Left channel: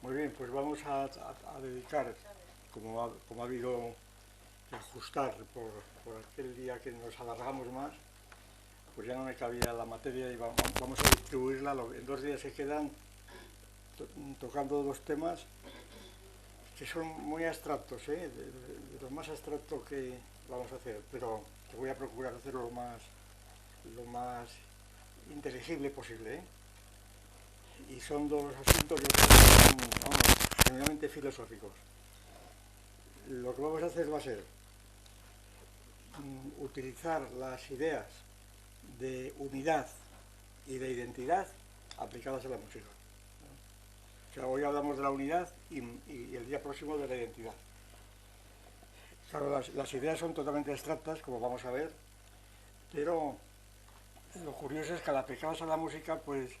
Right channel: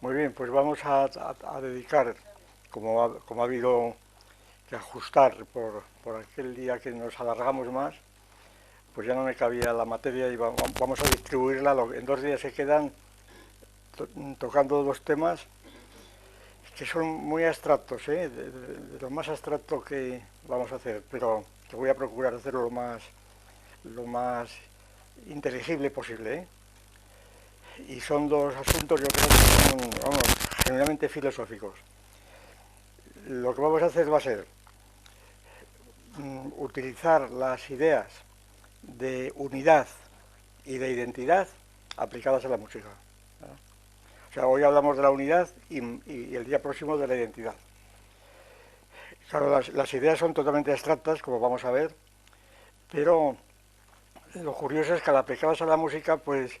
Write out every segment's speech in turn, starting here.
Muy bien, pues vamos a dedicar, como ha habido que ajustar por aquel día que nos alargamos más, pues ya no me cabía la materia y vamos a distribuirla. En 2 días se quedan tocando dos temas que son muy abstractos, de lo más abstracto que vamos a hacer, pero que voy a procurar hacerlo lo más inteligible posible, ¿eh? Y son dos asuntos, yo creo que son, vamos, generalmente filosóficos. Lo que vamos a hacer va a ser utilizar las ideas de unidad y de identidad aplicadas a la música. O sea, hoy hablamos de la unidad y el día próximo de la identidad. Claro, las ideas son totalmente abstractas, como vamos a ver, pero lo curioso es que al aplicadas a la música, pues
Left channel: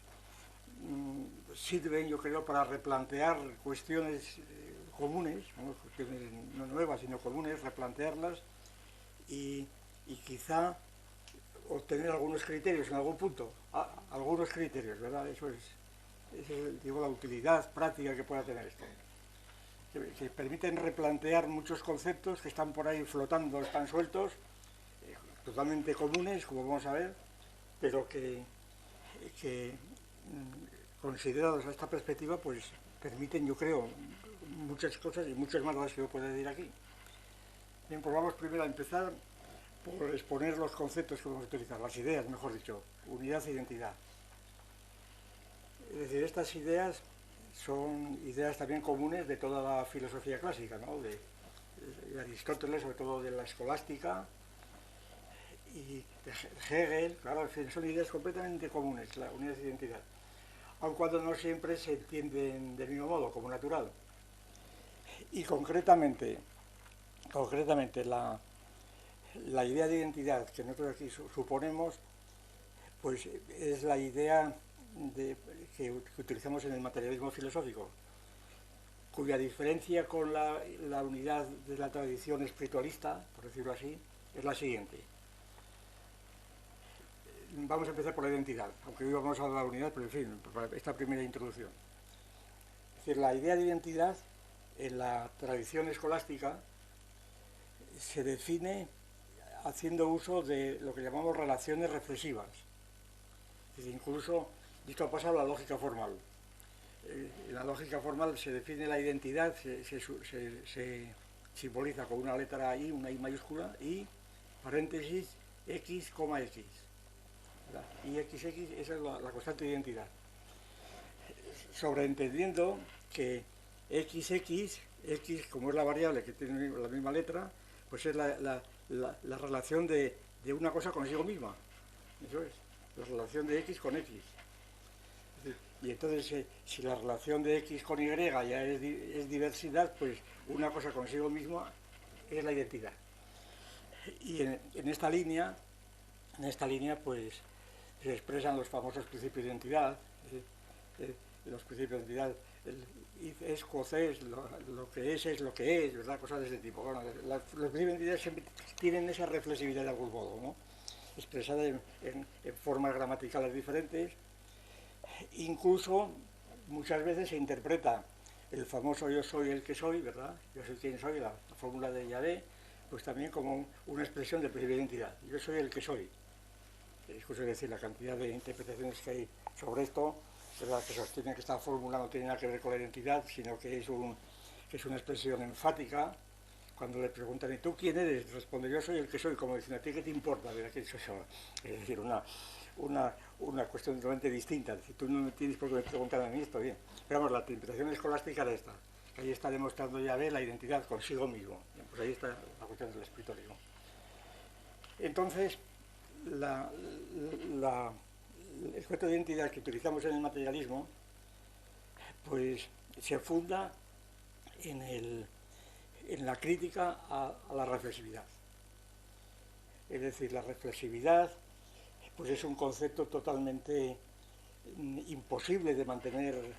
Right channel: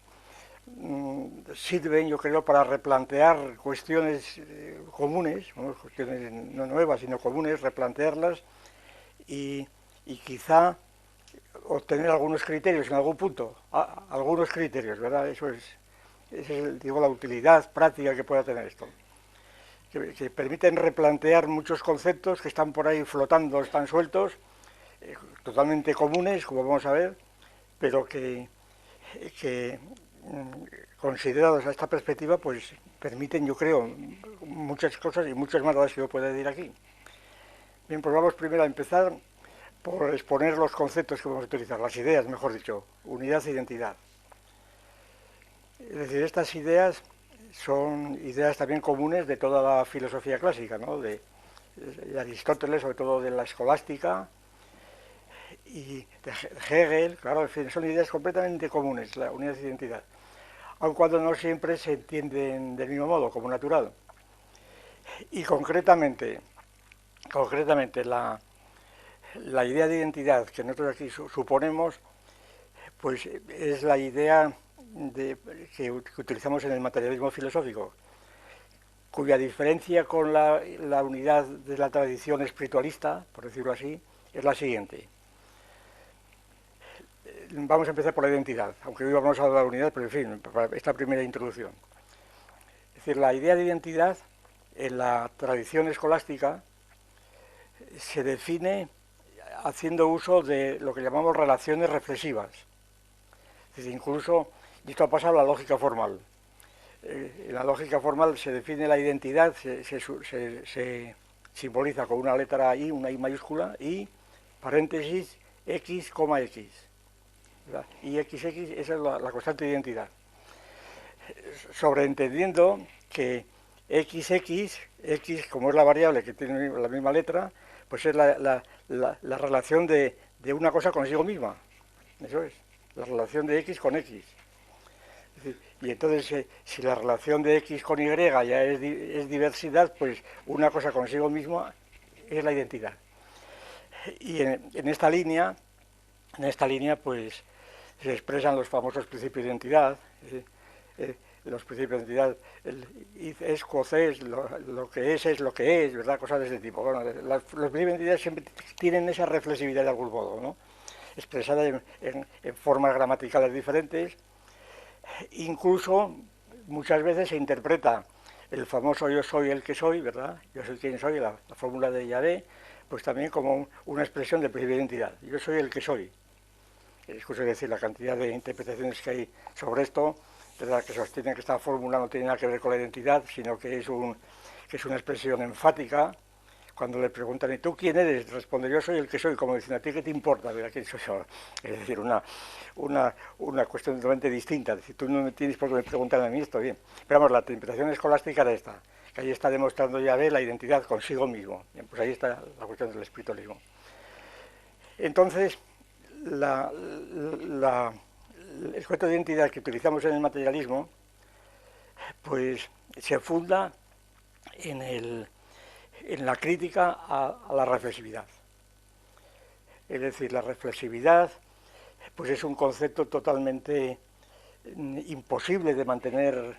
sirven, yo creo, para replantear cuestiones comunes, ¿no? Cuestiones no nuevas, sino comunes, replantearlas y, y quizá obtener algunos criterios en algún punto, algunos criterios, ¿verdad? Esa es, digo, la utilidad práctica que pueda tener esto. Que permiten replantear muchos conceptos que están por ahí flotando, están sueltos, totalmente comunes, como vamos a ver, pero que considerados a esta perspectiva, pues permiten, yo creo, muchas cosas y muchas más de las que yo pueda decir aquí. Bien, pues vamos primero a empezar por exponer los conceptos que vamos a utilizar, las ideas, mejor dicho, unidad e identidad. Es decir, estas ideas son ideas también comunes de toda la filosofía clásica, ¿no? de Aristóteles, sobre todo de la escolástica, y de Hegel, claro, en fin, son ideas completamente comunes, la unidad e identidad, aun cuando no siempre se entienden del mismo modo, como natural. Y concretamente la idea de identidad que nosotros aquí suponemos, pues es la idea que utilizamos en el materialismo filosófico, cuya diferencia con la unidad de la tradición espiritualista, por decirlo así, es la siguiente. Vamos a empezar por la identidad, aunque hoy vamos a hablar de la unidad, pero en fin, para esta primera introducción. Es decir, la idea de identidad en la tradición escolástica se define haciendo uso de lo que llamamos relaciones reflexivas. Es decir, incluso, y esto ha pasado a la lógica formal. En la lógica formal se define la identidad, se simboliza con una letra I, una I mayúscula, y paréntesis X, X. Y XX, esa es la constante de identidad. Sobreentendiendo que XX, X como es la variable que tiene la misma letra, pues es la relación de una cosa consigo misma. Eso es, la relación de X con X. Y entonces, si la relación de X con Y ya es diversidad, pues una cosa consigo misma es la identidad. Y en esta línea, pues se expresan los famosos principios de identidad, los principios de identidad, es coces, lo que es lo que es, ¿verdad? Cosas de ese tipo. Bueno, los principios de identidad siempre tienen esa reflexividad de algún modo, ¿no? Expresada en formas gramaticales diferentes. Incluso muchas veces se interpreta el famoso yo soy el que soy, ¿verdad? Yo soy quien soy, la fórmula de Yahvé, pues también como una expresión de principio de identidad. Yo soy el que soy. Es decir, la cantidad de interpretaciones que hay sobre esto, ¿verdad? Que sostienen que esta fórmula no tiene nada que ver con la identidad, sino que es una expresión enfática. Cuando le preguntan, ¿y tú quién eres? Responde, yo soy el que soy, como dicen, ¿a ti qué te importa? ¿Verdad? ¿Quién soy yo? Es decir, una cuestión totalmente distinta. Es decir, tú no me tienes por qué me preguntar a mí esto, bien. Pero vamos, la interpretación escolástica era esta, que ahí está demostrando Yahvé la identidad consigo mismo. Bien, pues ahí está la cuestión del espiritualismo. Entonces, el concepto de identidad que utilizamos en el materialismo, pues se funda en la crítica a la reflexividad. Es decir, la reflexividad pues es un concepto totalmente imposible de mantener,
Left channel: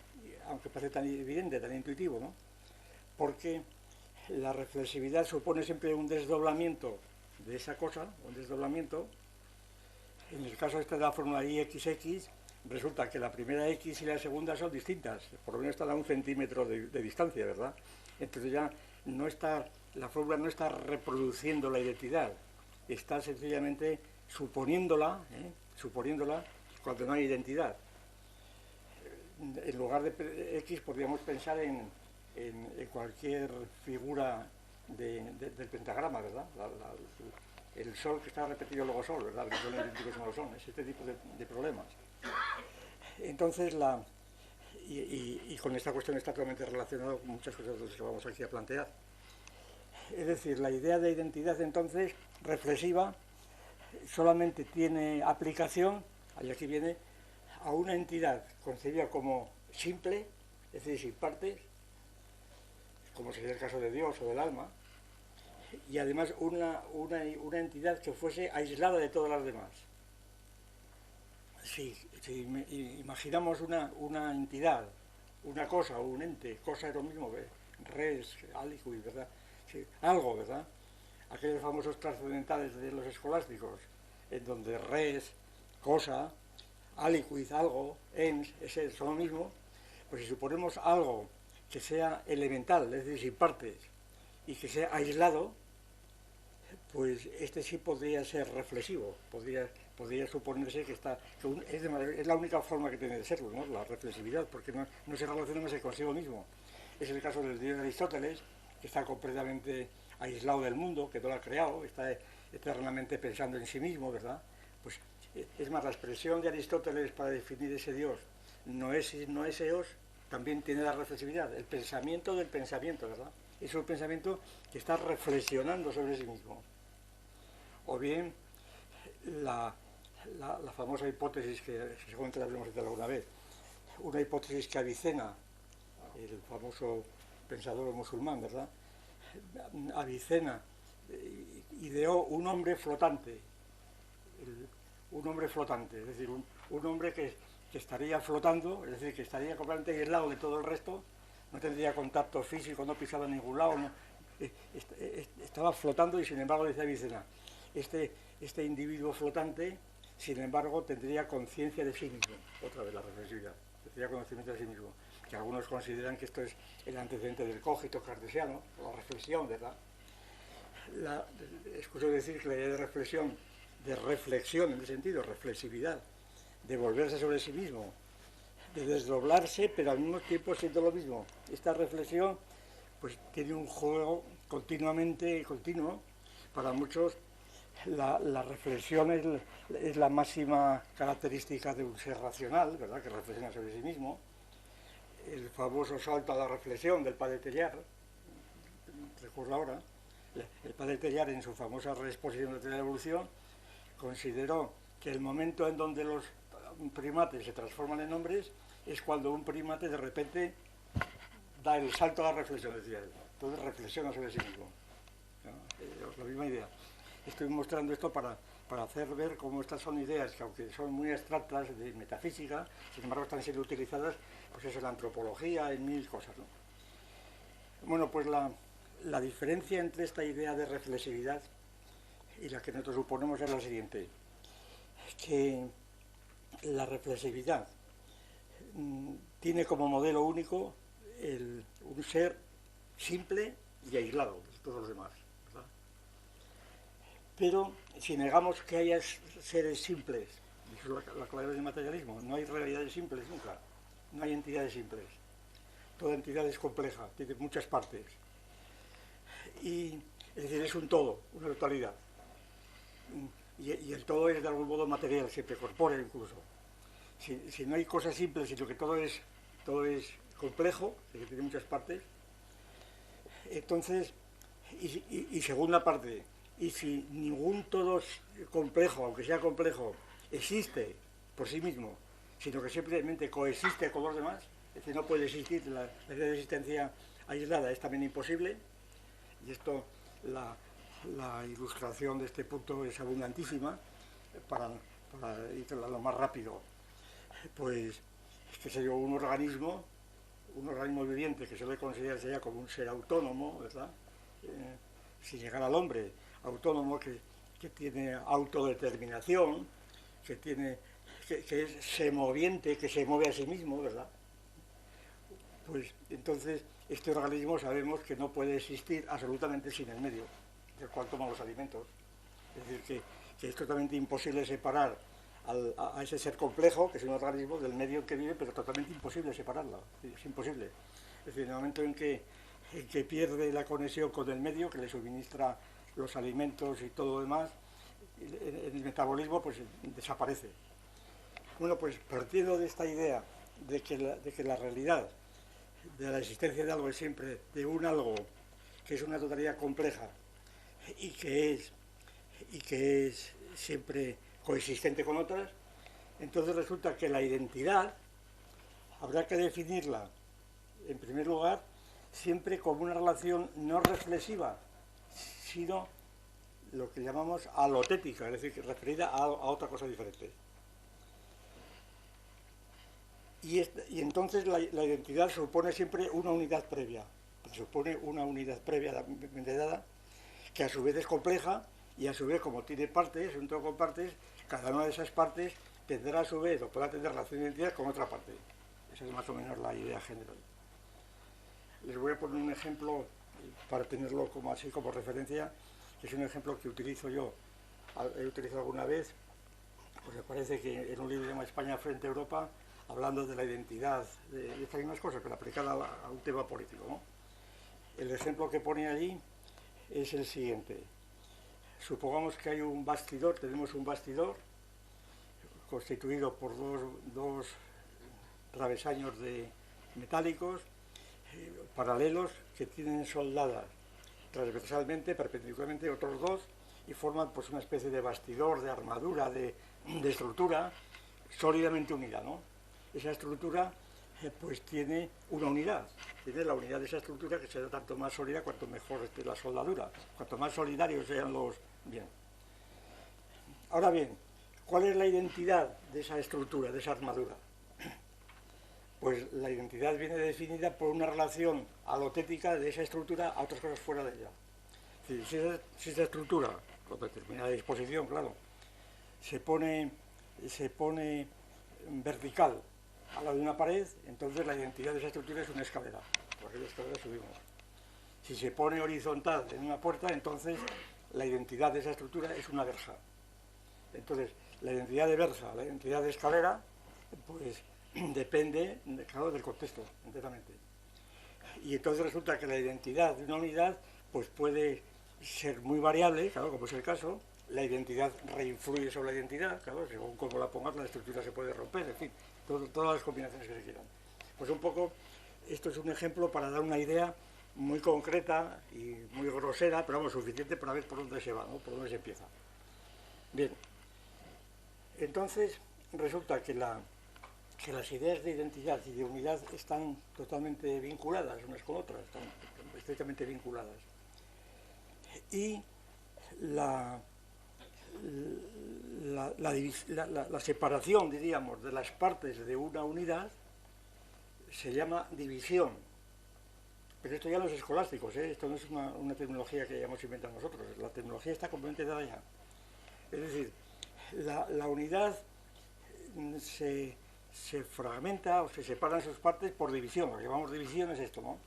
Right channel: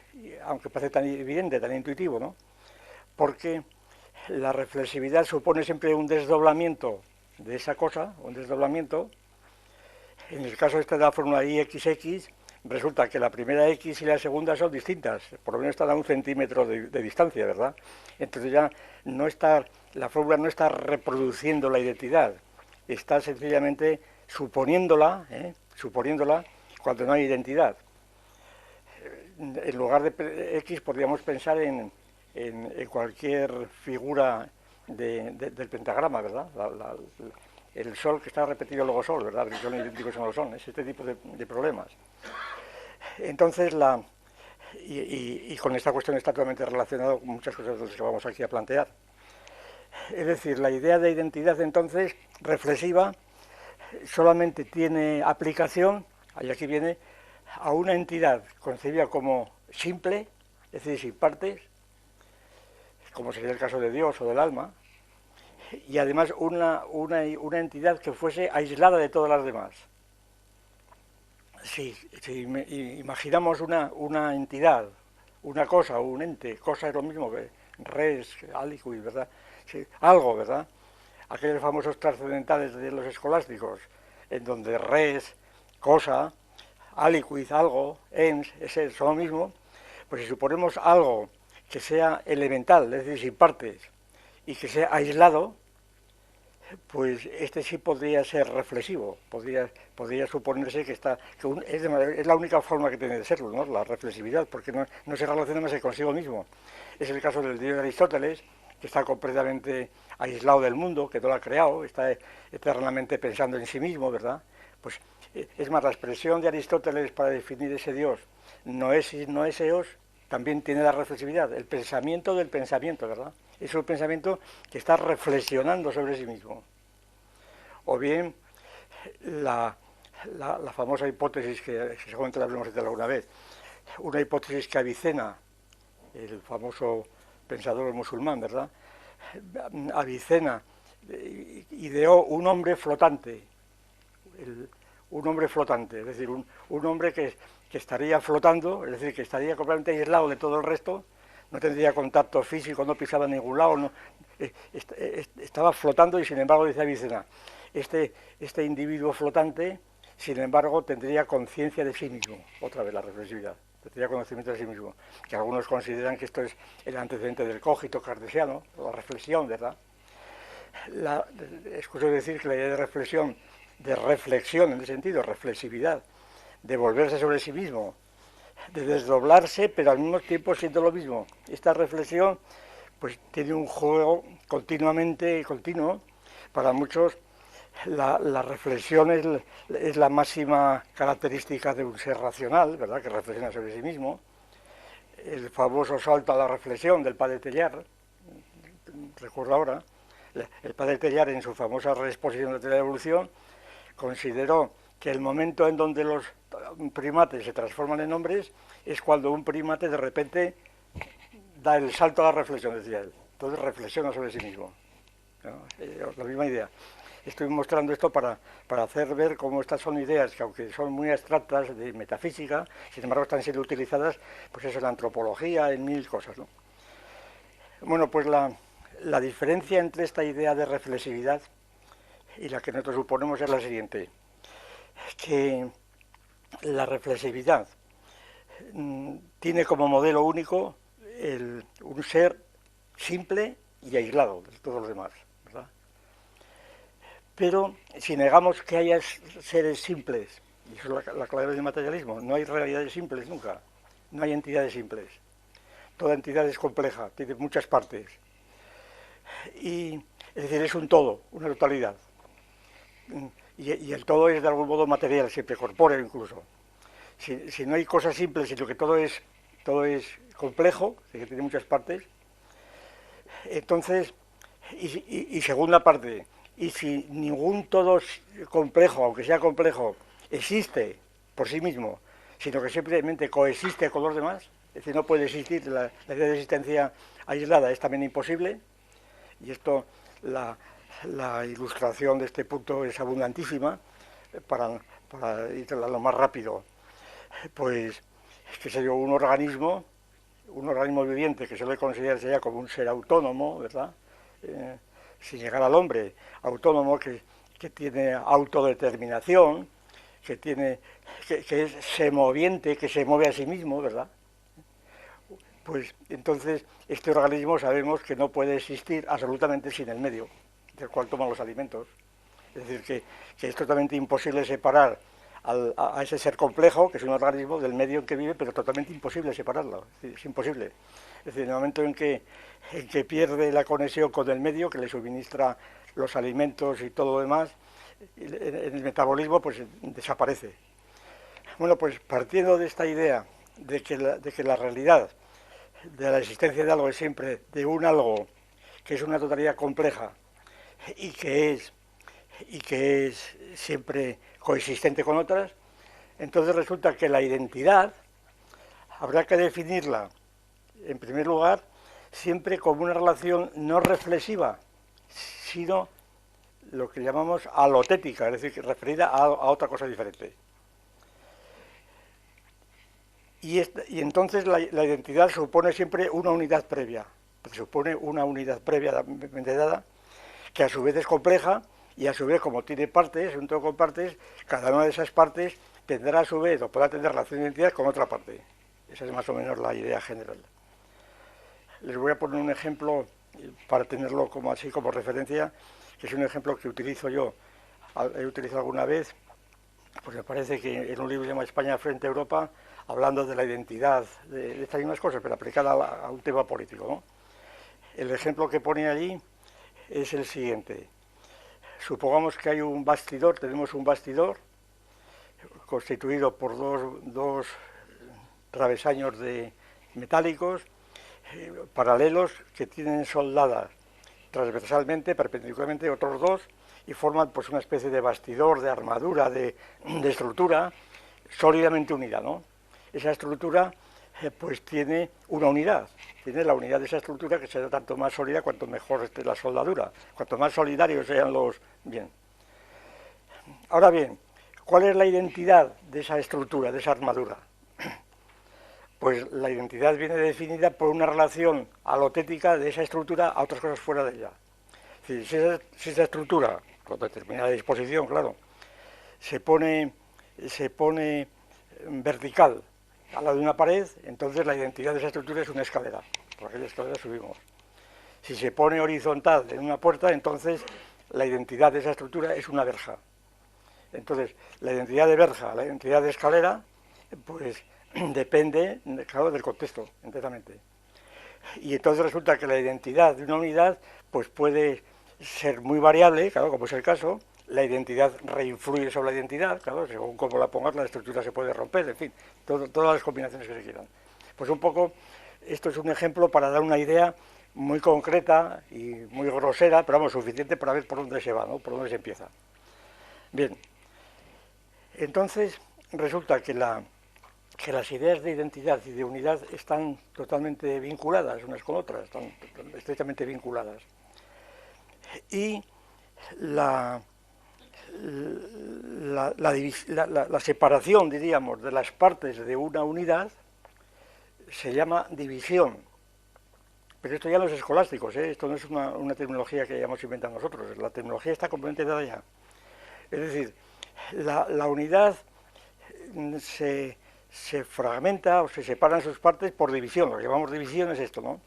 aunque parece tan evidente, tan intuitivo, ¿no? Porque la reflexividad supone siempre un desdoblamiento de esa cosa, un desdoblamiento. En el caso este de la fórmula IXX, resulta que la primera X y la segunda son distintas, por lo menos están a 1 centímetro de distancia, ¿verdad? Entonces ya no está, la fórmula no está reproduciendo la identidad, está sencillamente suponiéndola cuando no hay identidad. En lugar de X podríamos pensar en cualquier figura del pentagrama, ¿verdad? El sol que está repetido luego sol, ¿verdad? Que son idénticos no lo son, es este tipo de problemas. Entonces, y con esta cuestión está totalmente relacionado con muchas cosas de las que vamos aquí a plantear. Es decir, la idea de identidad entonces reflexiva solamente tiene aplicación, y aquí viene, a una entidad concebida como simple, es decir, sin partes, como sería el caso de Dios o del alma, y además una entidad que fuese aislada de todas las demás. Si imaginamos una entidad, una cosa o un ente, cosa es lo mismo que res, aliquid, ¿verdad? Sí, algo, ¿verdad? Aquellos famosos trascendentales de los escolásticos, en donde res, cosa, aliquid, algo, ens, es lo mismo, pues si suponemos algo que sea elemental, es decir, sin partes, y que sea aislado, pues este sí podría ser reflexivo, podría suponerse que es la única forma que tiene de serlo, ¿no? La reflexividad, porque no se relaciona más que consigo mismo. Es el caso del dios de Aristóteles, que está completamente aislado del mundo, que no lo ha creado, está eternamente pensando en sí mismo, ¿verdad? Pues es más, la expresión de Aristóteles para definir ese dios, no es eos, también tiene la reflexividad, el pensamiento del pensamiento, ¿verdad? Es un pensamiento que está reflexionando sobre sí mismo. O bien la famosa hipótesis que seguramente la habremos hecho alguna vez, una hipótesis que Avicena, el famoso pensador musulmán, ¿verdad? Avicena ideó un hombre flotante, es decir, un hombre que estaría flotando, es decir, que estaría completamente aislado de todo el resto, no tendría contacto físico, no pisaba en ningún lado, estaba flotando y sin embargo, dice Avicena, este individuo flotante, sin embargo, tendría conciencia de sí mismo, otra vez la reflexividad, tendría conocimiento de sí mismo, que algunos consideran que esto es el antecedente del cogito cartesiano, la reflexión, ¿verdad? Escucho decir que la idea de reflexión en ese sentido, reflexividad, de volverse sobre sí mismo, de desdoblarse, pero al mismo tiempo siendo lo mismo. Esta reflexión pues tiene un juego continuo. Para muchos la reflexión es la máxima característica de un ser racional, ¿verdad?, que reflexiona sobre sí mismo. El famoso salto a la reflexión del padre Teilhard, recuerdo ahora, el padre Teilhard en su famosa reexposición de la teoría de la evolución consideró que el momento en donde los primates se transforman en hombres es cuando un primate de repente da el salto a la reflexión, decía él. Entonces reflexiona sobre sí mismo, ¿no? La misma idea. Estoy mostrando esto para hacer ver cómo estas son ideas que, aunque son muy abstractas de metafísica, sin embargo están siendo utilizadas, pues eso, en la antropología, en mil cosas, ¿no? Bueno, pues la diferencia entre esta idea de reflexividad y la que nosotros suponemos es la siguiente, que la reflexividad tiene como modelo único un ser simple y aislado de todos los demás, ¿verdad? Pero si negamos que haya seres simples, y eso es la clave del materialismo, no hay realidades simples nunca, no hay entidades simples. Toda entidad es compleja, tiene muchas partes. Y, es decir, es un todo, una totalidad. Y el todo es de algún modo material, siempre corpóreo incluso. Si no hay cosas simples, sino que todo es complejo, que tiene muchas partes, entonces, y segunda parte, y si ningún todo complejo, aunque sea complejo, existe por sí mismo, sino que simplemente coexiste con los demás, es decir, no puede existir, la idea de existencia aislada es también imposible, y esto, la ilustración de este punto es abundantísima, para ir a lo más rápido, pues es que sería un organismo viviente que se le considerarse ya como un ser autónomo, ¿verdad? Sin llegar al hombre, autónomo que tiene autodeterminación, que es semoviente, que se mueve a sí mismo, ¿verdad? Pues entonces este organismo sabemos que no puede existir absolutamente sin el medio del cual toman los alimentos. Es decir, que es totalmente imposible separar a ese ser complejo, que es un organismo, del medio en que vive, pero totalmente imposible separarlo. Es imposible. Es decir, en el momento en que pierde la conexión con el medio, que le suministra los alimentos y todo lo demás, en el metabolismo pues desaparece. Bueno, pues partiendo de esta idea de que la realidad de la existencia de algo es siempre de un algo que es una totalidad compleja y que es siempre coexistente con otras, entonces resulta que la identidad habrá que definirla, en primer lugar, siempre como una relación no reflexiva, sino lo que llamamos alotética, es decir, referida a otra cosa diferente. Y entonces la identidad supone siempre una unidad previa, dada, que a su vez es compleja y a su vez, como tiene partes, un todo con partes, cada una de esas partes tendrá a su vez o podrá tener relación de identidad con otra parte. Esa es más o menos la idea general. Les voy a poner un ejemplo para tenerlo como así como referencia, que es un ejemplo que utilizo yo, he utilizado alguna vez, pues me parece que en un libro que se llama España frente a Europa, hablando de la identidad, de estas mismas cosas, pero aplicada a un tema político, ¿no? El ejemplo que pone allí es el siguiente. Supongamos que hay un bastidor, tenemos un bastidor constituido por dos travesaños metálicos paralelos que tienen soldadas transversalmente, perpendicularmente, otros dos, y forman pues una especie de bastidor, de armadura, de estructura sólidamente unida, ¿no? Esa estructura pues tiene una unidad, tiene la unidad de esa estructura que será tanto más sólida cuanto mejor esté la soldadura, cuanto más solidarios sean los... Bien. Ahora bien, ¿cuál es la identidad de esa estructura, de esa armadura? Pues la identidad viene definida por una relación alotética de esa estructura a otras cosas fuera de ella. Si esa estructura, con determinada disposición, claro, se pone vertical al lado de una pared, entonces la identidad de esa estructura es una escalera. Por aquella escalera subimos. Si se pone horizontal en una puerta, entonces la identidad de esa estructura es una verja. Entonces, la identidad de verja, la identidad de escalera, pues depende, claro, del contexto, enteramente. Y entonces resulta que la identidad de una unidad pues puede ser muy variable, claro, como es el caso. La identidad reinfluye sobre la identidad, claro, según cómo la pongas, la estructura se puede romper, en fin, todas las combinaciones que se quieran. Pues un poco, esto es un ejemplo para dar una idea muy concreta y muy grosera, pero vamos, suficiente para ver por dónde se va, ¿no? Por dónde se empieza. Bien, entonces resulta que las ideas de identidad y de unidad están totalmente vinculadas unas con otras, están estrechamente vinculadas. Y la separación, diríamos, de las partes de una unidad se llama división. Pero esto ya no es escolástico, ¿eh? Esto no es una terminología que hayamos inventado nosotros, la terminología está completamente dada ya. Es decir, la unidad se fragmenta o se separan sus partes por división, lo que llamamos división es esto, ¿no?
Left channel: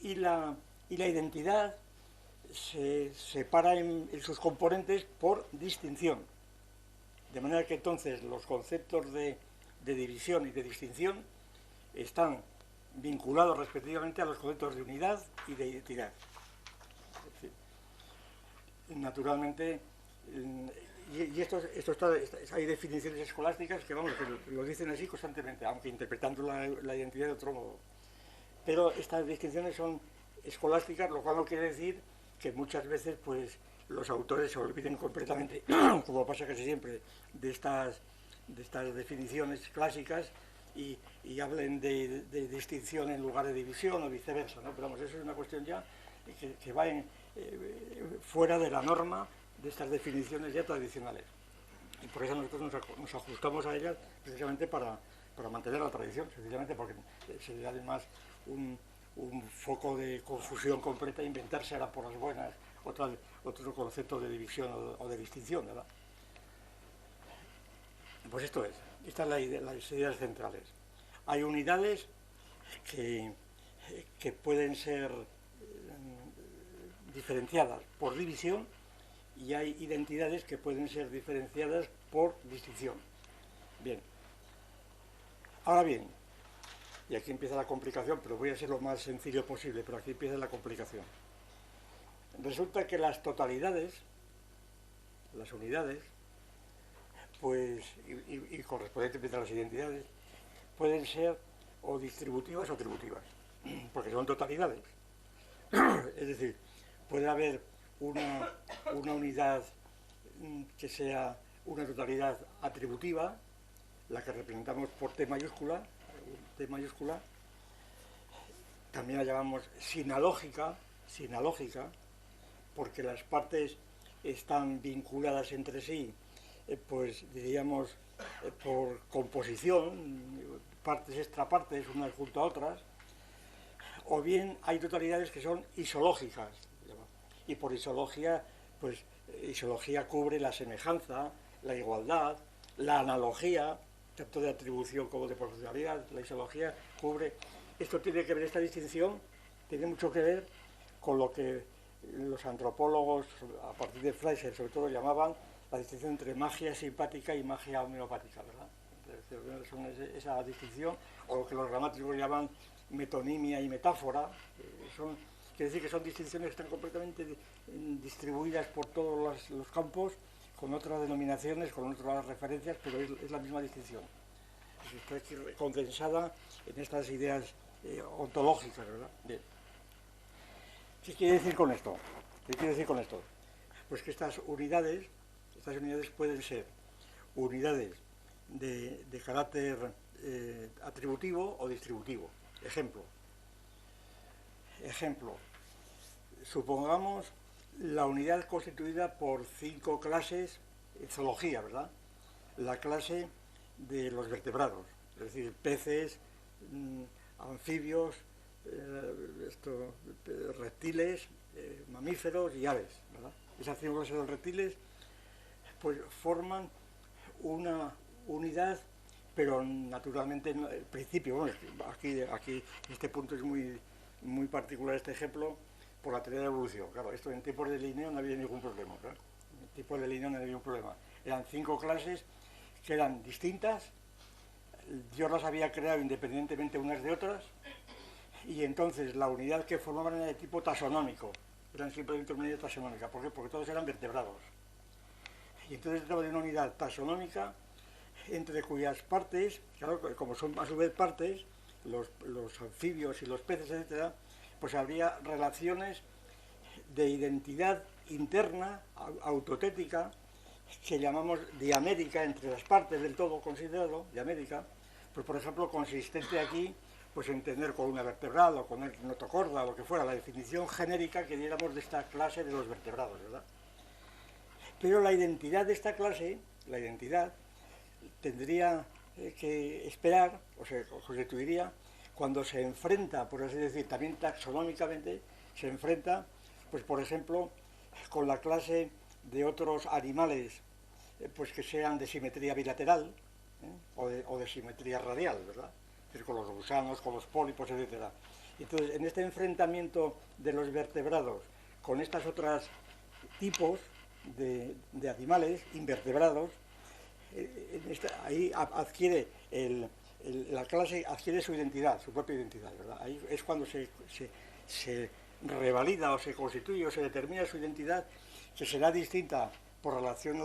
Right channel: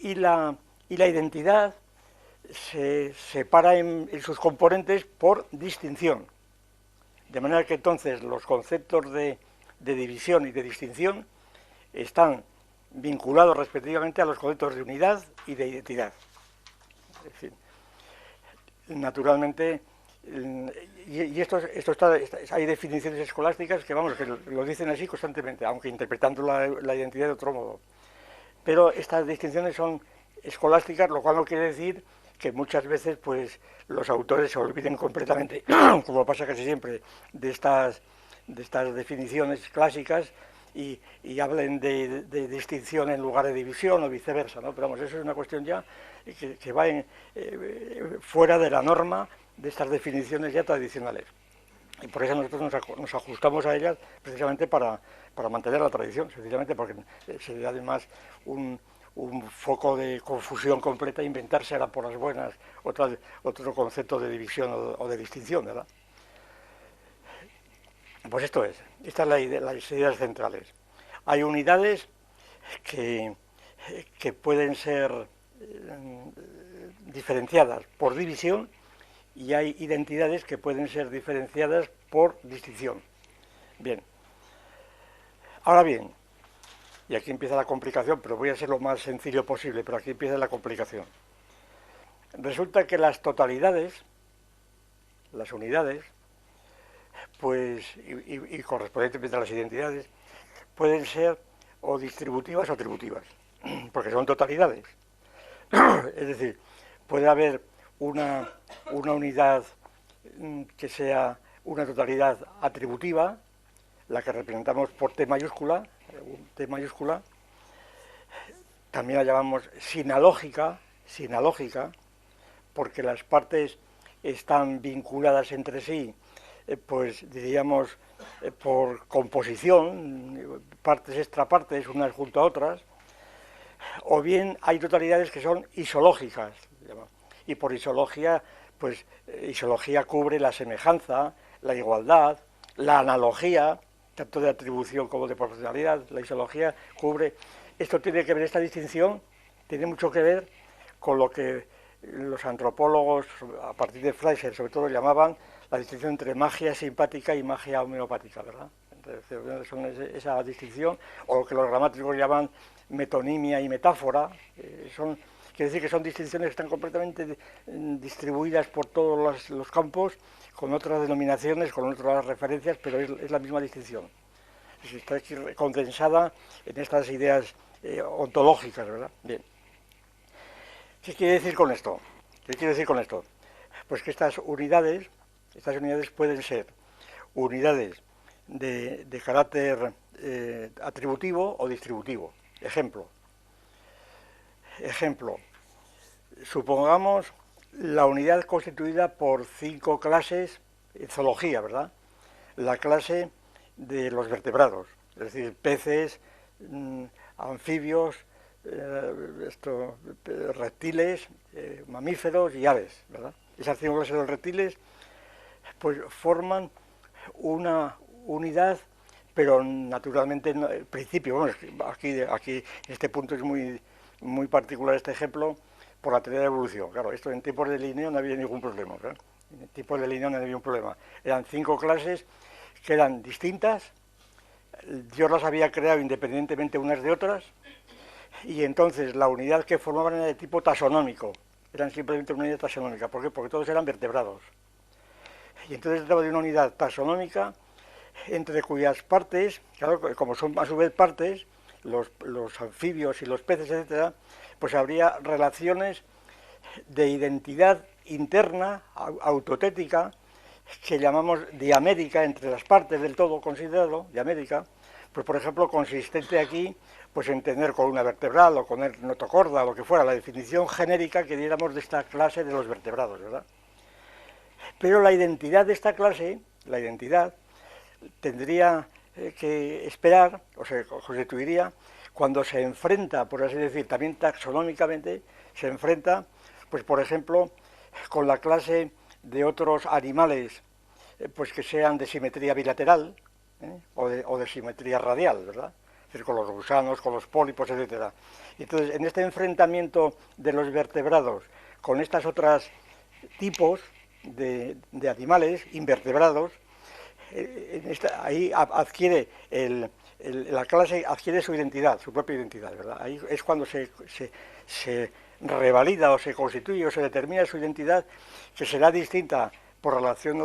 Y la identidad se separa en sus componentes por distinción. De manera que entonces los conceptos de división y de distinción están vinculados respectivamente a los conceptos de unidad y de identidad. Es decir, naturalmente, y esto está, hay definiciones escolásticas que, vamos, que lo dicen así constantemente, aunque interpretando la identidad de otro modo. Pero estas distinciones son escolásticas, lo cual no quiere decir que muchas veces pues los autores se olviden completamente, como pasa casi siempre, de estas definiciones clásicas y hablen de distinción en lugar de división o viceversa, ¿no? Pero vamos, eso es una cuestión ya que va fuera de la norma de estas definiciones ya tradicionales. Y por eso nosotros nos ajustamos a ellas precisamente para mantener la tradición, sencillamente porque sería además un foco de confusión completa inventársela por las buenas otro concepto de división o de distinción, ¿verdad? Pues esto es, esta es la idea, las ideas centrales. Hay unidades que pueden ser diferenciadas por división y hay identidades que pueden ser diferenciadas por distinción. Bien. Ahora bien, y aquí empieza la complicación, pero voy a ser lo más sencillo posible, pero aquí empieza la complicación. Resulta que las totalidades, las unidades, pues, y correspondientemente a las identidades, pueden ser o distributivas o atributivas, porque son totalidades. Es decir, puede haber una unidad que sea una totalidad atributiva, la que representamos por T mayúscula, también la llamamos sinalógica, porque las partes están vinculadas entre sí, pues diríamos por composición, partes extrapartes unas junto a otras, o bien hay totalidades que son isológicas, y por isología, pues isología cubre la semejanza, la igualdad, la analogía, tanto de atribución como de proporcionalidad. La isología cubre, esto tiene que ver, esta distinción tiene mucho que ver con lo que los antropólogos, a partir de Fleischer sobre todo, llamaban la distinción entre magia simpática y magia homeopática, ¿verdad? Entonces, son esa distinción, o lo que los gramáticos llaman metonimia y metáfora, quiere decir que son distinciones que están completamente distribuidas por todos los campos, con otras denominaciones, con otras referencias, pero es la misma distinción. Está aquí condensada en estas ideas ontológicas, ¿verdad? Bien. ¿Qué quiere decir con esto? Pues que estas unidades pueden ser unidades de carácter atributivo o distributivo. Ejemplo, supongamos la unidad constituida por 5 clases en zoología, ¿verdad? La clase de los vertebrados, es decir, peces, anfibios, reptiles, mamíferos y aves, ¿verdad? Esas 5 clases de los reptiles pues forman una unidad, pero naturalmente el principio, bueno, aquí este punto es muy particular, este ejemplo, por la teoría de la evolución. Claro, esto en tiempos de Linneo no había ningún problema, ¿verdad? En tiempos de Linneo no había ningún problema. Eran 5 clases que eran distintas, Dios las había creado independientemente unas de otras, y entonces la unidad que formaban era de tipo taxonómico, eran simplemente una unidad taxonómica. ¿Por qué? Porque todos eran vertebrados. Y entonces se trata de una unidad taxonómica entre cuyas partes, claro, como son a su vez partes, los anfibios y los peces, etcétera, pues habría relaciones de identidad interna, autotética, que llamamos diamérica entre las partes del todo considerado, diamérica, pues por ejemplo consistente aquí pues en tener columna vertebral o con el notocorda o lo que fuera, la definición genérica que diéramos de esta clase de los vertebrados, ¿verdad? Pero la identidad de esta clase, la identidad, tendría que esperar, o se constituiría, cuando se enfrenta, por así decir, también taxonómicamente, se enfrenta, pues por ejemplo, con la clase de otros animales, pues que sean de simetría bilateral, o de simetría radial, ¿verdad? Es decir, con los gusanos, con los pólipos, etc. Y entonces, en este enfrentamiento de los vertebrados con estas otras tipos de animales invertebrados, ahí adquiere la clase adquiere su identidad, su propia identidad, ¿verdad? Ahí es cuando se revalida o se constituye o se determina su identidad, que será distinta por relación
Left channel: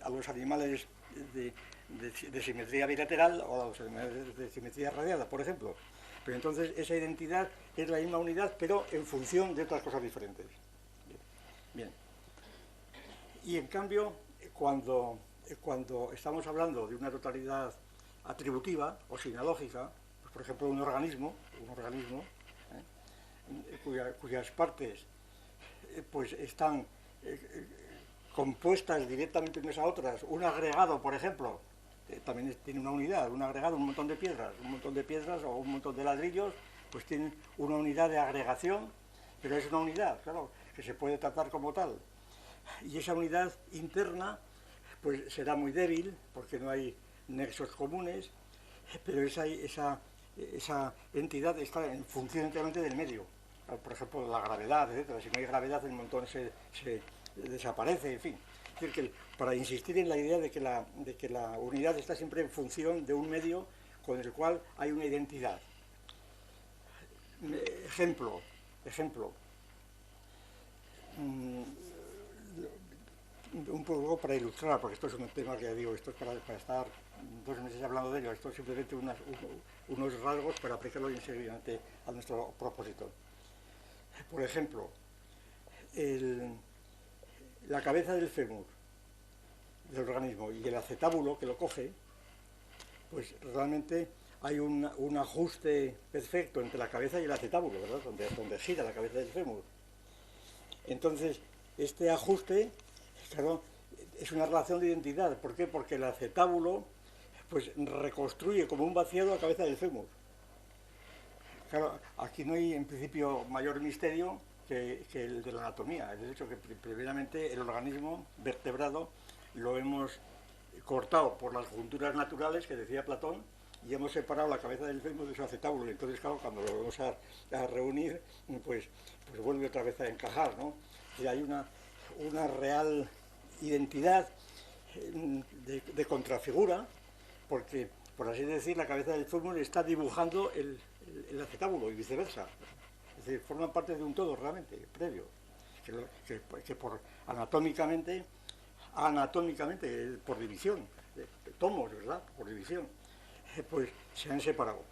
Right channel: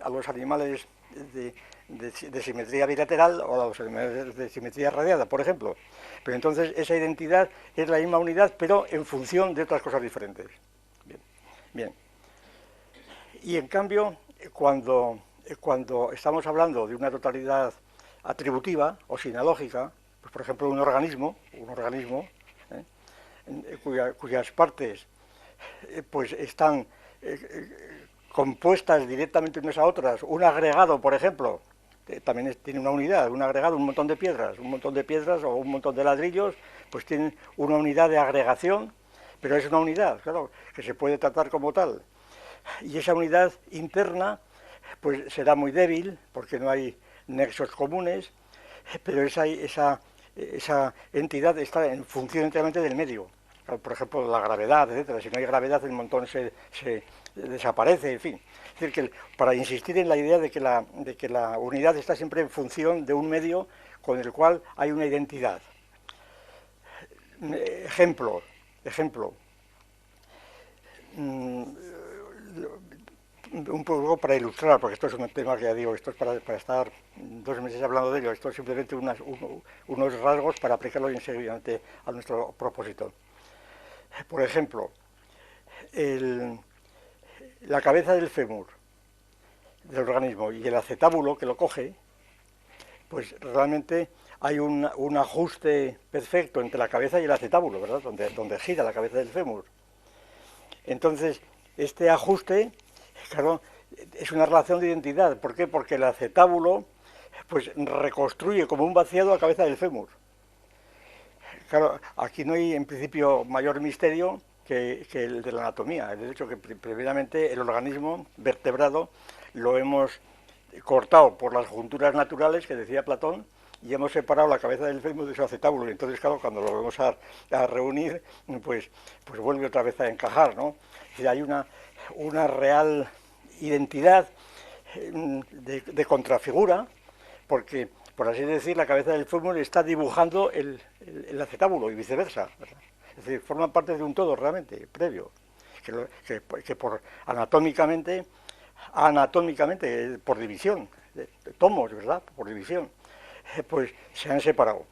a los animales de simetría bilateral o a los animales de simetría radiada, por ejemplo. Pero entonces esa identidad es la misma unidad, pero en función de otras cosas diferentes. Bien. Y en cambio, cuando estamos hablando de una totalidad atributiva o sinalógica, pues por ejemplo un organismo cuyas partes pues están compuestas directamente unas a otras, un agregado, por ejemplo, también tiene una unidad, un agregado, un montón de piedras o un montón de ladrillos, pues tienen una unidad de agregación, pero es una unidad, claro, que se puede tratar como tal. Y esa unidad interna pues será muy débil, porque no hay nexos comunes, pero esa entidad está en función enteramente del medio. Por ejemplo, la gravedad, etcétera. Si no hay gravedad, el montón se desaparece, en fin. Es decir, que para insistir en la idea de que la unidad está siempre en función de un medio con el cual hay una identidad. Ejemplo. Un poco para ilustrar, porque esto es un tema que ya digo, esto es para estar 2 meses hablando de ello, esto es simplemente unos rasgos para aplicarlo enseguida a nuestro propósito. Por ejemplo, la cabeza del fémur del organismo y el acetábulo que lo coge, pues realmente hay un ajuste perfecto entre la cabeza y el acetábulo, ¿verdad? Donde gira la cabeza del fémur. Entonces, este ajuste, claro, es una relación de identidad. ¿Por qué? Porque el acetábulo pues reconstruye como un vaciado la cabeza del fémur. Claro, aquí no hay en principio mayor misterio que el de la anatomía. De hecho, que primeramente el organismo vertebrado lo hemos cortado por las junturas naturales que decía Platón y hemos separado la cabeza del fémur de su acetábulo. Y entonces, claro, cuando lo vamos a reunir, pues vuelve otra vez a encajar, ¿no? Y hay una real identidad de contrafigura, porque, por así decir, la cabeza del fémur está dibujando el acetábulo y viceversa. Es decir, forman parte de un todo realmente, previo, que por anatómicamente, por división, de tomos, ¿verdad? Por división, pues se han separado.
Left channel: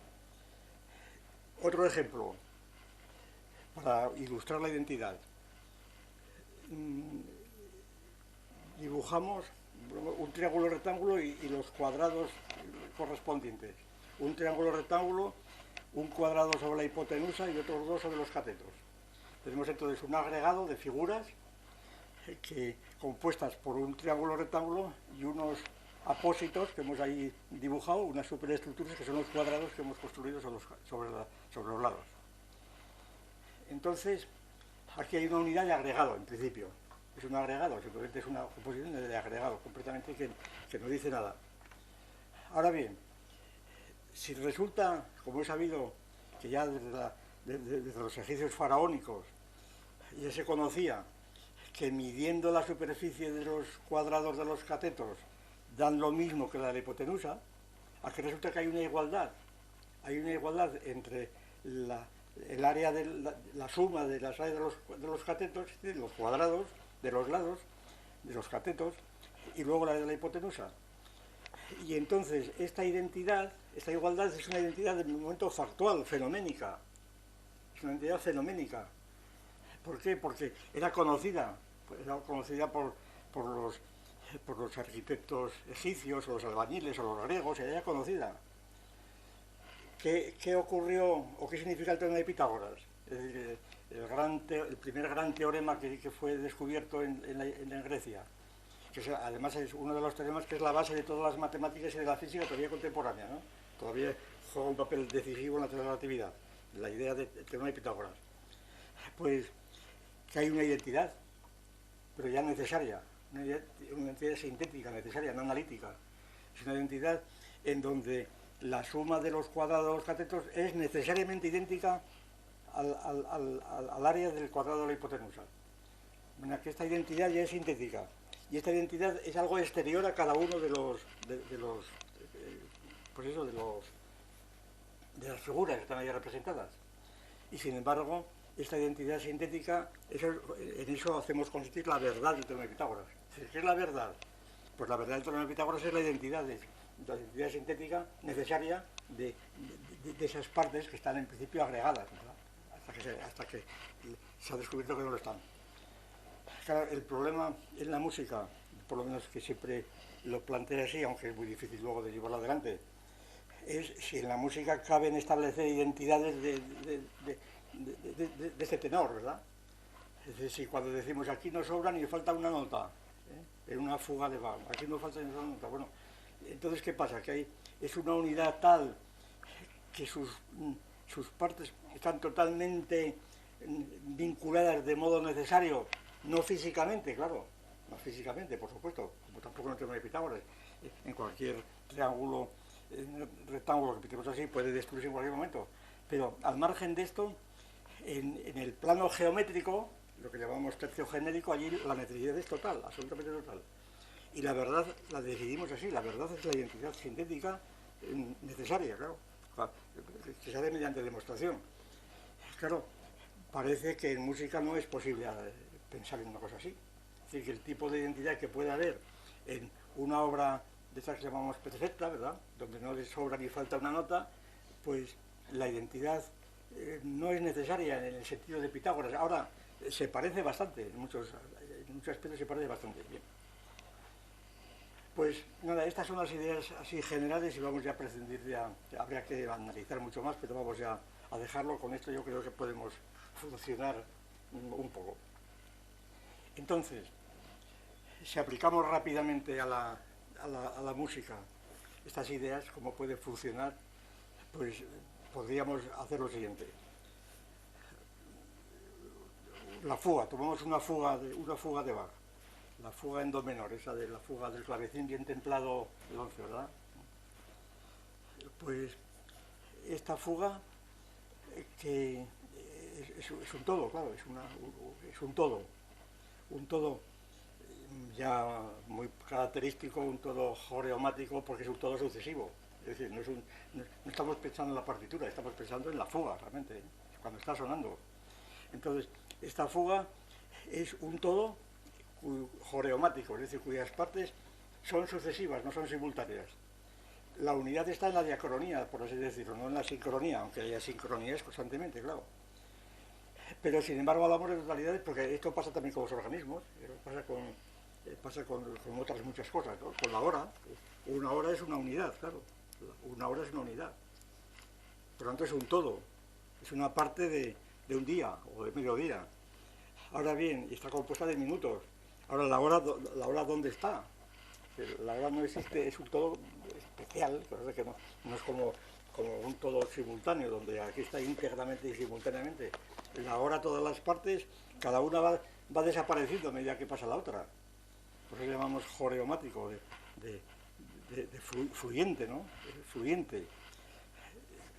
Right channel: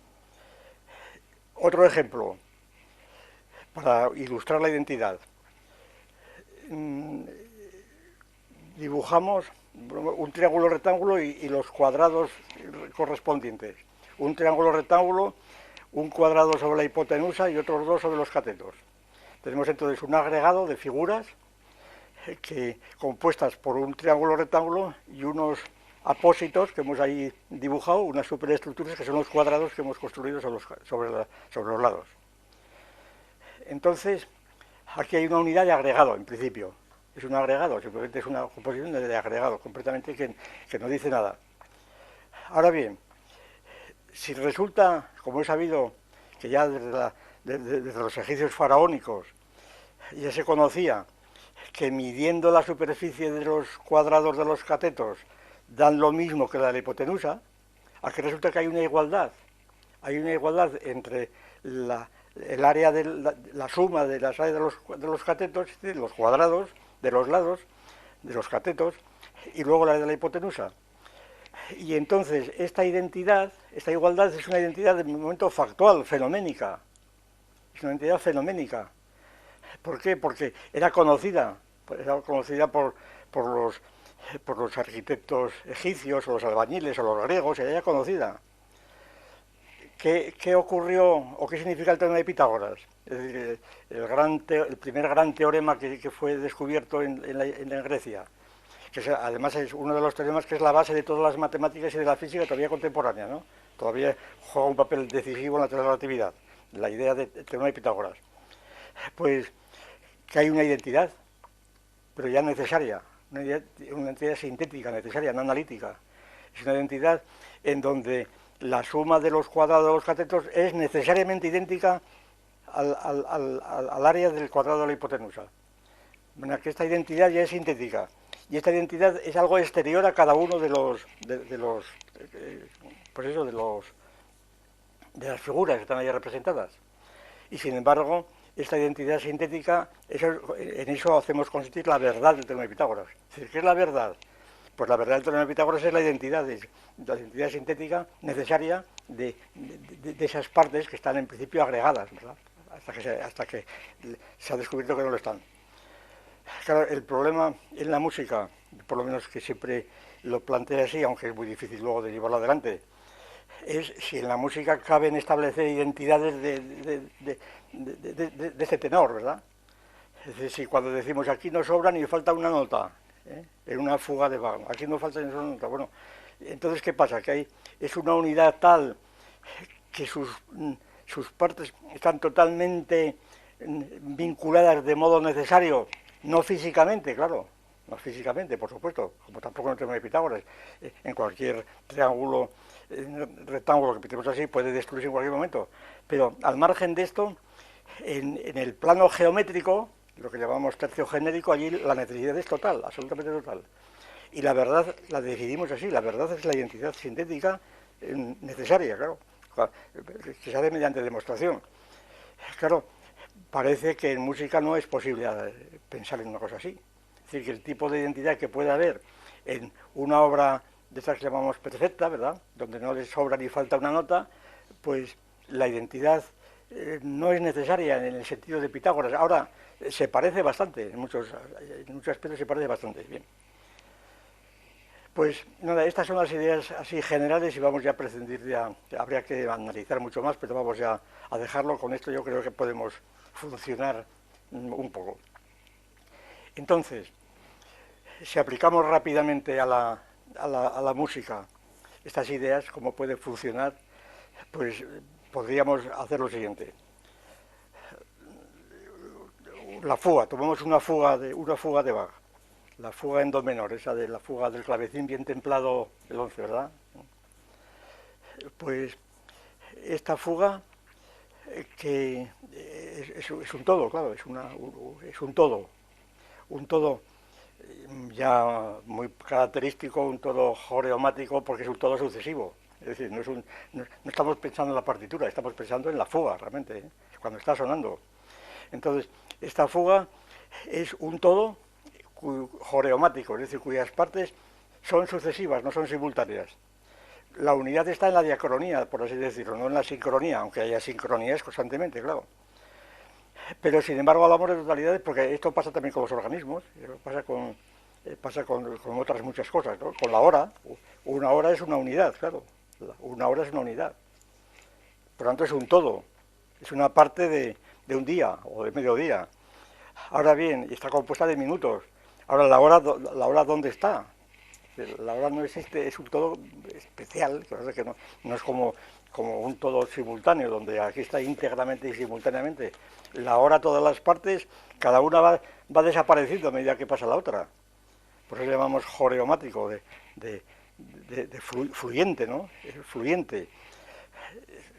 Otro ejemplo, para ilustrar la identidad. Dibujamos un triángulo rectángulo y los cuadrados correspondientes. Un triángulo rectángulo, un cuadrado sobre la hipotenusa y otros 2 sobre los catetos. Tenemos entonces un agregado de figuras compuestas por un triángulo rectángulo y unos apósitos que hemos ahí dibujado, unas superestructuras que son los cuadrados que hemos construido sobre los lados. Entonces, aquí hay una unidad de agregado, en principio. Es un agregado, simplemente es una composición de agregado, completamente que no dice nada. Ahora bien, si resulta, como he sabido, que ya desde los egipcios faraónicos ya se conocía que midiendo la superficie de los cuadrados de los catetos dan lo mismo que la de la hipotenusa, aquí resulta que hay una igualdad. Hay una igualdad entre el área de la suma de las áreas de los catetos, es decir, los cuadrados de los lados de los catetos, y luego la de la hipotenusa. Y entonces esta identidad, esta igualdad es una identidad de momento factual, fenoménica. Es una identidad fenoménica. ¿Por qué? Porque era conocida por los arquitectos egipcios, o los albañiles, o los griegos, era conocida. ¿Qué ocurrió o qué significa el teorema de Pitágoras? Es decir, el primer gran teorema que fue descubierto en Grecia, que además es uno de los teoremas que es la base de todas las matemáticas y de la física todavía contemporánea, ¿no? Todavía juega un papel decisivo en la teoría de la relatividad, la idea del teorema de Pitágoras. Pues que hay una identidad, pero ya necesaria, una identidad sintética, necesaria, no analítica. Es una identidad en donde la suma de los cuadrados de los catetos es necesariamente idéntica al área del cuadrado de la hipotenusa. Bueno, que esta identidad ya es sintética, y esta identidad es algo exterior a cada uno de las figuras que están ahí representadas. Y sin embargo, esta identidad sintética, en eso hacemos consistir la verdad del teorema de Pitágoras. ¿Qué es la verdad? Pues la verdad del teorema de Pitágoras es la identidad sintética necesaria de esas partes que están en principio agregadas, ¿verdad? Hasta que se ha descubierto que no lo están. Claro, el problema en la música, por lo menos que siempre lo plantea así, aunque es muy difícil luego de llevarlo adelante, es si en la música caben establecer identidades de ese tenor, ¿verdad? Es decir, si cuando decimos aquí nos sobra ni falta una nota, en una fuga de Bach, aquí no falta ni una nota, bueno, entonces ¿qué pasa? Que es una unidad tal que sus partes están totalmente vinculadas de modo necesario, no físicamente, claro, no físicamente, por supuesto, como tampoco en el teorema de Pitágoras. En cualquier triángulo, rectángulo que pintemos así, puede destruirse en cualquier momento. Pero al margen de esto, en el plano geométrico, lo que llamamos tercio genérico, allí la necesidad es total, absolutamente total. Y la verdad la decidimos así, la verdad es la identidad sintética necesaria, claro, que se hace mediante demostración. Claro, parece que en música no es posible pensar en una cosa así. Es decir, que el tipo de identidad que puede haber en una obra de estas que llamamos perfecta, ¿verdad?, donde no le sobra ni falta una nota, pues la identidad no es necesaria en el sentido de Pitágoras. Ahora, se parece bastante, en muchos aspectos se parece bastante. Bien. Pues nada, estas son las ideas así generales y vamos ya a prescindir, habría que analizar mucho más, pero vamos ya a dejarlo. Con esto yo creo que podemos funcionar un poco. Entonces, si aplicamos rápidamente a la música estas ideas, cómo puede funcionar, pues podríamos hacer lo siguiente. La fuga, tomamos una fuga de Bach, la fuga en do menor, esa de la fuga del clavecín bien templado, el 11, ¿verdad? Pues esta fuga, que es un todo, claro, es un todo ya muy característico, un todo joreomático, porque es un todo sucesivo. Es decir, no estamos pensando en la partitura, estamos pensando en la fuga, realmente, cuando está sonando. Entonces, esta fuga es un todo joreomático, es decir, cuyas partes son sucesivas, no son simultáneas. La unidad está en la diacronía, por así decirlo, no en la sincronía, aunque haya sincronías constantemente, claro. Pero sin embargo hablamos de totalidades porque esto pasa también con los organismos, pasa con otras muchas cosas, ¿no? Con la hora, una hora es una unidad, claro, una hora es una unidad. Por lo tanto es un todo, es una parte de un día o de mediodía. Ahora bien, está compuesta de minutos. Ahora, la hora ¿dónde está? La hora no existe, es un todo especial, que no es como un todo simultáneo, donde aquí está íntegramente y simultáneamente. La hora, todas las partes, cada una va desapareciendo a medida que pasa la otra. Por eso le llamamos joreomático, de fluyente, ¿no? Fluyente.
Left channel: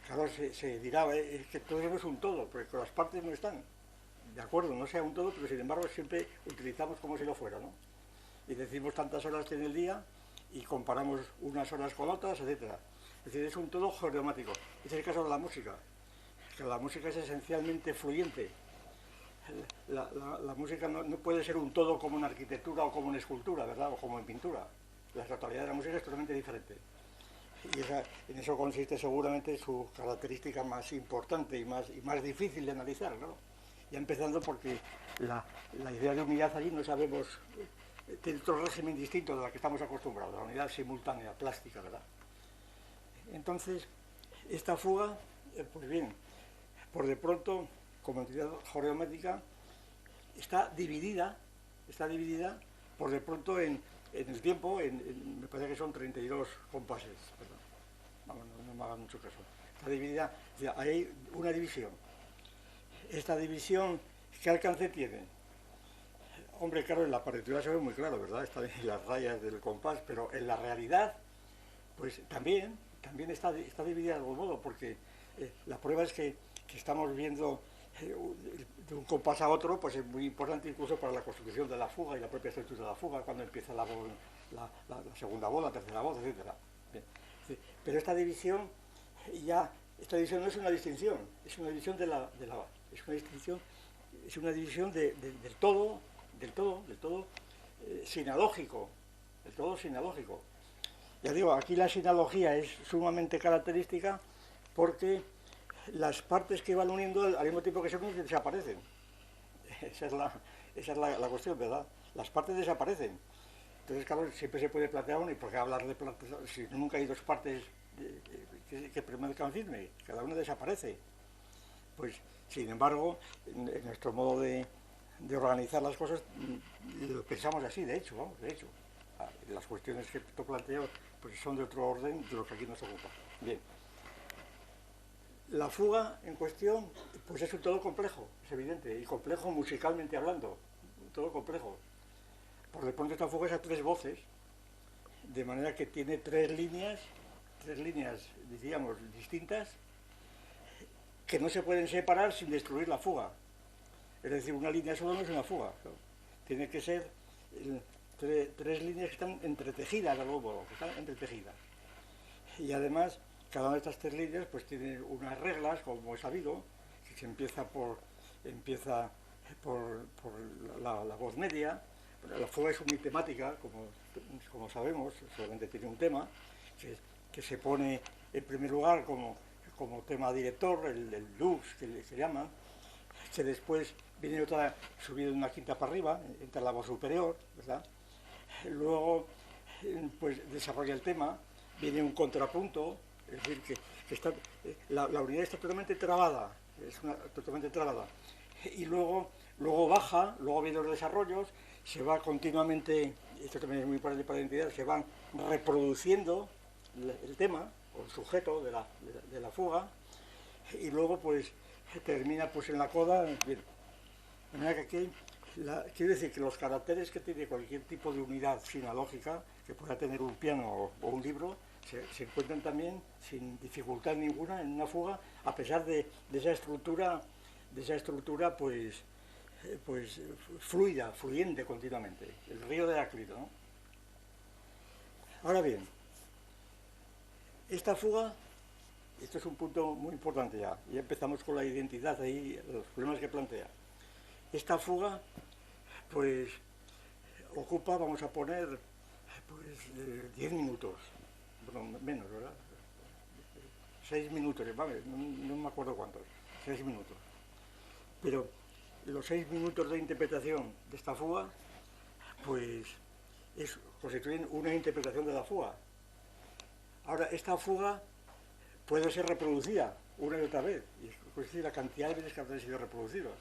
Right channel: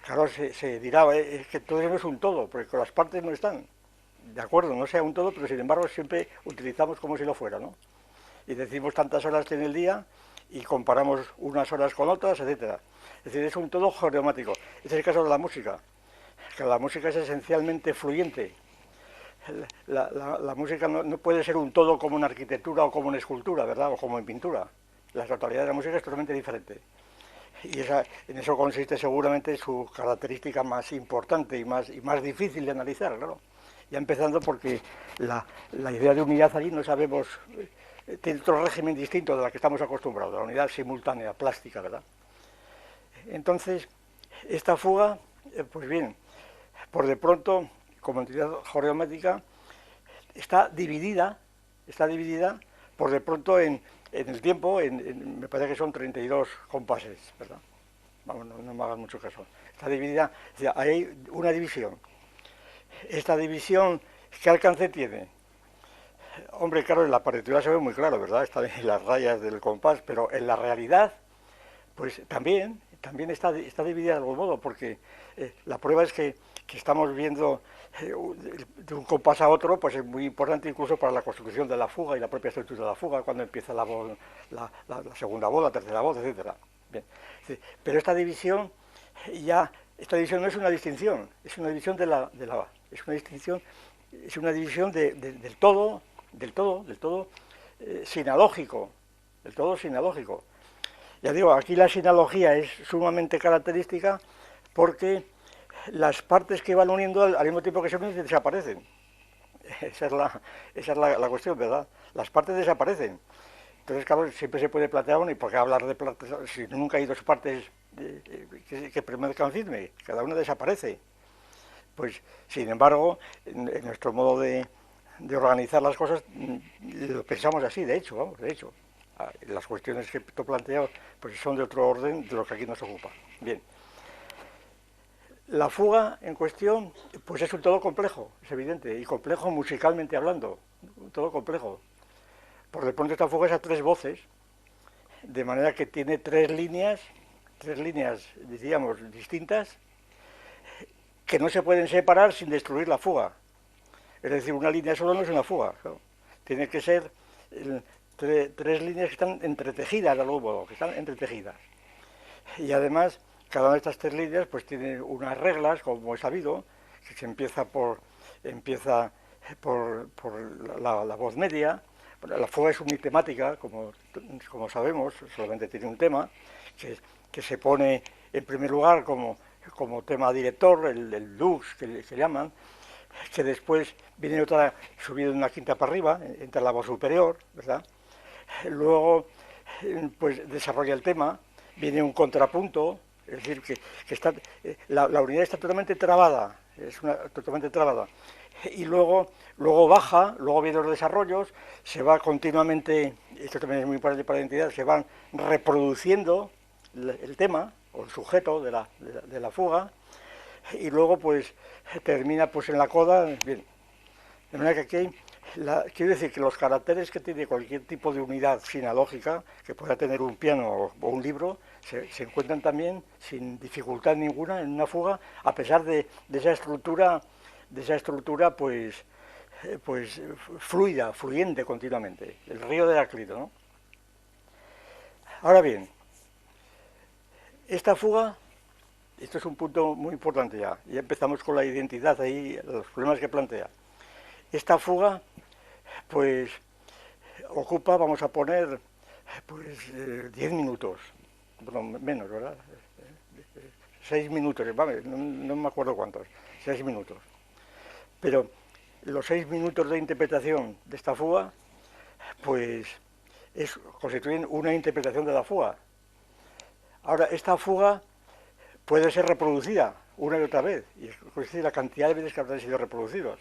Claro, se dirá, es que todo eso no es un todo, porque las partes no están. De acuerdo, no sea un todo, pero sin embargo siempre utilizamos como si lo fuera, ¿no? Y decimos tantas horas tiene el día y comparamos unas horas con otras, etcétera. Es decir, es un todo geomático. Este es el caso de la música, que la música es esencialmente fluyente. La música no puede ser un todo como una arquitectura o como una escultura, ¿verdad? O como en pintura. La totalidad de la música es totalmente diferente. Y en eso consiste seguramente su característica más importante y más difícil de analizar, claro. Ya empezando porque la idea de unidad allí no sabemos, tiene otro régimen distinto de la que estamos acostumbrados, la unidad simultánea, plástica, ¿verdad? Entonces, esta fuga, pues bien, por de pronto, como entidad joreométrica, está dividida por de pronto en el tiempo, me parece que son 32 compases, ¿verdad? Vamos, no me hagan mucho caso. Está dividida, o sea, hay una división. Esta división, ¿qué alcance tiene? Hombre, claro, en la partitura se ve muy claro, ¿verdad? Están en las rayas del compás, pero en la realidad, pues también está dividida de algún modo, porque la prueba es que estamos viendo de un compás a otro, pues es muy importante incluso para la construcción de la fuga y la propia estructura de la fuga, cuando empieza la segunda voz, la tercera voz, etcétera. Bien. Pero esta división no es una distinción, es una división es una división del todo sinalógico, del todo sinalógico. Ya digo, aquí la sinalogía es sumamente característica porque las partes que van uniendo al mismo tiempo que se unen desaparecen. Esa es la cuestión, ¿verdad? Las partes desaparecen. Entonces, claro, siempre se puede plantear, bueno, ¿y por qué hablar de partes si nunca hay dos partes que permanezcan firmes? Cada una desaparece. Pues, sin embargo, en nuestro modo de organizar las cosas, lo pensamos así, de hecho. Las cuestiones que tú planteas pues son de otro orden de lo que aquí nos ocupa. Bien. La fuga en cuestión, pues es un todo complejo, es evidente, y complejo musicalmente hablando, un todo complejo. Por sobreponte esta fuga es a 3 voces, de manera que tiene 3 líneas, diríamos, distintas, que no se pueden separar sin destruir la fuga. Es decir, una línea solo no es una fuga, ¿no? Tiene que ser 3 líneas que están entretejidas de algún modo, que están entretejidas. Y además, cada una de estas 3 líneas pues tiene unas reglas, como es sabido, que se empieza por la voz media. La fuga es unitemática, como sabemos, solamente tiene un tema, que se pone en primer lugar como tema director, el lux, que se llaman, que después viene otra subida una quinta para arriba, entra la voz superior, ¿verdad? Luego, pues desarrolla el tema, viene un contrapunto, es decir, que está, la unidad está totalmente trabada, totalmente trabada. Y luego baja, luego vienen los desarrollos, se va continuamente, esto también es muy importante para la identidad, se van reproduciendo el tema o el sujeto de la fuga, y luego pues termina pues en la coda. Bien, de manera que aquí quiero decir que los caracteres que tiene cualquier tipo de unidad sinalógica que pueda tener un piano o un libro se encuentran también sin dificultad ninguna en una fuga, a pesar de esa estructura pues fluida, fluyente continuamente, el río de Heráclito, ¿no? Ahora bien, esta fuga, esto es un punto muy importante ya empezamos con la identidad ahí, los problemas que plantea. Esta fuga, pues, ocupa, vamos a poner, pues, 10 minutos, bueno, menos, ¿verdad? 6 minutos, no me acuerdo cuántos, 6 minutos. Pero los 6 minutos de interpretación de esta fuga, pues, constituyen una interpretación de la fuga. Ahora, esta fuga puede ser reproducida una y otra vez, y es decir, la cantidad de veces que habrán sido reproducidos.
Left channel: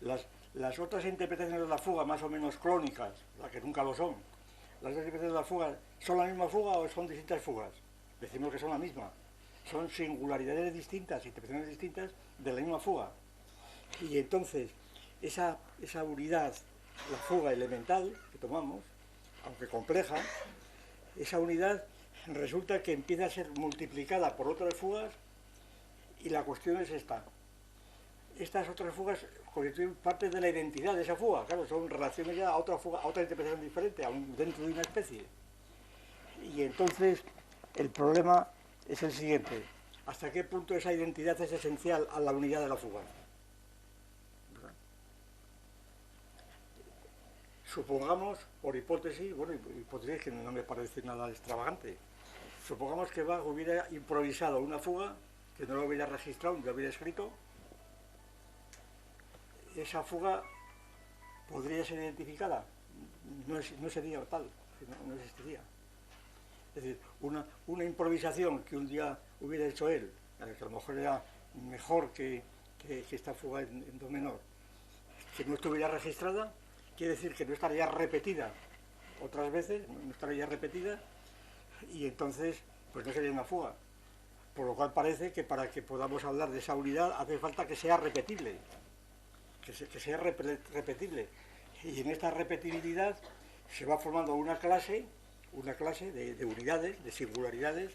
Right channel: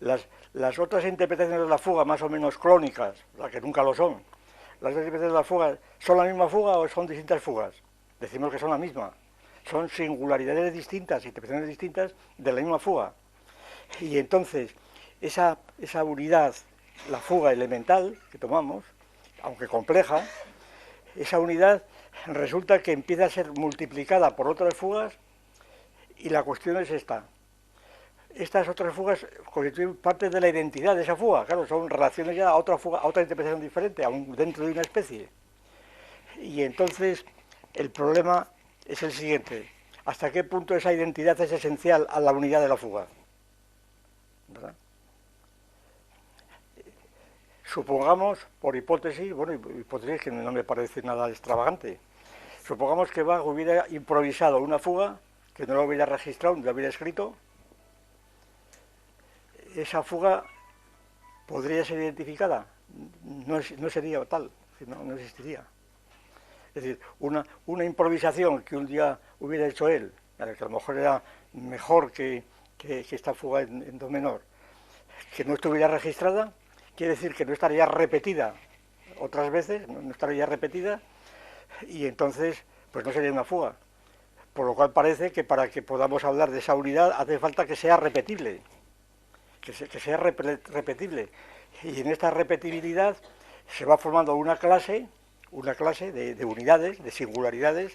Las otras interpretaciones de la fuga, más o menos clónicas, las que nunca lo son, las interpretaciones de la fuga, ¿son la misma fuga o son distintas fugas? Decimos que son la misma. Son singularidades distintas, interpretaciones distintas de la misma fuga. Y entonces, esa unidad, la fuga elemental que tomamos, aunque compleja, esa unidad resulta que empieza a ser multiplicada por otras fugas, y la cuestión es esta. Estas otras fugas constituyen parte de la identidad de esa fuga, claro, son relaciones ya a otra fuga, a otra interpretación diferente, aún dentro de una especie. Y entonces el problema es el siguiente: ¿hasta qué punto esa identidad es esencial a la unidad de la fuga? ¿Verdad? Supongamos, por hipótesis, bueno, hipótesis que no me parece nada extravagante, supongamos que Bach hubiera improvisado una fuga, que no lo hubiera registrado, no lo hubiera escrito. Esa fuga podría ser identificada, no sería tal, no existiría. Es decir, una improvisación que un día hubiera hecho él, que a lo mejor era mejor que esta fuga en do menor, que no estuviera registrada, quiere decir que no estaría repetida otras veces, no estaría repetida, y entonces pues no sería una fuga. Por lo cual parece que para que podamos hablar de esa unidad hace falta que sea repetible, que sea repetible. Y en esta repetibilidad se va formando una clase de unidades, de singularidades,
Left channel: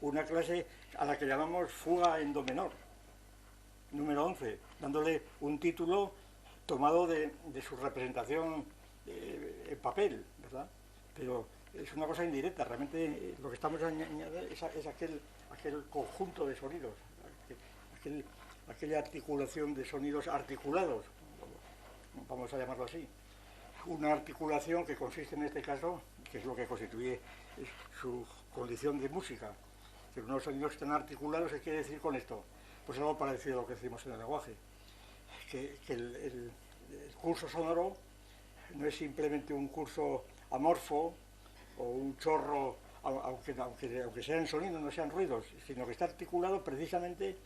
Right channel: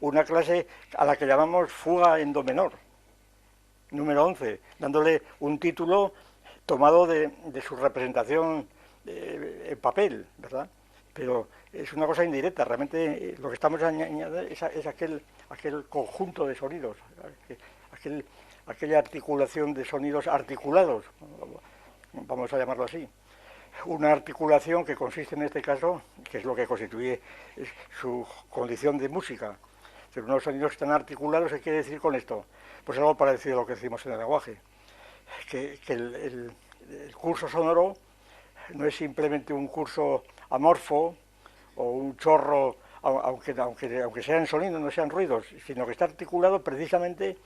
una clase a la que llamamos fuga en do menor, número 11, dándole un título tomado de su representación en papel, ¿verdad? Pero es una cosa indirecta, realmente lo que estamos añadiendo es aquel conjunto de sonidos, aquella articulación de sonidos articulados, vamos a llamarlo así. Una articulación que consiste en este caso, que es lo que constituye su condición de música. Pero unos sonidos que están articulados, ¿qué quiere decir con esto? Pues algo parecido a lo que decimos en el lenguaje. Que el curso sonoro no es simplemente un curso amorfo o un chorro, aunque sean sonidos, no sean ruidos, sino que está articulado precisamente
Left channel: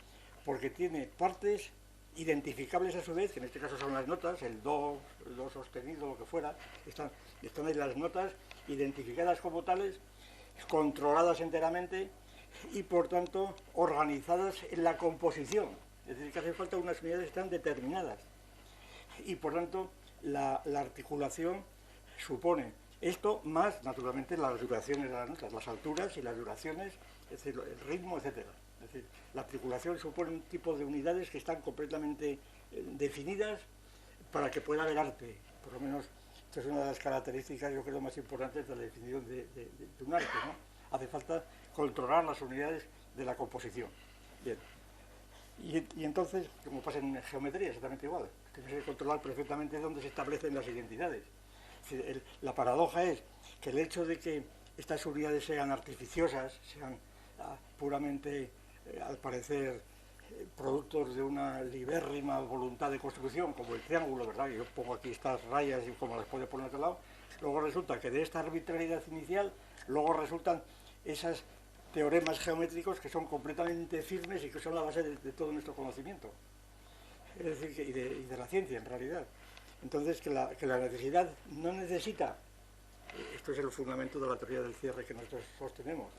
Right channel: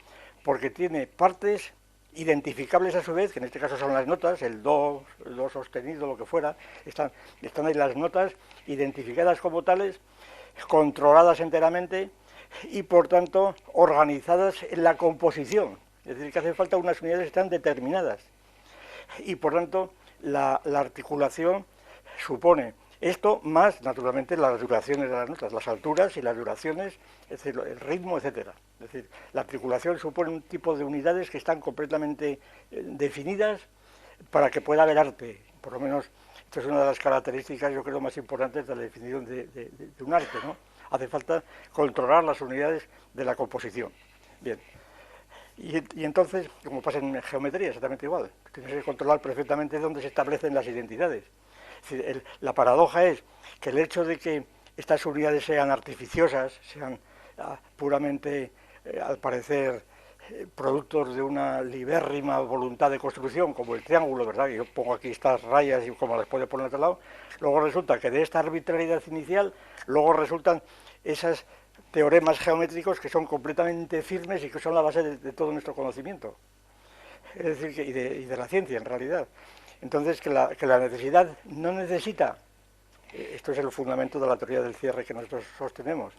porque tiene partes identificables a su vez, que en este caso son las notas, el do sostenido, lo que fuera, están ahí las notas identificadas como tales, controladas enteramente y por tanto organizadas en la composición, es decir, que hace falta unas unidades que están determinadas y por tanto la articulación supone Esto más, naturalmente, las duraciones de las notas, las alturas y las duraciones, es decir, el ritmo, etcétera. Es decir, la articulación supone un tipo de unidades que están completamente definidas para que pueda haber arte. Por lo menos, esta es una de las características, yo creo, más importantes de la definición de un arte, ¿no? Hace falta controlar las unidades de la composición. Bien. Y entonces, como pasa en geometría, exactamente igual. Tienes que controlar perfectamente dónde se establecen las identidades. Es decir, la paradoja es que el hecho de que estas unidades sean artificiosas, sean puramente, al parecer, productos de una libérrima voluntad de construcción, como el triángulo, ¿verdad? Yo pongo aquí estas rayas y como las puedo poner a otro lado. Luego resulta que de esta arbitrariedad inicial, luego resultan esas teoremas geométricos que son completamente firmes y que son la base de todo nuestro conocimiento. Es decir, y de la ciencia, en realidad. Entonces, que la necesidad no necesita, esto es el fundamento de la teoría del cierre que nosotros sostenemos,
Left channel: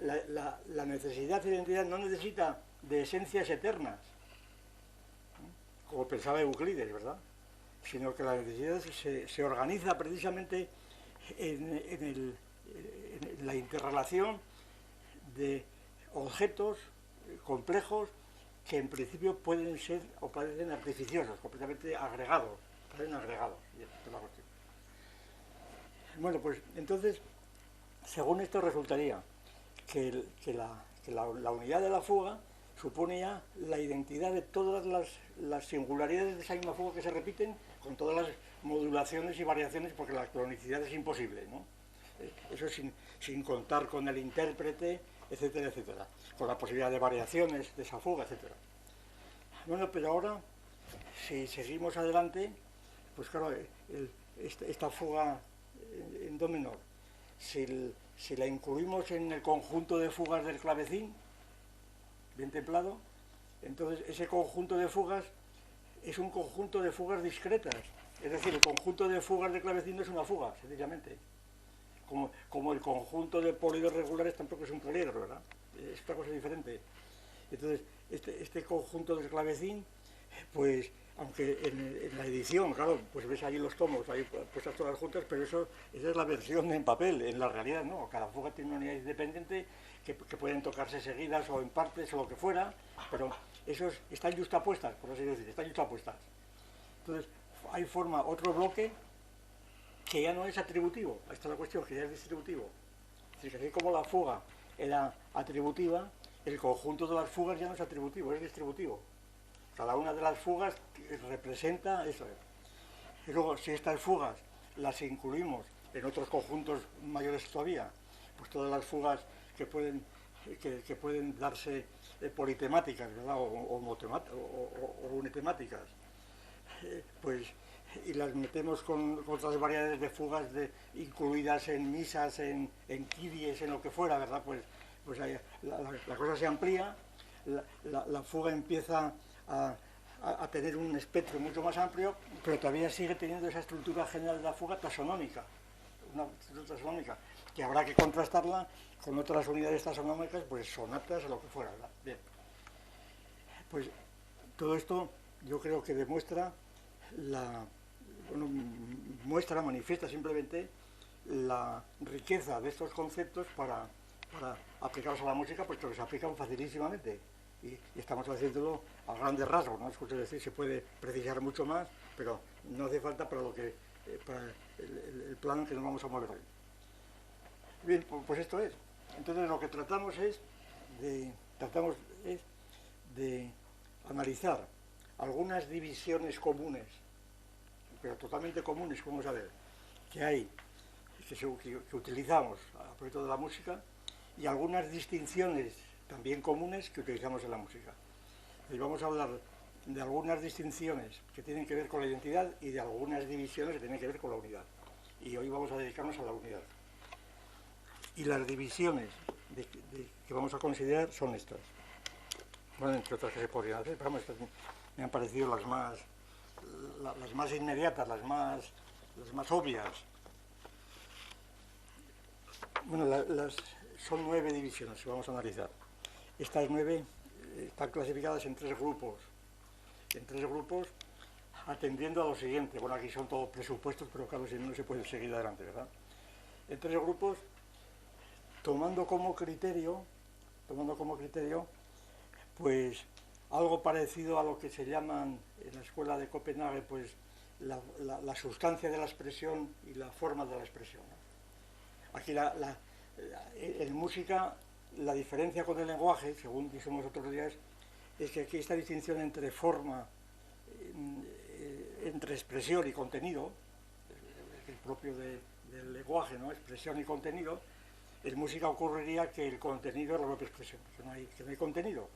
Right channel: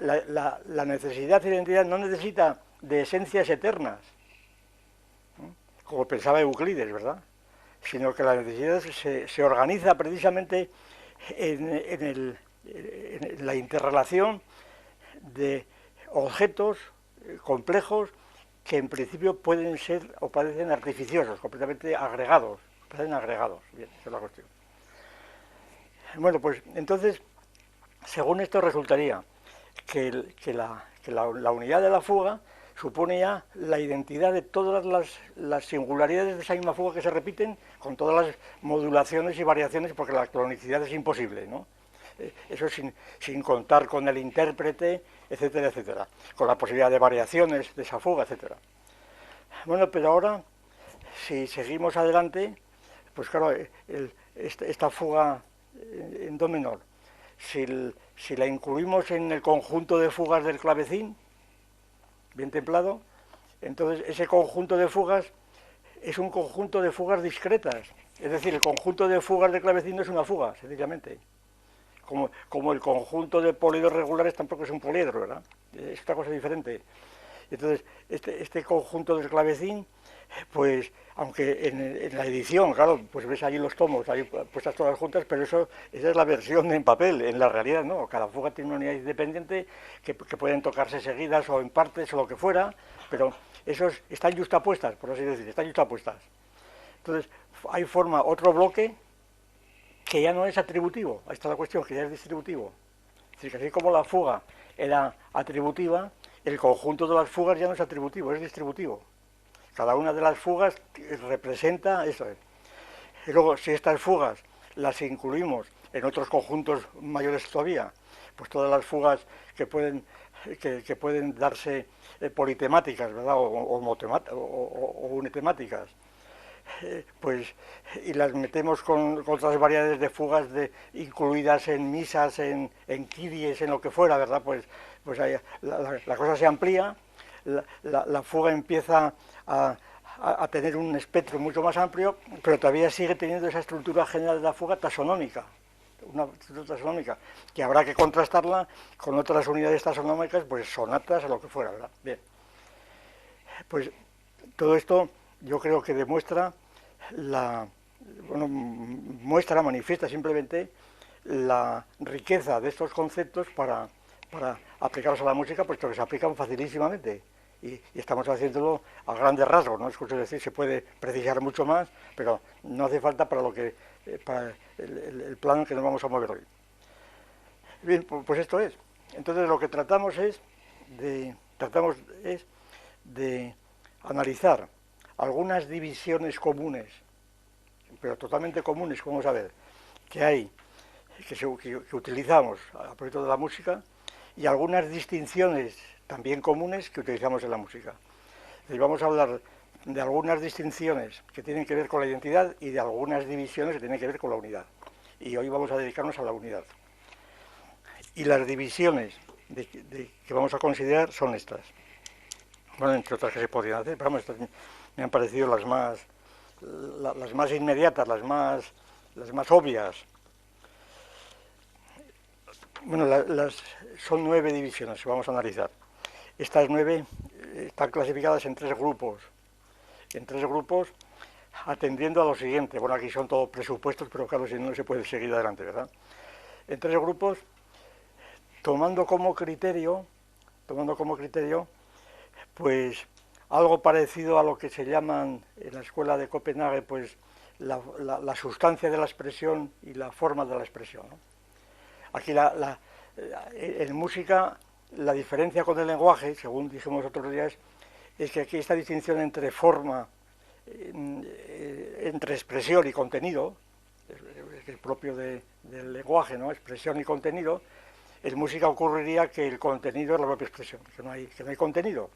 la necesidad de identidad no necesita de esencias eternas, como pensaba Euclides, ¿verdad? Sino que la necesidad se organiza precisamente en la interrelación de objetos complejos que en principio pueden ser o parecen artificiosos, completamente agregados, parecen agregados. Bien, esa es la cuestión. Bueno, pues entonces, según esto resultaría que la unidad de la fuga supone ya la identidad de todas las singularidades de esa misma fuga que se repiten con todas las modulaciones y variaciones, porque la clonicidad es imposible, ¿no? Eso sin contar con el intérprete, etcétera, etcétera, con la posibilidad de variaciones de esa fuga, etcétera. Bueno, pero ahora, si seguimos adelante, pues claro, esta fuga en do menor, si la incluimos en el conjunto de fugas del clavecín, bien templado, entonces ese conjunto de fugas es un conjunto de fugas discretas. Es decir, el conjunto de fugas del clavecín no es una fuga, sencillamente. Como el conjunto de poliedros regulares tampoco es un poliedro, ¿verdad? Es otra cosa diferente. Entonces, este conjunto del clavecín, pues, aunque en la edición, claro, pues ves ahí los tomos, ahí puestas todas juntas, pero esa es la versión en papel, en la realidad no. Cada fuga tiene una unidad independiente que pueden tocarse seguidas o en partes o lo que fuera, pero esos están justapuestas, por así decir, están justapuestas. Entonces, ahí forma otro bloque que ya no es atributivo. Ahí está la cuestión, que ya es distributivo. Es decir, que así como la fuga era atributiva, el conjunto de las fugas ya no es atributivo, es distributivo. Cada una de las fugas representa eso. Y luego, si estas fugas las incluimos en otros conjuntos mayores todavía, pues todas las fugas que pueden darse politemáticas, ¿verdad? O unitemáticas, pues, y las metemos con otras variedades de fugas incluidas en misas, en kiries, en lo que fuera, ¿verdad? Pues ahí, la cosa se amplía, la fuga empieza a tener un espectro mucho más amplio, pero todavía sigue teniendo esa estructura general de la fuga taxonómica, una estructura taxonómica, que habrá que contrastarla con otras unidades taxonómicas, pues sonatas o lo que fuera, ¿verdad? Bien. Pues todo esto yo creo que demuestra manifiesta simplemente la riqueza de estos conceptos para aplicarlos a la música, puesto que se aplican facilísimamente. Y estamos haciéndolo a grandes rasgos, ¿no? Es decir, se puede precisar mucho más, pero no hace falta para el plano en que nos vamos a mover hoy. Bien, pues esto es. Entonces lo que tratamos es de analizar algunas divisiones comunes, pero totalmente comunes, como vamos a ver, que utilizamos a propósito de la música, y algunas distinciones también comunes que utilizamos en la música. Y vamos a hablar de algunas distinciones que tienen que ver con la identidad y de algunas divisiones que tienen que ver con la unidad. Y hoy vamos a dedicarnos a la unidad. Y las divisiones que vamos a considerar son estas. Bueno, entre otras que se podrían hacer, pero estas me han parecido las más inmediatas, las más obvias. Bueno, son 9 divisiones que vamos a analizar. Estas 9 están clasificadas en 3 grupos. En 3 grupos atendiendo a lo siguiente. Bueno, aquí son todos presupuestos, pero claro, si no, no se puede seguir adelante, ¿verdad? En 3 grupos, tomando como criterio, pues algo parecido a lo que se llaman en la escuela de Copenhague, pues la sustancia de la expresión y la forma de la expresión, ¿no? Aquí en música la diferencia con el lenguaje, según dijimos otros días, es que aquí esta distinción entre forma, entre expresión y contenido, es propio del lenguaje, ¿no? Expresión y contenido. En música ocurriría que el contenido es la propia expresión, que no hay contenido.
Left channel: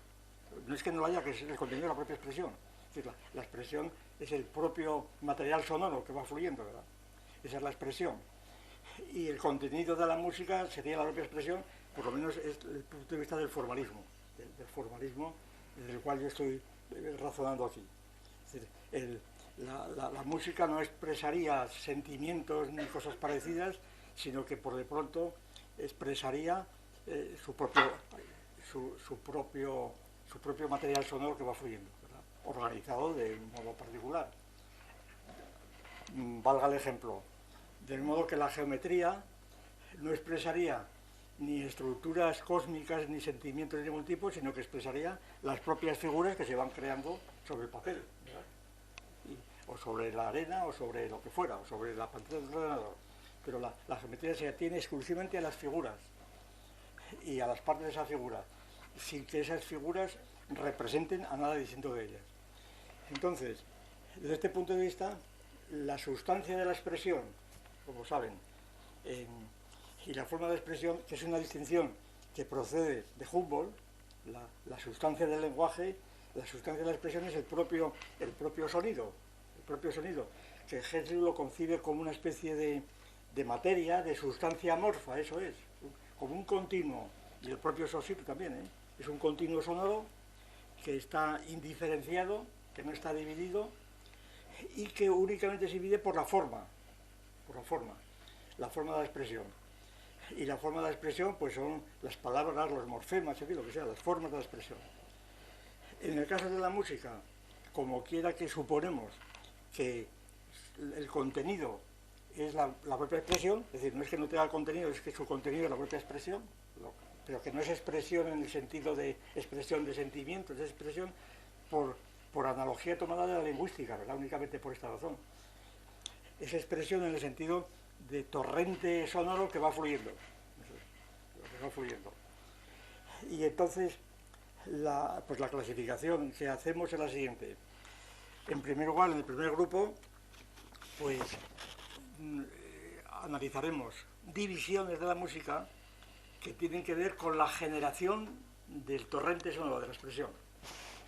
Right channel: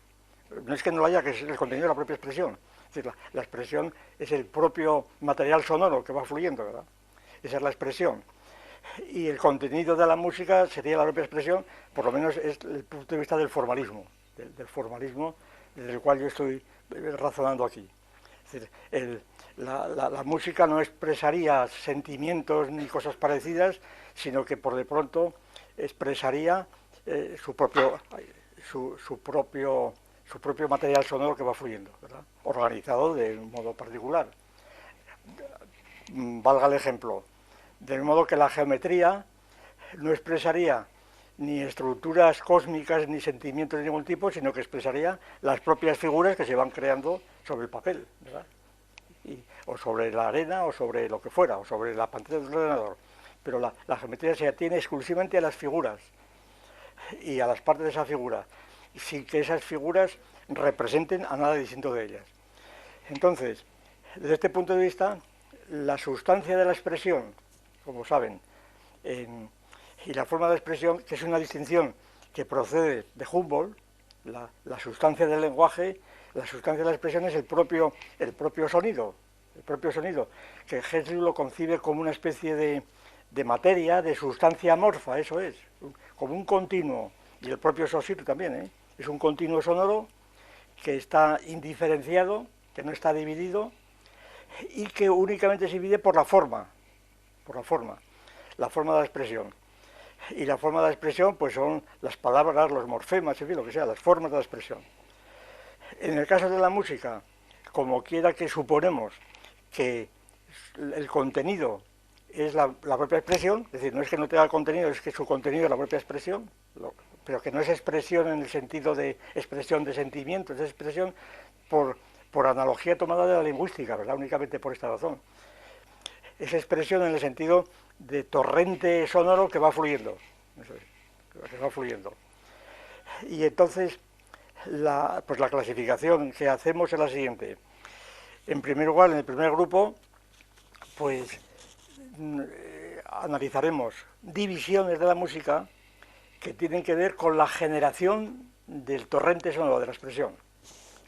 No es que no lo haya, que es el contenido de la propia expresión. Es decir, la expresión es el propio material sonoro que va fluyendo, ¿verdad? Esa es la expresión. Y el contenido de la música sería la propia expresión, por lo menos es el punto de vista del formalismo, del formalismo del cual yo estoy razonando aquí. Es decir, la música no expresaría sentimientos ni cosas parecidas, sino que por de pronto expresaría su propio material sonoro que va fluyendo, ¿verdad? Organizado de un modo particular. Valga el ejemplo, de modo que la geometría no expresaría ni estructuras cósmicas ni sentimientos de ningún tipo, sino que expresaría las propias figuras que se van creando sobre el papel, ¿verdad? O sobre la arena, o sobre lo que fuera, o sobre la pantalla del ordenador. Pero la geometría se atiene exclusivamente a las figuras y a las partes de esa figura, sin que esas figuras representen a nada distinto de ellas. Entonces, desde este punto de vista, la sustancia de la expresión, como saben, y la forma de expresión, que es una distinción que procede de Humboldt, la sustancia del lenguaje, la sustancia de la expresión es el propio sonido, que Hessel lo concibe como una especie de materia, de sustancia amorfa, eso es, como un continuo, y el propio Saussure también, ¿eh? Es un continuo sonoro que está indiferenciado, que no está dividido, y que únicamente se divide por la forma de la expresión. Y la forma de la expresión pues son las palabras, los morfemas, en fin, lo que sea, las formas de la expresión. En el caso de la música, como quiera que suponemos que el contenido es la propia expresión, es decir, no es que no tenga el contenido, es que su contenido es la propia expresión, pero que no es expresión en el sentido de expresión de sentimientos, es expresión por analogía tomada de la lingüística, ¿verdad? Únicamente por esta razón. Es expresión en el sentido de torrente sonoro que va fluyendo. Eso es, que va fluyendo. Y entonces, la clasificación que hacemos es la siguiente. En primer lugar, en el primer grupo, pues analizaremos divisiones de la música que tienen que ver con la generación del torrente sonoro, de la expresión,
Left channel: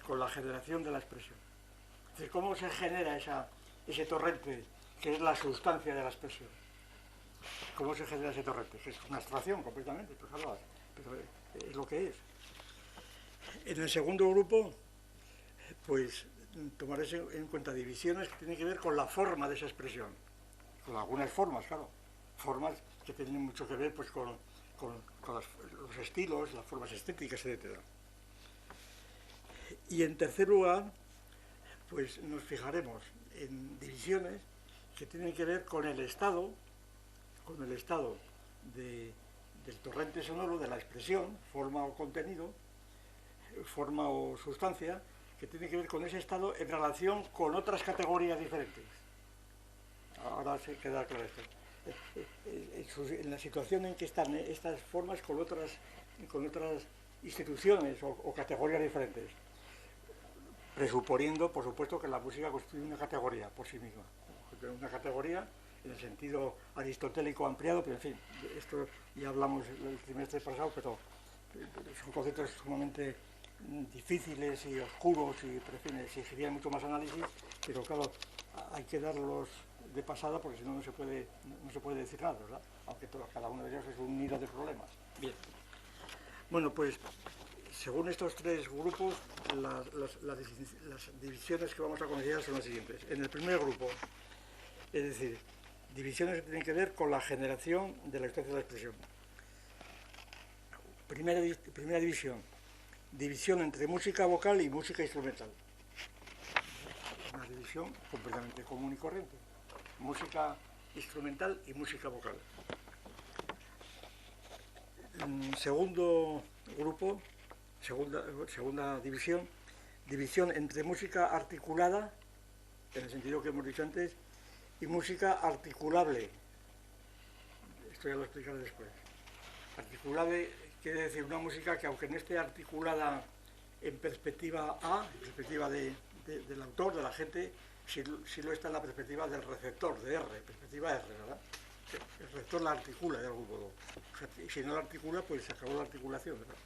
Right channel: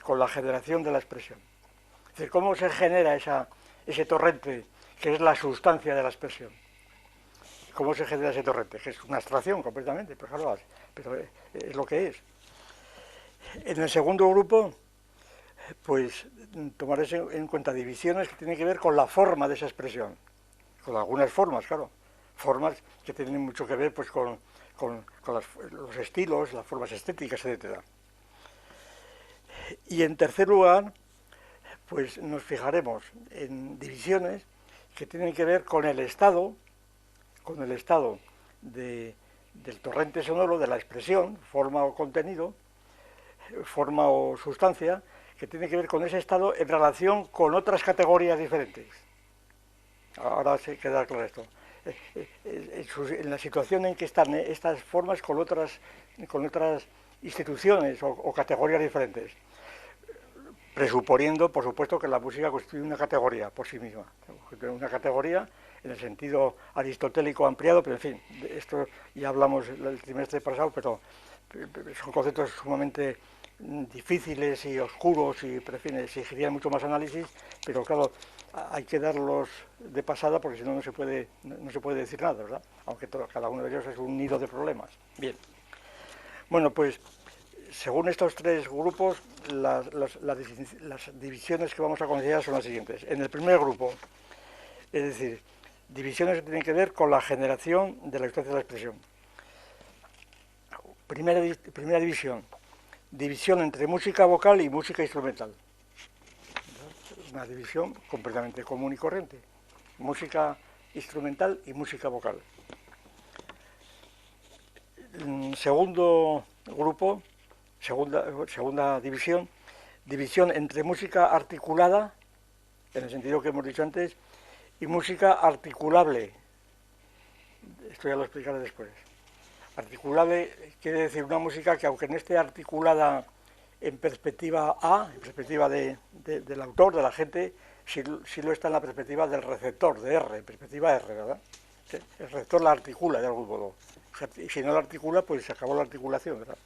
con la generación de la expresión. Es decir, cómo se genera ese torrente que es la sustancia de la expresión. ¿Cómo se genera ese torrente? Que es una abstracción completamente, pero es lo que es. En el segundo grupo, pues tomaré en cuenta divisiones que tienen que ver con la forma de esa expresión, con algunas formas, claro, formas que tienen mucho que ver pues con los estilos, las formas estéticas, etc. Y en tercer lugar, pues nos fijaremos en divisiones que tienen que ver con el estado del torrente sonoro, de la expresión, forma o contenido, forma o sustancia, que tiene que ver con ese estado en relación con otras categorías diferentes. Ahora se queda claro esto. En la situación en que están estas formas con otras instituciones o categorías diferentes, presuponiendo, por supuesto, que la música constituye una categoría por sí misma, una categoría en el sentido aristotélico ampliado, pero en fin, de esto ya hablamos el trimestre pasado, pero son conceptos sumamente difíciles y oscuros y, en fin, exigirían mucho más análisis, pero claro, hay que darlos de pasada porque si no no se puede decir nada, ¿verdad? Aunque cada uno de ellos es un nido de problemas. Bien. Bueno, pues según estos 3 grupos, las divisiones que vamos a considerar son las siguientes. En el primer grupo, es decir, divisiones que tienen que ver con la generación de la sustancia de la expresión. Primera división, división entre música vocal y música instrumental. una división completamente común y corriente. Música instrumental y música vocal. Segundo grupo, segunda división, división entre música articulada, en el sentido que hemos dicho antes, y música articulable. Esto ya lo explicaré después. Articulable quiere decir una música que, aunque no esté articulada en perspectiva A, en perspectiva del autor, de la gente, sí lo está en la perspectiva del receptor, de R, perspectiva R, ¿verdad? El receptor la articula de algún modo. O sea, y si no la articula, pues se acabó la articulación, ¿verdad?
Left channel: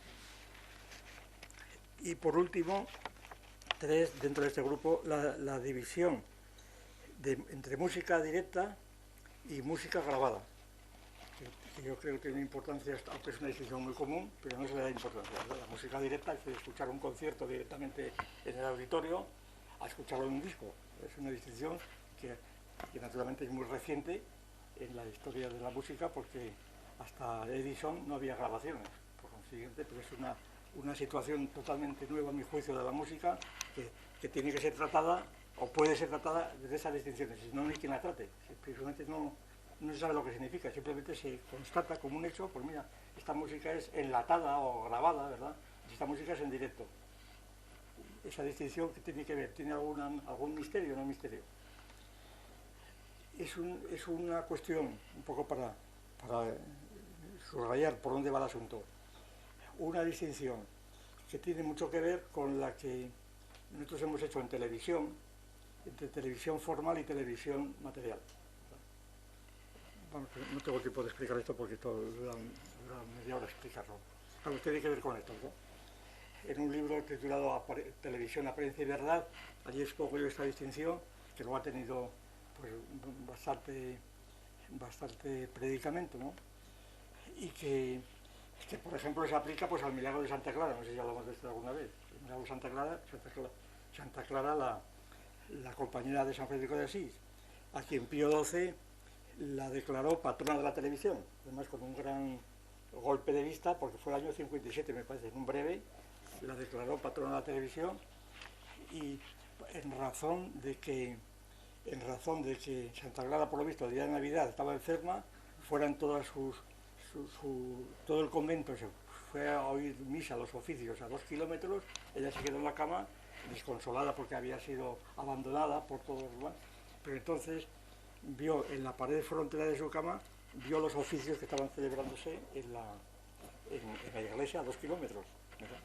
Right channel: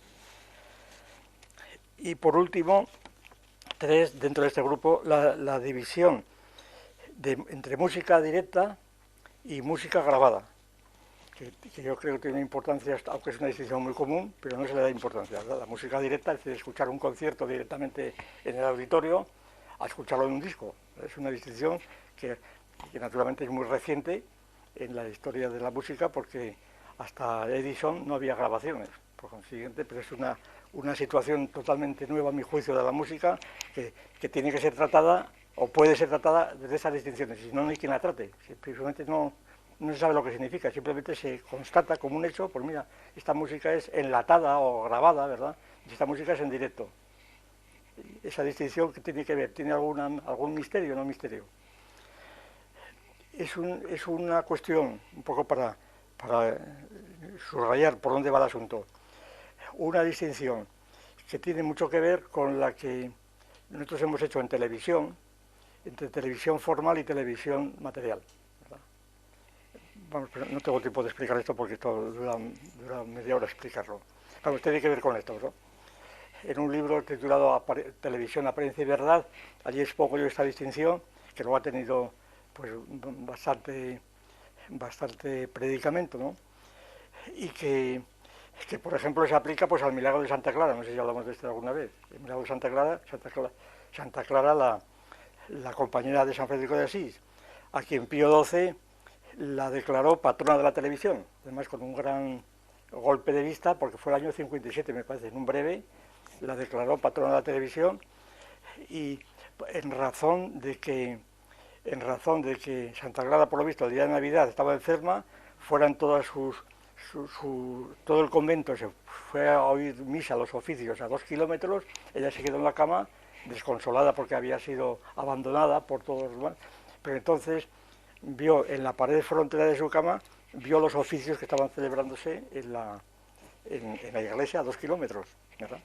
Y por último, dentro de este grupo, la división entre música directa y música grabada, que yo creo que tiene importancia, aunque es una distinción muy común, pero no se le da importancia, ¿verdad? La música directa es decir, escuchar un concierto directamente en el auditorio a escucharlo en un disco. Es una distinción que naturalmente es muy reciente en la historia de la música, porque hasta Edison no había grabaciones, por consiguiente, pero es una situación totalmente nueva, a mi juicio, de la música, que tiene que ser tratada, o puede ser tratada desde esas distinciones, si no, no hay quien la trate. Simplemente no se sabe lo que significa, simplemente se constata como un hecho, pues mira, esta música es enlatada o grabada, ¿verdad? Y esta música es en directo. Esa distinción que tiene que ver, ¿tiene algún misterio o no misterio? Es una cuestión, un poco para subrayar por dónde va el asunto, una distinción que tiene mucho que ver con la que nosotros hemos hecho en televisión, entre televisión formal y televisión material. Vamos, pero no tengo tiempo de explicar esto porque esto dura media hora explicarlo. Vamos, tiene que ver con esto, ¿no? En un libro titulado Televisión, Apariencia y Verdad, allí expongo yo esta distinción, que luego ha tenido pues bastante predicamento, ¿no? Y que por ejemplo se aplica pues al milagro de Santa Clara, no sé si hablamos de esto alguna vez. El milagro de Santa Clara, la compañera de San Francisco de Asís, a quien Pío XII la declaró patrona de la televisión, además con un gran golpe de vista, porque fue el año 57, me parece, en un breve, la declaró patrona de la televisión, y en razón de que Santa Clara, por lo visto, el día de Navidad estaba enferma, fueran todo el convento se fue a oír misa, los oficios, a 2 kilómetros, ella se quedó en la cama, desconsolada porque había sido abandonada por todos los demás, pero entonces vio en la pared frontera de su cama, vio los oficios que estaban celebrándose en la iglesia a 2 kilómetros, ¿verdad?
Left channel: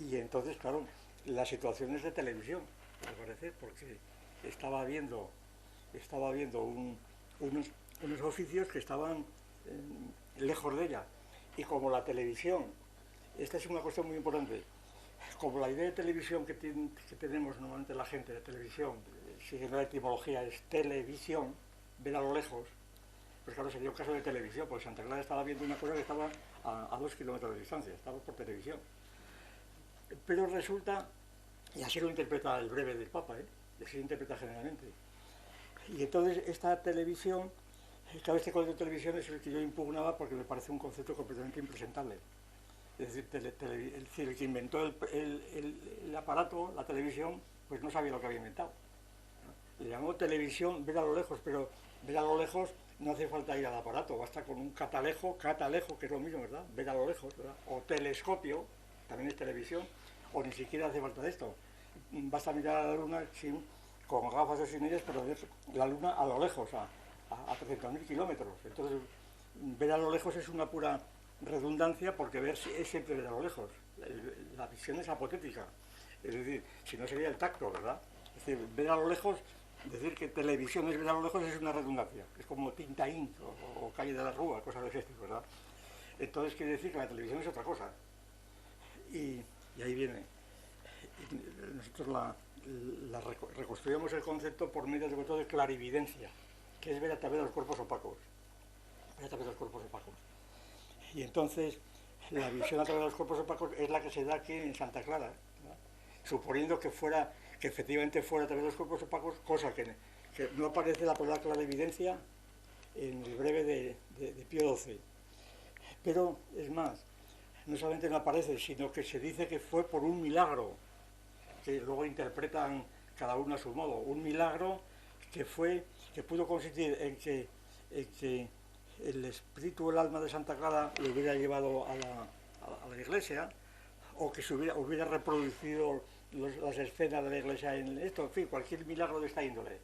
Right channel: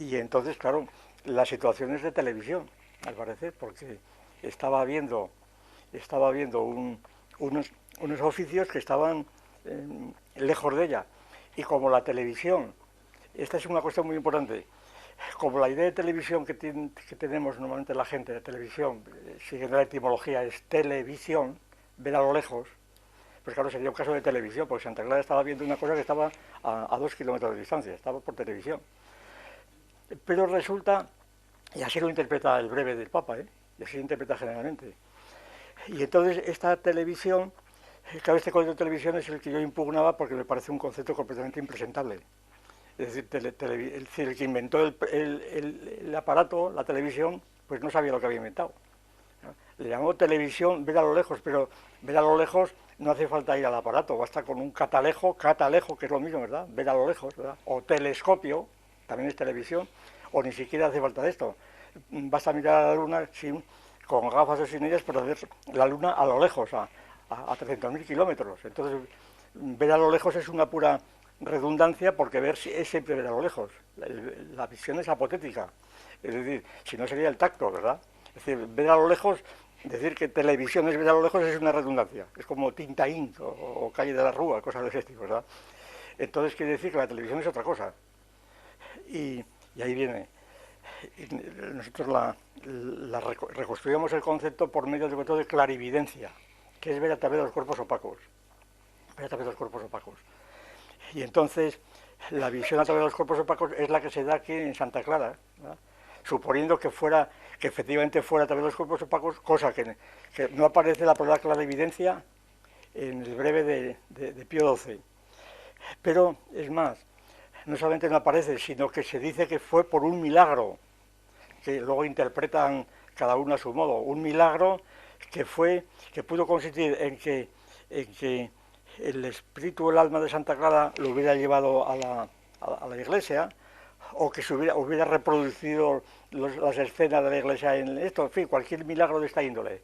Y entonces, claro, la situación es de televisión, al parecer, porque estaba viendo unos oficios que estaban lejos de ella. Y como la televisión, esta es una cuestión muy importante, como la idea de televisión que tenemos normalmente la gente de televisión, siguiendo la etimología, es televisión, ver a lo lejos, pues claro, sería un caso de televisión, porque Santa Clara estaba viendo una cosa que estaba a 2 kilómetros de distancia, estaba por televisión. Pero resulta, y así lo interpreta el breve del Papa, y así lo interpreta generalmente. Y entonces esta televisión, claro, este concepto de televisión es el que yo impugnaba porque me parece un concepto completamente impresentable. Es decir, el que inventó el aparato, la televisión, pues no sabía lo que había inventado. Le llamó televisión, ver a lo lejos, pero ver a lo lejos no hace falta ir al aparato, basta con un catalejo, que es lo mismo, ¿verdad? Ver a lo lejos, ¿verdad? O telescopio, también es televisión, o ni siquiera hace falta esto. Basta mirar a la luna con gafas o sin ellas, pero ver la luna a lo lejos, a 300.000 kilómetros. Entonces, ver a lo lejos es una pura redundancia, porque ver es siempre ver a lo lejos. La visión es apotética. Es decir, si no sería el tacto, ¿verdad? Es decir, ver a lo lejos, decir que televisión es ver a lo lejos es una redundancia. Es como Tintaín o Calle de la Rúa, cosas de ese tipo, ¿verdad? Entonces quiere decir que la televisión es otra cosa. Y ahí viene. Nosotros reconstruimos el concepto por medio de clarividencia, que es ver a través de los cuerpos opacos. Ver a través de los cuerpos opacos. Y entonces la visión a través de los cuerpos opacos es la que se da aquí en Santa Clara, ¿no? Suponiendo que efectivamente fuera a través de los cuerpos opacos, cosa que no aparece la palabra clarividencia en el breve de Pío XII. Pero es más, no solamente no aparece, sino que se dice que fue por un milagro, que luego interpretan cada uno a su modo. Un milagro que pudo consistir en que el espíritu o el alma de Santa Clara lo hubiera llevado a la iglesia, o que se hubiera reproducido las escenas de la iglesia en esto, en fin, cualquier milagro de esta índole.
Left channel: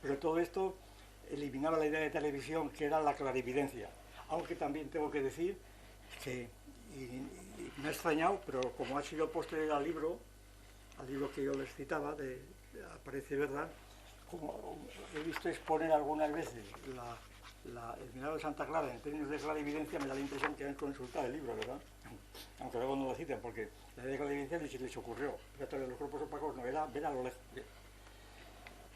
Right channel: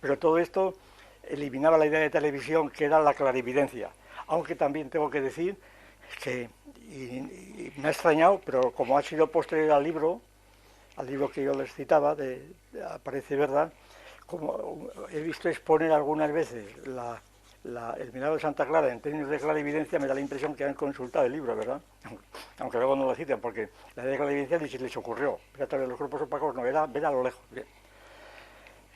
Pero todo esto eliminaba la idea de televisión, que era la clarividencia. Aunque también tengo que decir que, y me ha extrañado, pero como ha sido posterior al libro que yo les citaba, Aparece Verdad, como he visto exponer algunas veces el milagro de Santa Clara en términos de clarividencia, me da la impresión que han consultado el libro, ¿verdad? Aunque luego no lo citan, porque la idea de clarividencia ni se les ocurrió. Pero a través de los cuerpos opacos no, era ver a lo lejos. Bien.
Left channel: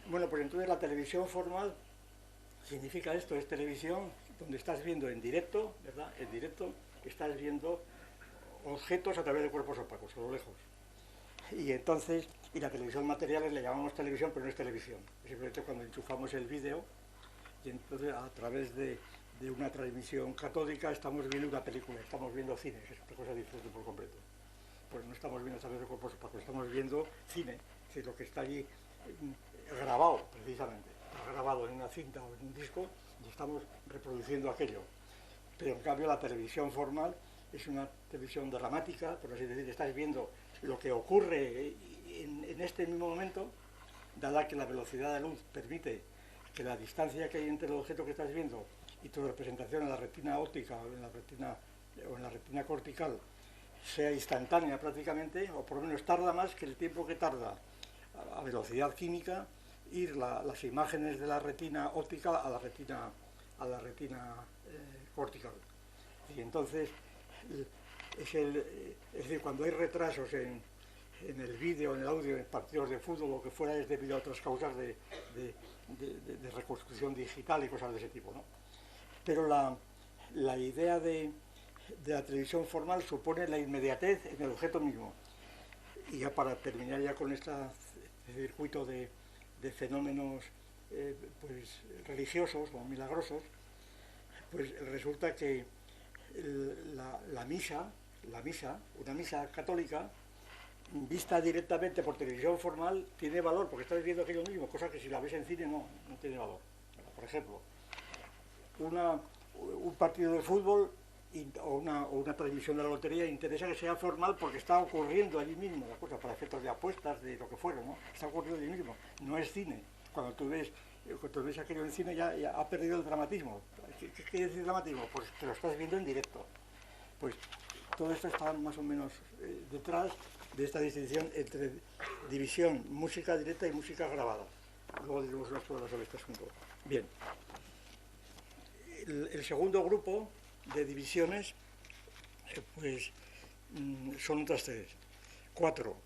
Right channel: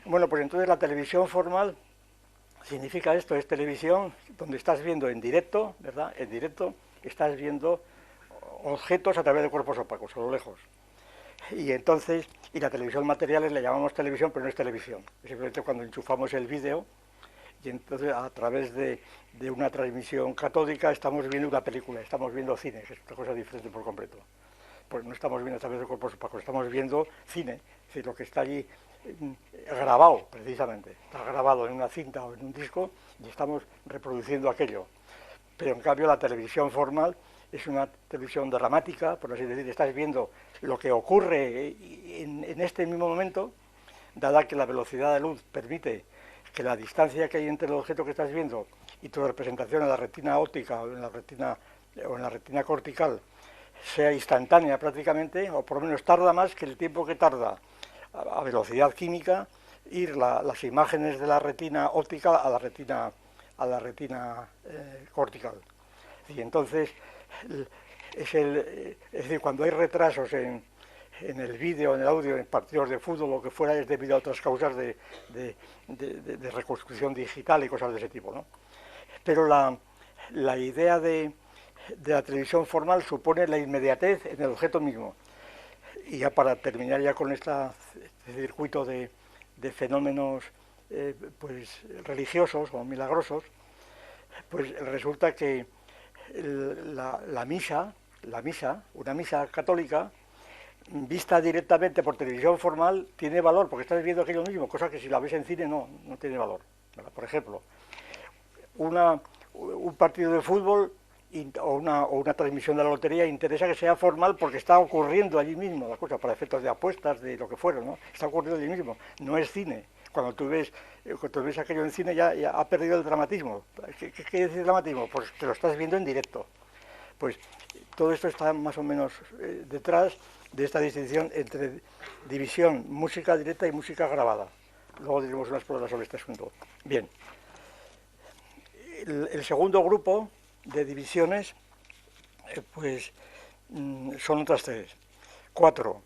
Bueno, pues entonces la televisión formal significa esto, es televisión donde estás viendo en directo, ¿verdad? En directo estás viendo objetos a través de cuerpos opacos, a lo lejos. Y entonces, y la televisión materiales le llamamos televisión, pero no es televisión. Es simplemente cuando enchufamos el vídeo y entonces a través de una transmisión catódica estamos viendo una película, estamos viendo cine, que es otra cosa diferente por completo. Pues no estamos viendo a través de cuerpos opacos, estamos viendo cine, es decir, lo que está allí grabado, precisamente. Está grabado en una cinta o en un disco y estamos reproduciendo aquello. Pero en cambio la televisión formal es una televisión dramática, por así decir, estás viendo lo que ocurre en este mismo momento, dada que la velocidad de luz permite que la distancia que hay entre el objeto que estás viendo y tu representación en la retina óptica o en la retina cortical sea instantánea prácticamente, o por lo menos tarda más que el tiempo que tarda a velocidad química ir las imágenes de la retina óptica a la retina cortical. Y entonces es decir, cuando hay retrasos en el vídeo, en el audio, en partidos de fútbol, lo que fuera, es debido a otras causas de reconstrucción digital y cosas de ese tipo, ¿no? Pero la idea de la televisión formal supone la inmediatez en el objeto mismo. Y ya para terminar ya con este circuito de fenómenos pues religiosos o milagrosos, pues resulta que una misa católica, vista directamente por televisión formal, tiene valor, porque estás viendo aquello mismo, cosa que si la ves en cine no tiene valor. Por ejemplo, un partido de fútbol o una transmisión de la lotería interesa que sea formal porque está ocurriendo allí mismo la cosa, para efectos de apuestas, de lo que fuera, ¿no? Está ocurriendo allí mismo, no es cine. Cuando tú ves aquello en cine ya ha perdido el dramatismo. ¿Qué quiere decir dramatismo? Pues te lo estás viendo en directo. Pues todo esto está más o menos detrás de esta distinción entre división música directa y música grabada. Luego diremos unas palabras sobre este asunto. Bien. El segundo grupo de divisiones pues son otras tres. Cuatro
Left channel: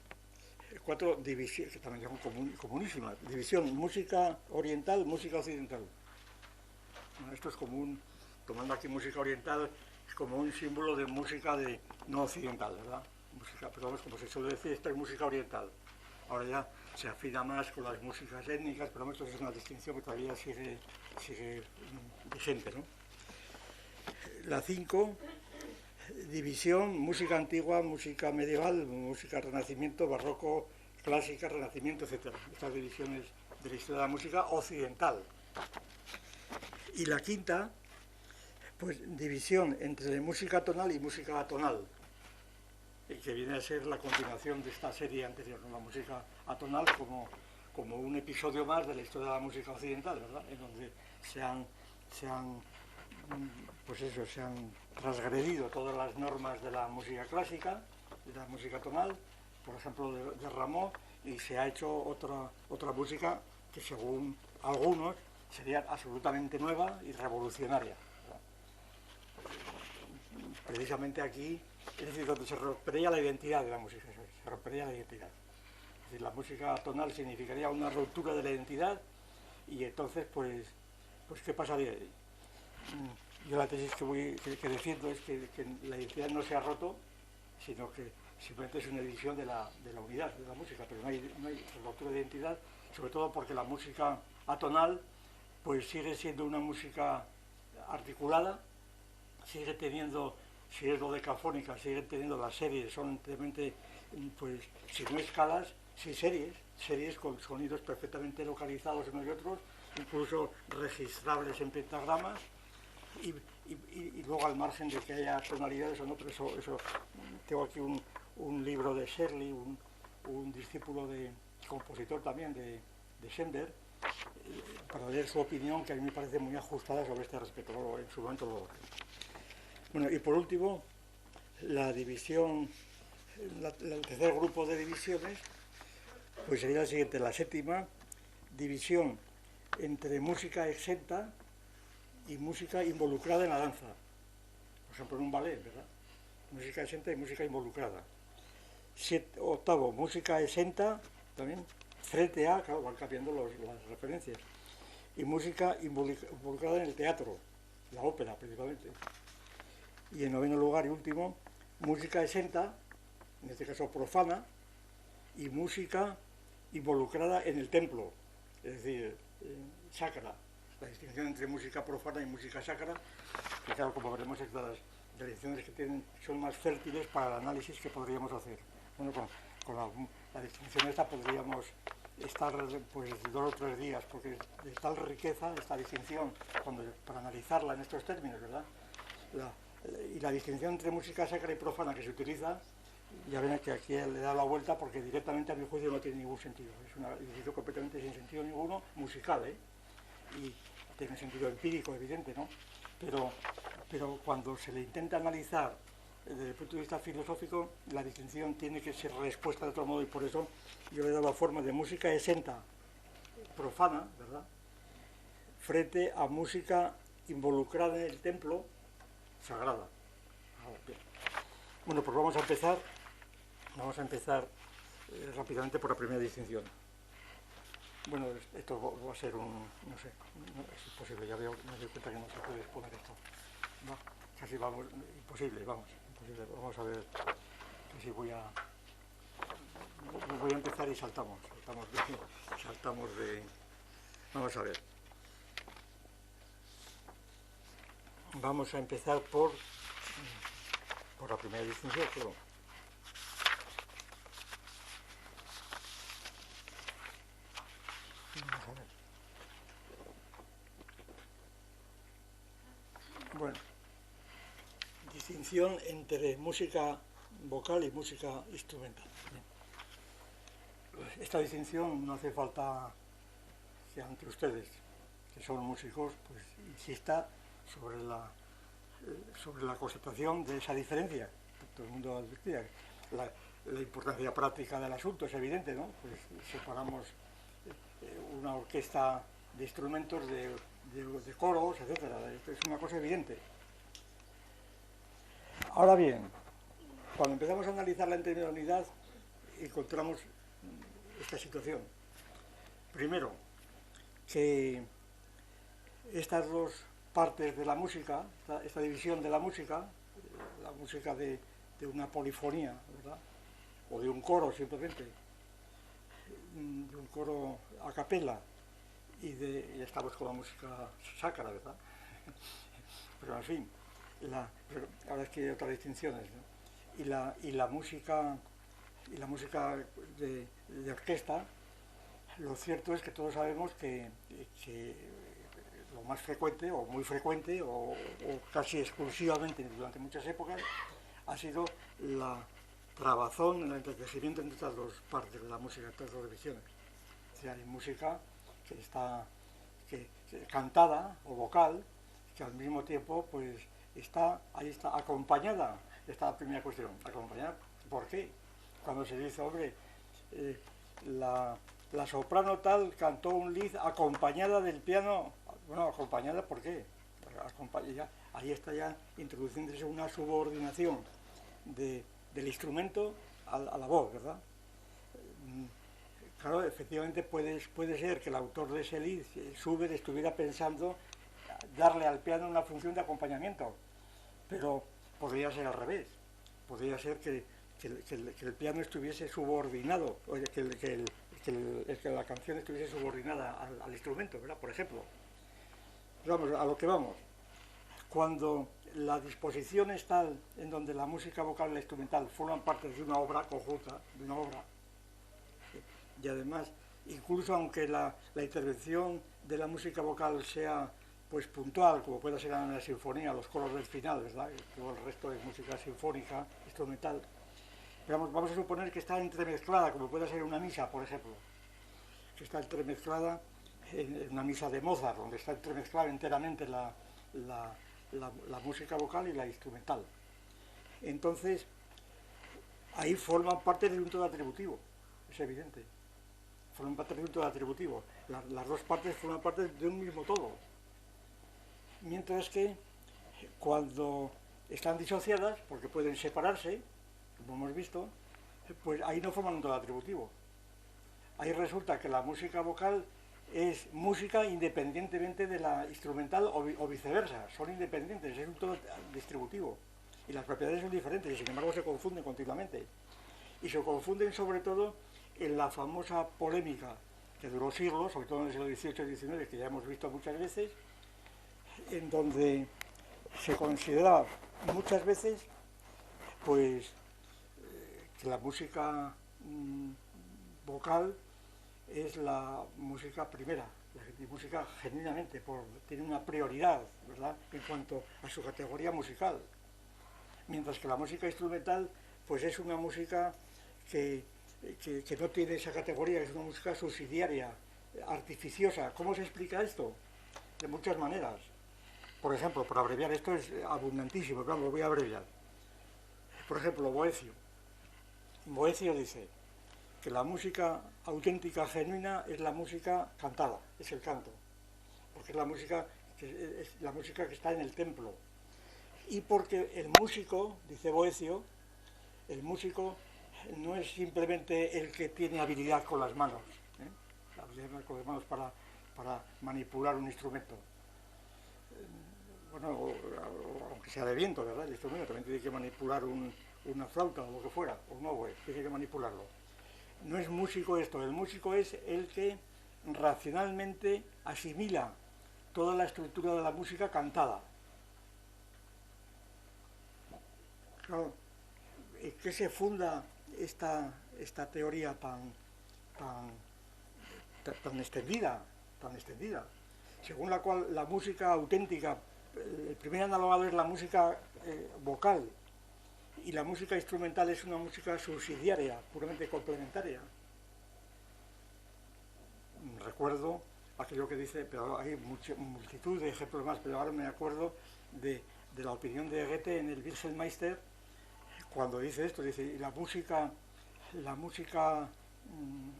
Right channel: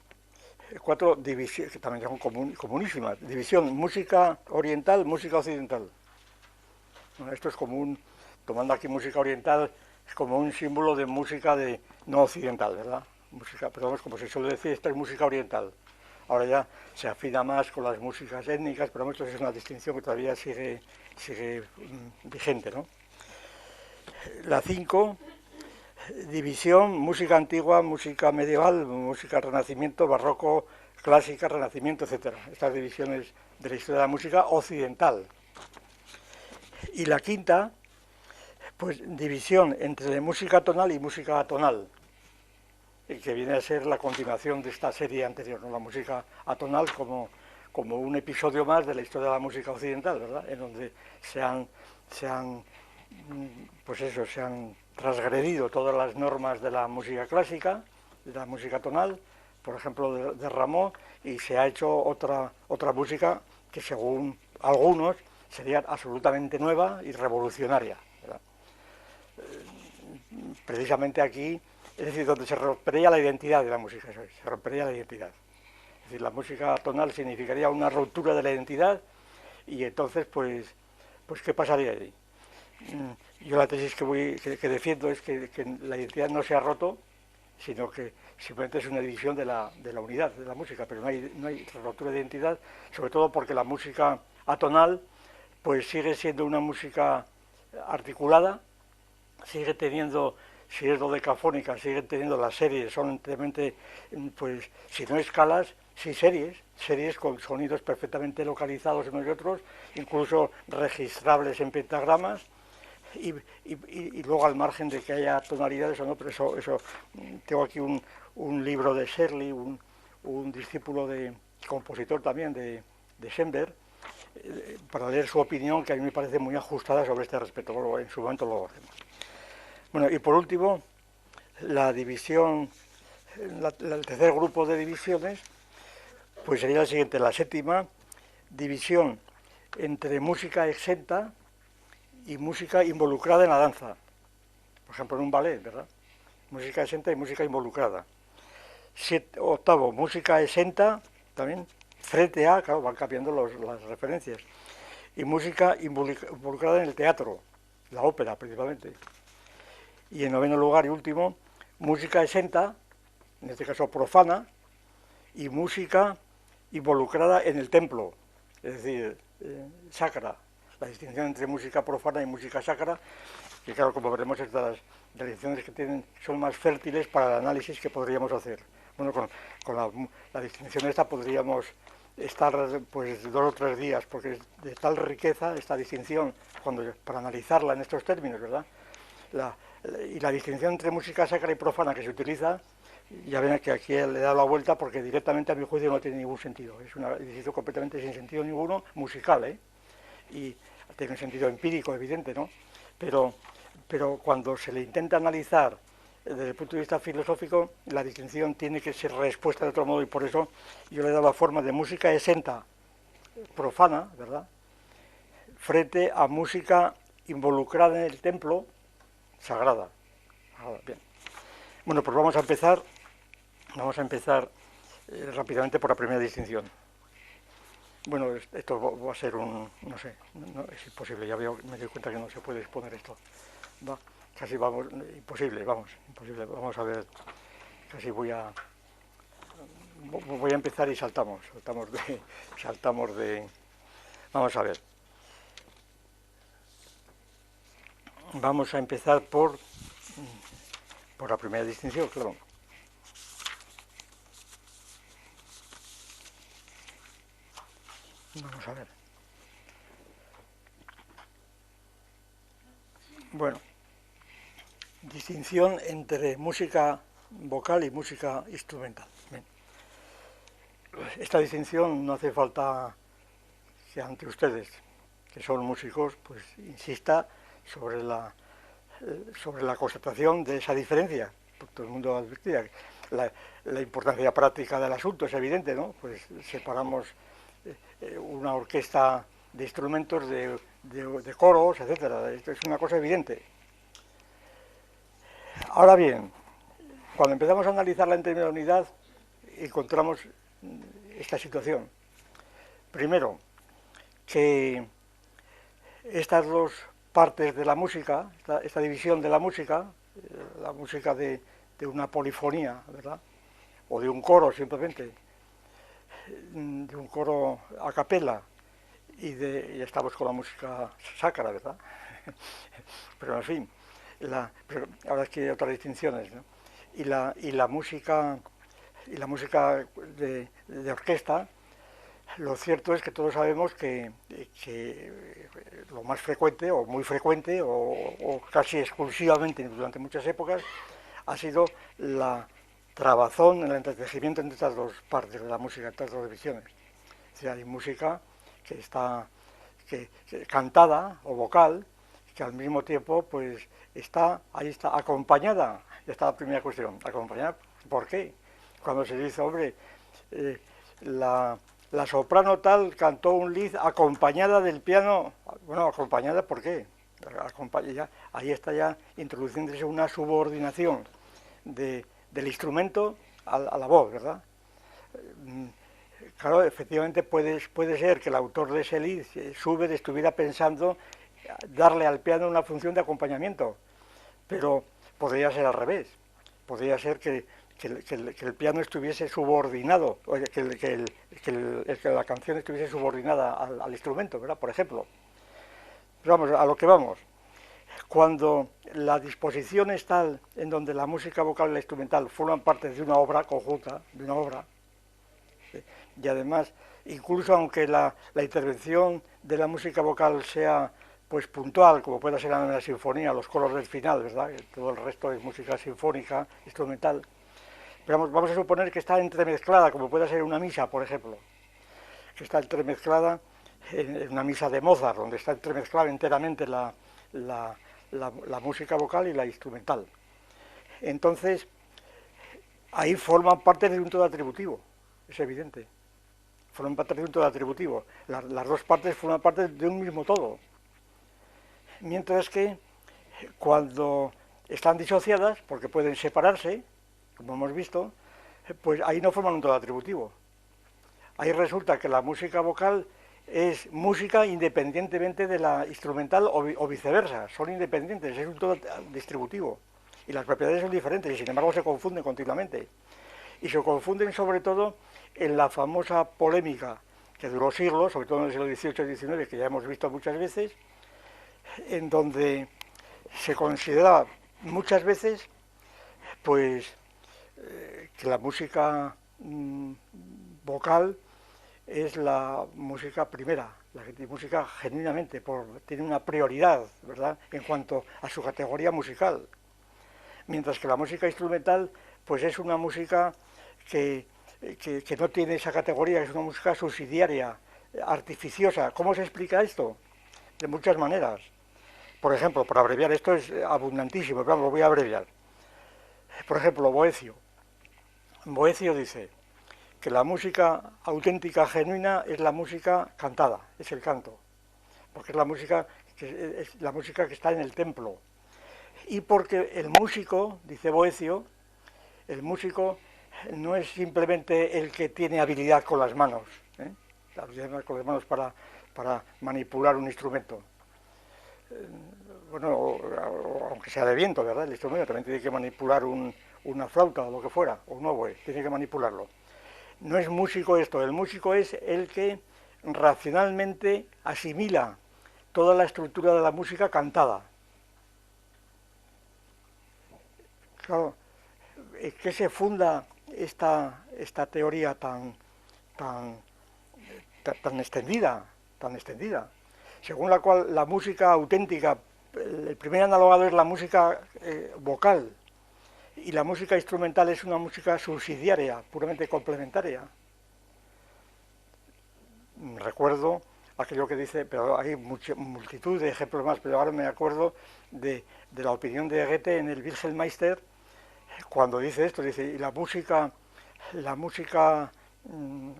divisiones, que también son comunísimas. División música oriental, música occidental. Bueno, esto es común, tomando aquí música oriental, es como un símbolo de música no occidental, ¿verdad? Música, pero vamos, como se suele decir, esto es música oriental. Ahora ya se afina más con las músicas étnicas, pero esto es una distinción que todavía sigue vigente, ¿no? La 5, división, música antigua, música medieval, música renacimiento, barroco, clásica, renacimiento, etc. Estas divisiones de la historia de la música occidental. Y la 5, pues división entre música tonal y música atonal, que viene a ser la continuación de esta serie anterior, ¿no? La música atonal como un episodio más de la historia de la música occidental, ¿verdad? En donde se han transgredido todas las normas de la música clásica, de la música tonal, por ejemplo de Rameau, y se ha hecho otra música que según algunos sería absolutamente nueva y revolucionaria, ¿verdad? Precisamente aquí, es decir, donde se rompería la identidad de la música, se rompería la identidad. Es decir, la música tonal significaría una ruptura de la identidad y entonces, pues ¿qué pasaría ahí? Yo la tesis que defiendo es que la identidad no se ha roto, sino que simplemente es una división de la unidad de la música, pero no hay ruptura de identidad, sobre todo porque la música atonal pues sigue siendo una música articulada, sigue teniendo, si es dodecafónica, sigue teniendo las series, son realmente, pues, si no escalas, sí series, series con sonidos perfectamente localizados unos y otros, incluso registrables en pentagramas, y luego al margen de que haya tonalidades o no, pero eso tengo aquí un libro de Shirley, un discípulo de compositor también de Schoenberg, para leer su opinión, que a mí me parece muy ajustada sobre este respecto. Luego, en su momento lo hacemos. Bueno, y por último, la división, el tercer grupo de divisiones, pues sería la siguiente: la séptima división entre música exenta y música involucrada en la danza. Por ejemplo, en un ballet, ¿verdad? Música exenta y música involucrada. Octavo, música exenta, también, frente a, claro, van cambiando las referencias. Y música involucrada en el teatro, la ópera principalmente. Y en noveno lugar y último, música exenta, en este caso profana, y música involucrada en el templo, es decir, sacra. La distinción entre música profana y música sacra, que claro, como veremos, estas distinciones que son más fértiles para el análisis que podríamos hacer. Bueno, con la distinción esta podríamos estar pues 2 o 3 días, porque es de tal riqueza esta distinción para analizarla en estos términos, ¿verdad? Y la distinción entre música sacra y profana que se utiliza, ya ven que aquí le he dado la vuelta porque directamente a mi juicio no tiene ningún sentido. Es una distinción completamente sin sentido ninguno, musical, ¿eh? Y tiene un sentido empírico, evidente, ¿no? Pero cuando se le intenta analizar desde el punto de vista filosófico, la distinción tiene que ser respuesta de otro modo, y por eso yo le he dado la forma de música exenta, profana, ¿verdad?, frente a música involucrada en el templo, sagrada. Bien. Bueno, pues vamos a empezar rápidamente por la primera distinción. Bueno, esto va a ser no sé, no, es imposible, ya me doy cuenta que no se puede exponer esto. Casi vamos, imposible, vamos a ver, casi voy a empezar y saltamos de, vamos a ver. Vamos a empezar por la primera distinción, perdón. Vamos a ver. Bueno, distinción entre música vocal y música instrumental. Bien. Esta distinción no hace falta que ante ustedes, que son músicos, pues insista sobre la constatación de esa diferencia. Todo el mundo advertía la importancia práctica del asunto, es evidente, ¿no? Pues separamos una orquesta de instrumentos de coros, etcétera. Esto es una cosa evidente. Ahora bien, cuando empezamos a analizarla en términos de unidad, encontramos esta situación. Primero, que estas dos partes de la música, esta división de la música de una polifonía, ¿verdad?, o de un coro simplemente, de un coro a capela, y estamos con la música sacra, ¿verdad? Pero en fin, ahora es que hay otras distinciones, ¿no? Y la música de orquesta, lo cierto es que todos sabemos que lo más frecuente, o muy frecuente, o casi exclusivamente durante muchas épocas, ha sido la trabazón, el entretejimiento entre estas dos partes de la música, estas dos divisiones. O sea, hay música que está cantada o vocal, que al mismo tiempo pues ahí está acompañada. Ya está la primera cuestión, acompañada. ¿Por qué? Cuando se dice, hombre, la soprano tal cantó un lied acompañada del piano. Bueno, acompañada, ¿por qué? Ahí está ya introduciéndose una subordinación del instrumento a la voz, ¿verdad? Claro, efectivamente puede ser que el autor de ese lied, Schubert, estuviera pensando darle al piano una función de acompañamiento, pero podría ser al revés. Podría ser que el piano estuviese subordinado, o que la canción estuviese subordinada al instrumento, ¿verdad? Por ejemplo. Pero vamos, a lo que vamos. Cuando la disposición es tal en donde la música vocal y la instrumental forman parte de una obra conjunta, y además, incluso aunque la intervención de la música vocal sea pues puntual, como puede ser en la sinfonía, los coros del final, ¿verdad? Todo el resto es música sinfónica, instrumental. Pero vamos a suponer que está entremezclada, como puede ser una misa, por ejemplo, que está entremezclada en una misa de Mozart, donde está entremezclada enteramente la música vocal y la instrumental. Entonces, ahí forman parte de un todo atributivo, es evidente. Forman parte de un todo atributivo. Las dos partes forman parte de un mismo todo. Mientras que cuando están disociadas, porque pueden separarse, como hemos visto, pues ahí no forman un todo atributivo. Ahí resulta que la música vocal es música independientemente de la instrumental o viceversa, son independientes, es un todo distributivo. Y las propiedades son diferentes y sin embargo se confunden continuamente. Y se confunden sobre todo en la famosa polémica que duró siglos, sobre todo en el siglo XVIII y XIX, que ya hemos visto muchas veces, en donde se considera muchas veces pues que la música vocal es la música primera, la música genuinamente, tiene una prioridad, ¿verdad?, en cuanto a su categoría musical. Mientras que la música instrumental pues es una música que no tiene esa categoría, es una música subsidiaria, artificiosa. ¿Cómo se explica esto? De muchas maneras. Por ejemplo, para abreviar, esto es abundantísimo, pero lo voy a abreviar. Por ejemplo, Boecio. Boecio dice que la música auténtica, genuina, es la música cantada, es el canto, porque es la música que está en el templo. Y porque el músico, dice Boecio, el músico no es simplemente el que tiene habilidad con las manos, habilidad con las manos para manipular un instrumento. Bueno, aunque sea de viento, ¿verdad? El instrumento también tiene que manipular una flauta o lo que fuera, o un oboe, tiene que manipularlo. No es músico esto, el músico es el que racionalmente asimila toda la estructura de la música cantada. Claro, ¿en qué se funda esta teoría tan extendida, según la cual la música auténtica, el primer analogado es la música vocal, y la música instrumental es una música subsidiaria, puramente complementaria? Recuerdo aquello que dice, pero hay multitud de ejemplos más, pero ahora me acuerdo de la opinión de Goethe en el Wilhelmeister, cuando dice esto, dice, y la música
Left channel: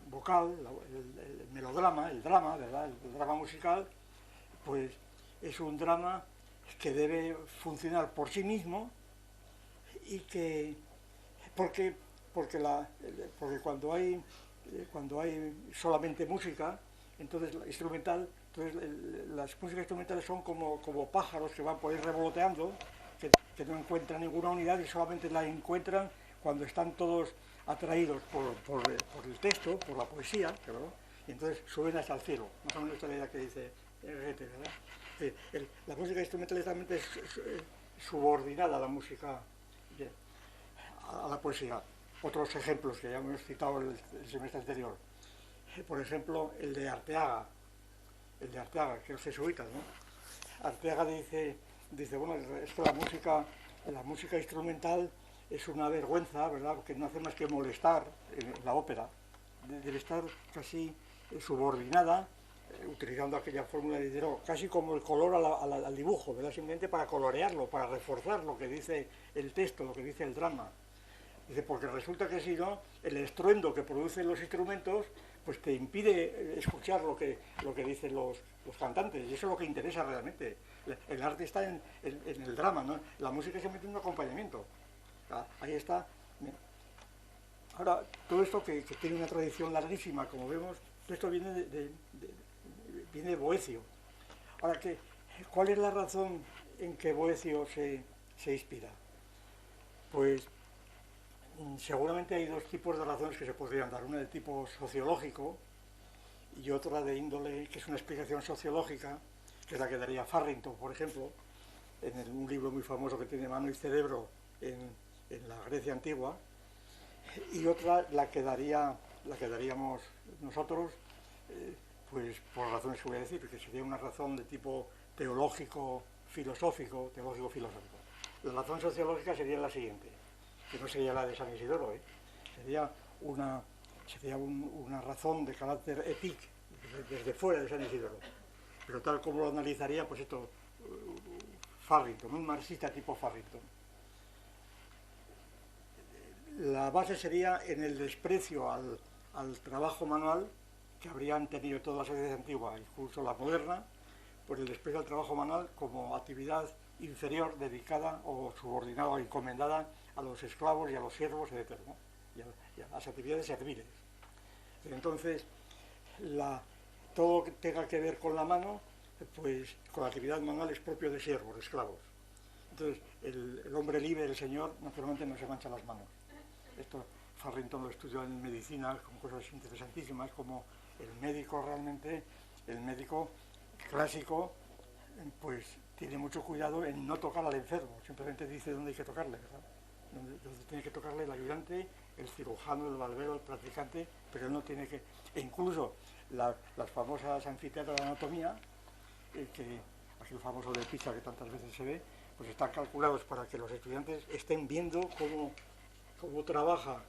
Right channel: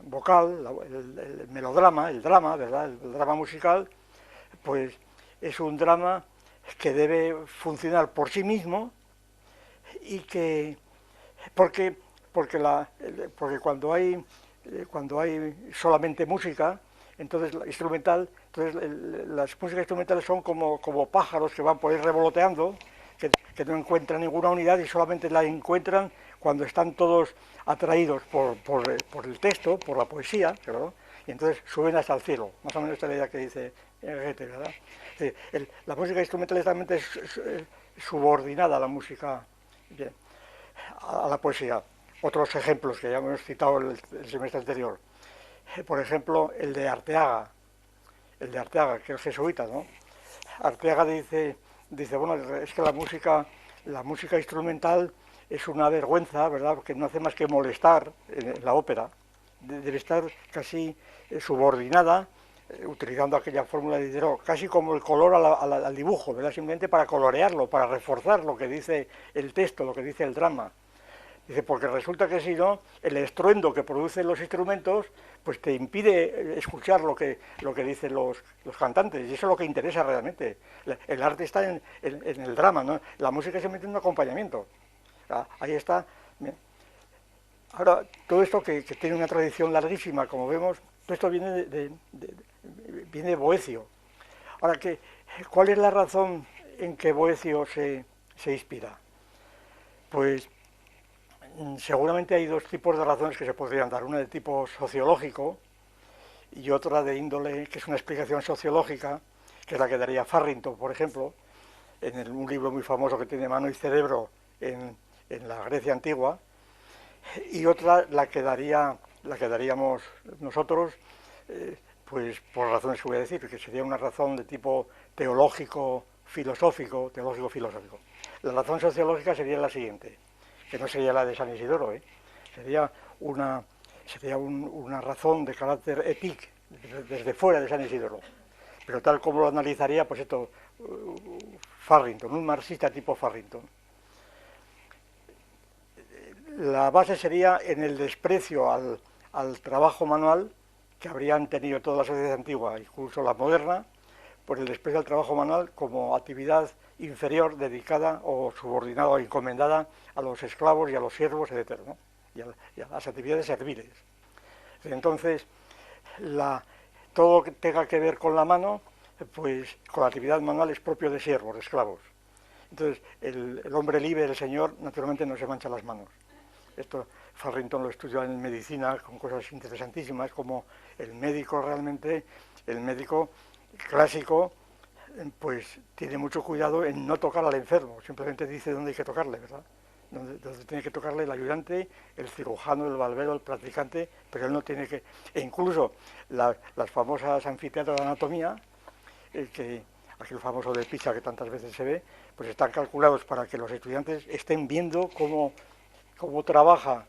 vocal, el melodrama, el drama, ¿verdad?, el drama musical, pues es un drama que debe funcionar por sí mismo, y que porque cuando hay solamente música, entonces la instrumental, entonces las músicas instrumentales son como pájaros que van por ahí revoloteando, que no encuentran ninguna unidad y solamente la encuentran cuando están todos atraídos por el texto, por la poesía, ¿verdad?, y entonces suben hasta el cielo. Más o menos esta es la idea que dice Goethe, ¿verdad? La música instrumental es subordinada a la música, a la poesía. Otros ejemplos que ya hemos citado el semestre anterior. Por ejemplo, el de Arteaga, que es jesuita, ¿no? Arteaga dice, bueno, es que la música instrumental es una vergüenza, ¿verdad?, porque no hace más que molestar en la ópera. Debe estar casi subordinada, utilizando aquella fórmula de Diderot, casi como el color al dibujo, ¿verdad?, simplemente para colorearlo, para reforzar lo que dice el texto, lo que dice el drama. Dice, porque resulta que si no, el estruendo que producen los instrumentos pues te impide escuchar lo que dicen los cantantes, y eso es lo que interesa realmente. El arte está en el drama, ¿no? La música es simplemente un acompañamiento. Ahí está. Ahora, todo esto que tiene una tradición larguísima, como vemos, todo esto viene de Boecio. Ahora, ¿cuál es la razón en que Boecio se inspira? Pues seguramente hay dos tipos de razones que se podrían dar, una de tipo sociológico y otra de índole, que es una explicación sociológica, que es la que daría Farrington, por ejemplo, en un libro muy famoso que tiene Mano y Cerebro en la Grecia antigua, y otra la que daría la que daríamos nosotros, pues por razones que voy a decir, que sería una razón de tipo teológico-filosófico. La razón sociológica sería la siguiente, que no sería la de San Isidoro, sería una razón de carácter ético desde fuera de San Isidoro, pero tal como lo analizaría, pues esto, Farrington, un marxista tipo Farrington. La base sería en el desprecio al trabajo manual que habrían tenido toda la sociedad antigua, incluso la moderna, por el desprecio al trabajo manual como actividad inferior dedicada o subordinada o encomendada a los esclavos y a los siervos, etc., ¿no? y a las actividades serviles. Entonces, todo lo que tenga que ver con la mano, pues con la actividad manual es propio de siervos, de esclavos. Entonces, el hombre libre, el señor, naturalmente no se mancha las manos. Esto Farrington lo estudió en medicina con cosas interesantísimas, como el médico clásico, pues tiene mucho cuidado en no tocar al enfermo, simplemente dice dónde hay que tocarle, ¿verdad? Donde tiene que tocarle el ayudante, el cirujano, el barbero, el practicante, pero él no tiene que... E incluso las famosas anfiteatros de anatomía, aquel famoso de Pisa que tantas veces se ve, pues están calculados para que los estudiantes estén viendo cómo trabaja,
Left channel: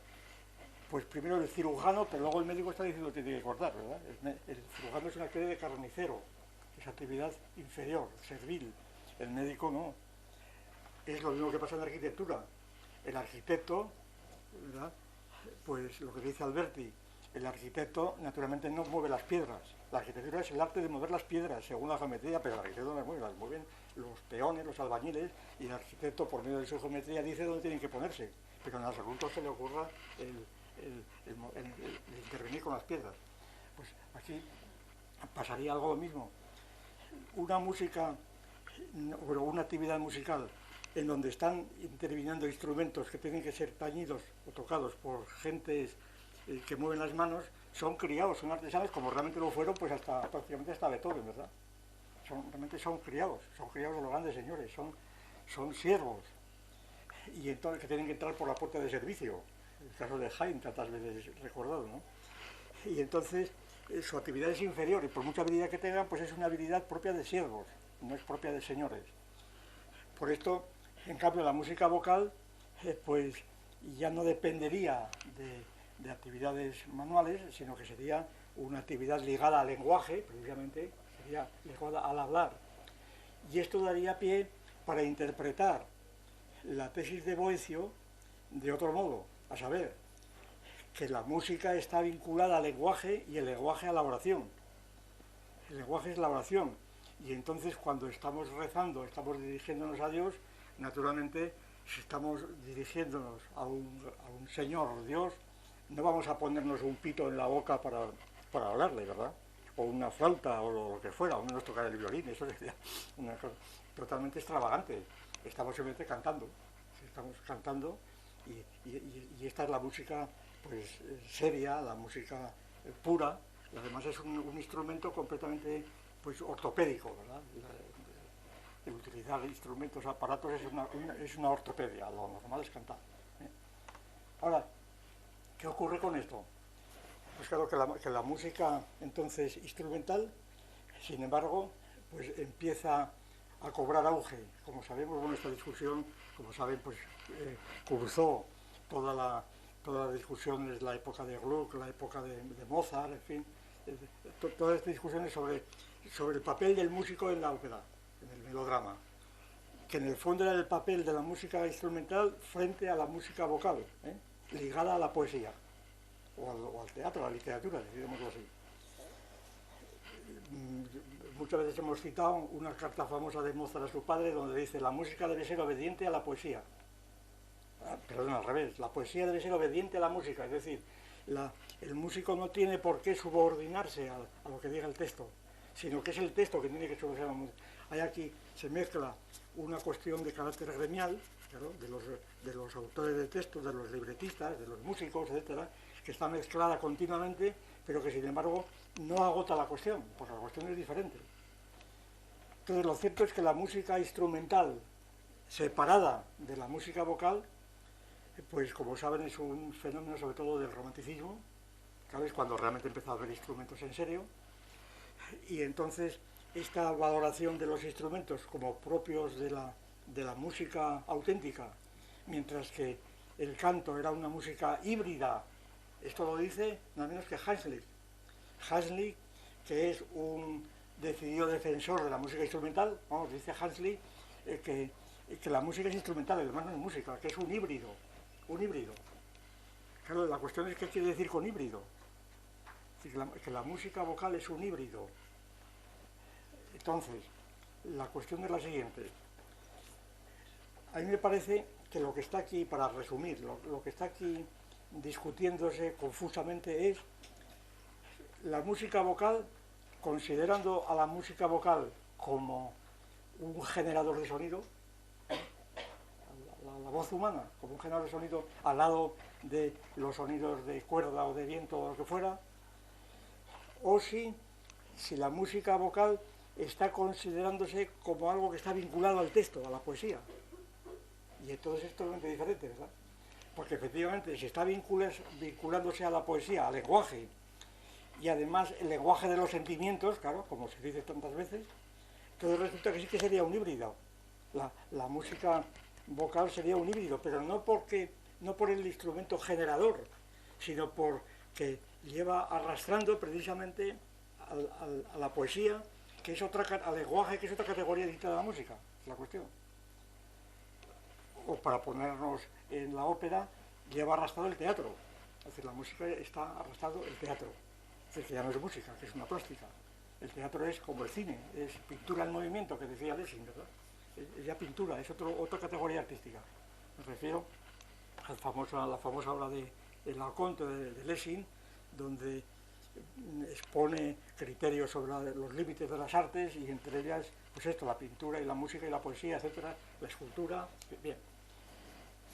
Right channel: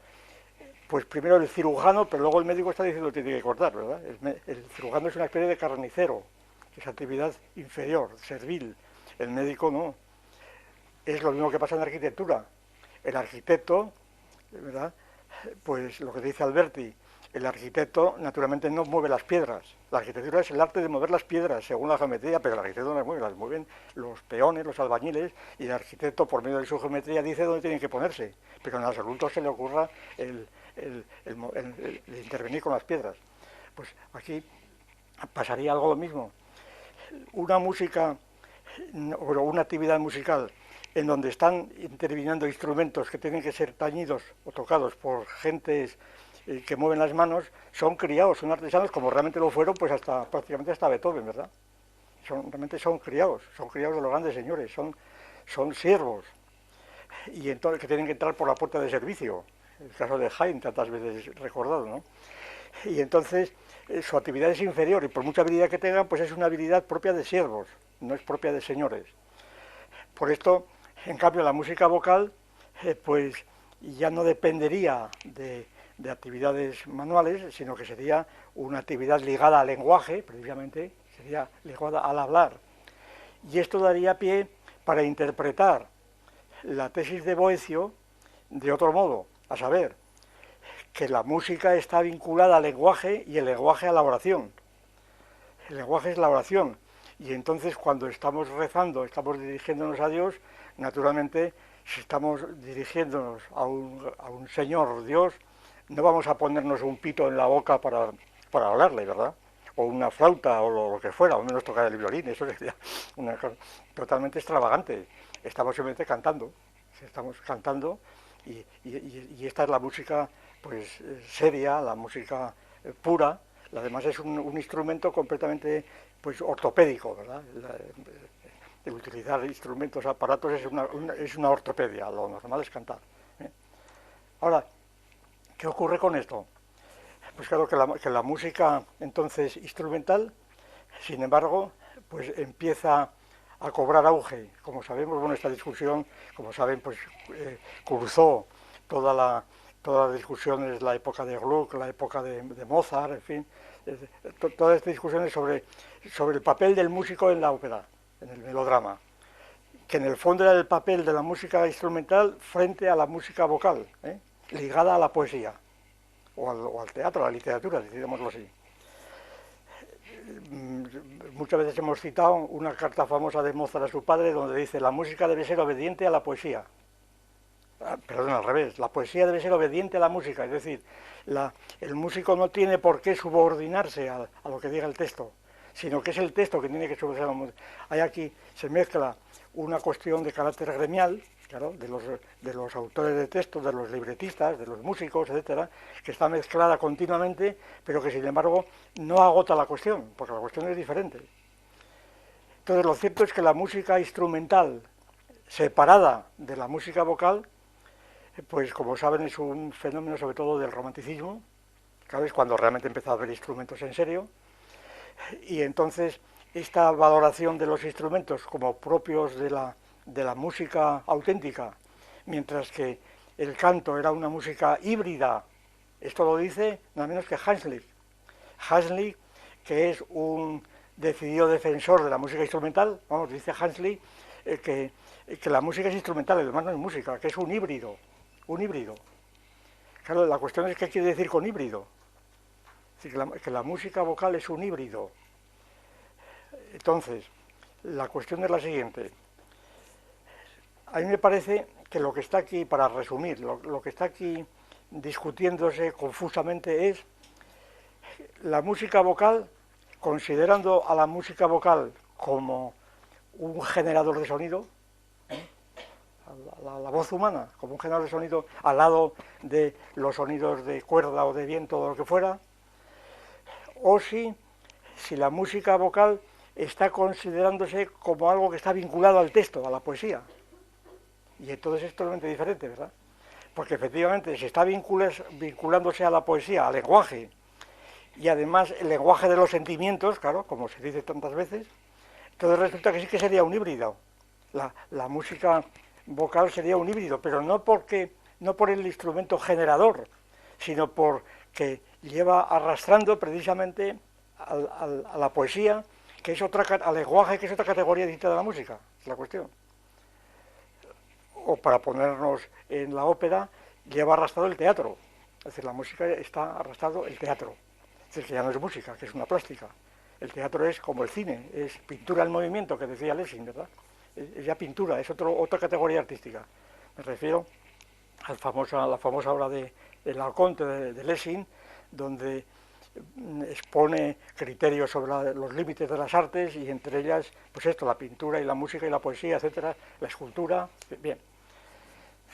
pues primero el cirujano, pero luego el médico está diciendo que tiene que cortar, ¿verdad? El cirujano es una especie de carnicero, es actividad inferior, servil. El médico no. Es lo mismo que pasa en la arquitectura. El arquitecto, ¿verdad? Pues lo que dice Alberti, el arquitecto naturalmente no mueve las piedras. La arquitectura es el arte de mover las piedras según la geometría, pero el arquitecto no las mueve, las mueven los peones, los albañiles, y el arquitecto por medio de su geometría dice dónde tienen que ponerse, pero en absoluto se le ocurra el intervenir con las piedras. Pues aquí pasaría algo lo mismo. Una música o una actividad musical en donde están interviniendo instrumentos que tienen que ser tañidos o tocados por gentes que mueven las manos, son criados, son artesanos, como realmente lo fueron, pues prácticamente hasta Beethoven, ¿verdad? Realmente son criados de los grandes señores, son siervos, y entonces que tienen que entrar por la puerta de servicio, el caso de Haydn, tantas veces recordado, ¿no? Y entonces su actividad es inferior, y por mucha habilidad que tengan, pues es una habilidad propia de siervos, no es propia de señores. Por esto, en cambio, la música vocal, pues ya no dependería de actividades manuales, sino que sería una actividad ligada al lenguaje, precisamente, sería ligada al hablar. Y esto daría pie para interpretar la tesis de Boecio de otro modo, a saber, que la música está vinculada al lenguaje y el lenguaje a la oración. El lenguaje es la oración, y entonces cuando estamos rezando, estamos dirigiéndonos a Dios, naturalmente, si estamos dirigiéndonos a un Señor Dios, no vamos a ponernos un pito en la boca para hablarle, ¿verdad? O una flauta o lo que fuera, o menos tocar el violín, eso sería una cosa totalmente extravagante. Estamos simplemente cantando, y esta es la música pues seria, la música pura. Además es un instrumento completamente pues ortopédico, ¿verdad? De utilizar instrumentos, aparatos es una ortopedia, lo normal es cantar. Ahora, ¿qué ocurre con esto? Pues claro que la música entonces instrumental, sin embargo, pues empieza a cobrar auge. Como sabemos, bueno, esta discusión, como saben, pues cruzó toda la discusión de la época de Gluck, la época de Mozart, en fin, todas estas discusiones sobre el papel del músico en la ópera, en el melodrama, que en el fondo era el papel de la música instrumental frente a la música vocal, ligada a la poesía, o al teatro, a la literatura, digámoslo así. Muchas veces hemos citado una carta famosa de Mozart a su padre donde dice: la música debe ser obediente a la poesía. Perdón, al revés, la poesía debe ser obediente a la música, es decir, el músico no tiene por qué subordinarse a lo que diga el texto, sino que es el texto que tiene que subordinarse a la música. Ahí aquí se mezcla una cuestión de carácter gremial, claro, de los autores de textos, de los libretistas, de los músicos, etcétera, que está mezclada continuamente, pero que sin embargo no agota la cuestión, porque la cuestión es diferente. Entonces lo cierto es que la música instrumental separada de la música vocal, pues como saben es un fenómeno sobre todo del romanticismo, Claro, es cuando realmente empezó a haber instrumentos en serio, y entonces esta valoración de los instrumentos como propios de la música auténtica, mientras que el canto era una música híbrida, esto lo dice nada menos que Hanslick. Hanslick, que es un decidido defensor de la música instrumental, vamos, dice Hanslick que la música es instrumental, el demás no es música, que es un híbrido, un híbrido. Claro, la cuestión es qué quiere decir con híbrido. Es decir, que la música vocal es un híbrido. Entonces, la cuestión es la siguiente. A mí me parece que lo que está aquí, para resumir, lo que está aquí discutiéndose confusamente es la música vocal, considerando a la música vocal como un generador de sonido, la voz humana como un generador de sonido al lado de los sonidos de cuerda o de viento o lo que fuera, o si la música vocal está considerándose como algo que está vinculado al texto, a la poesía. Y entonces es totalmente diferente, ¿verdad? Porque efectivamente si está vinculándose a la poesía, al lenguaje, y además el lenguaje de los sentimientos, claro, como se dice tantas veces, entonces resulta que sí que sería un híbrido. La música vocal sería un híbrido, pero no por el instrumento generador, sino porque lleva arrastrando precisamente a la poesía, que es al lenguaje, que es otra categoría distinta de la música, es la cuestión. O para ponernos en la ópera, lleva arrastrado el teatro. Es decir, la música está arrastrando el teatro. Es decir, que ya no es música, que es una plástica. El teatro es como el cine, es pintura en movimiento, que decía Lessing, ¿verdad? Es ya pintura, es otra categoría artística. Me refiero a la famosa obra de Laoconte de Lessing, donde expone criterios sobre los límites de las artes, y entre ellas, pues esto, la pintura y la música y la poesía, etcétera, la escultura, bien.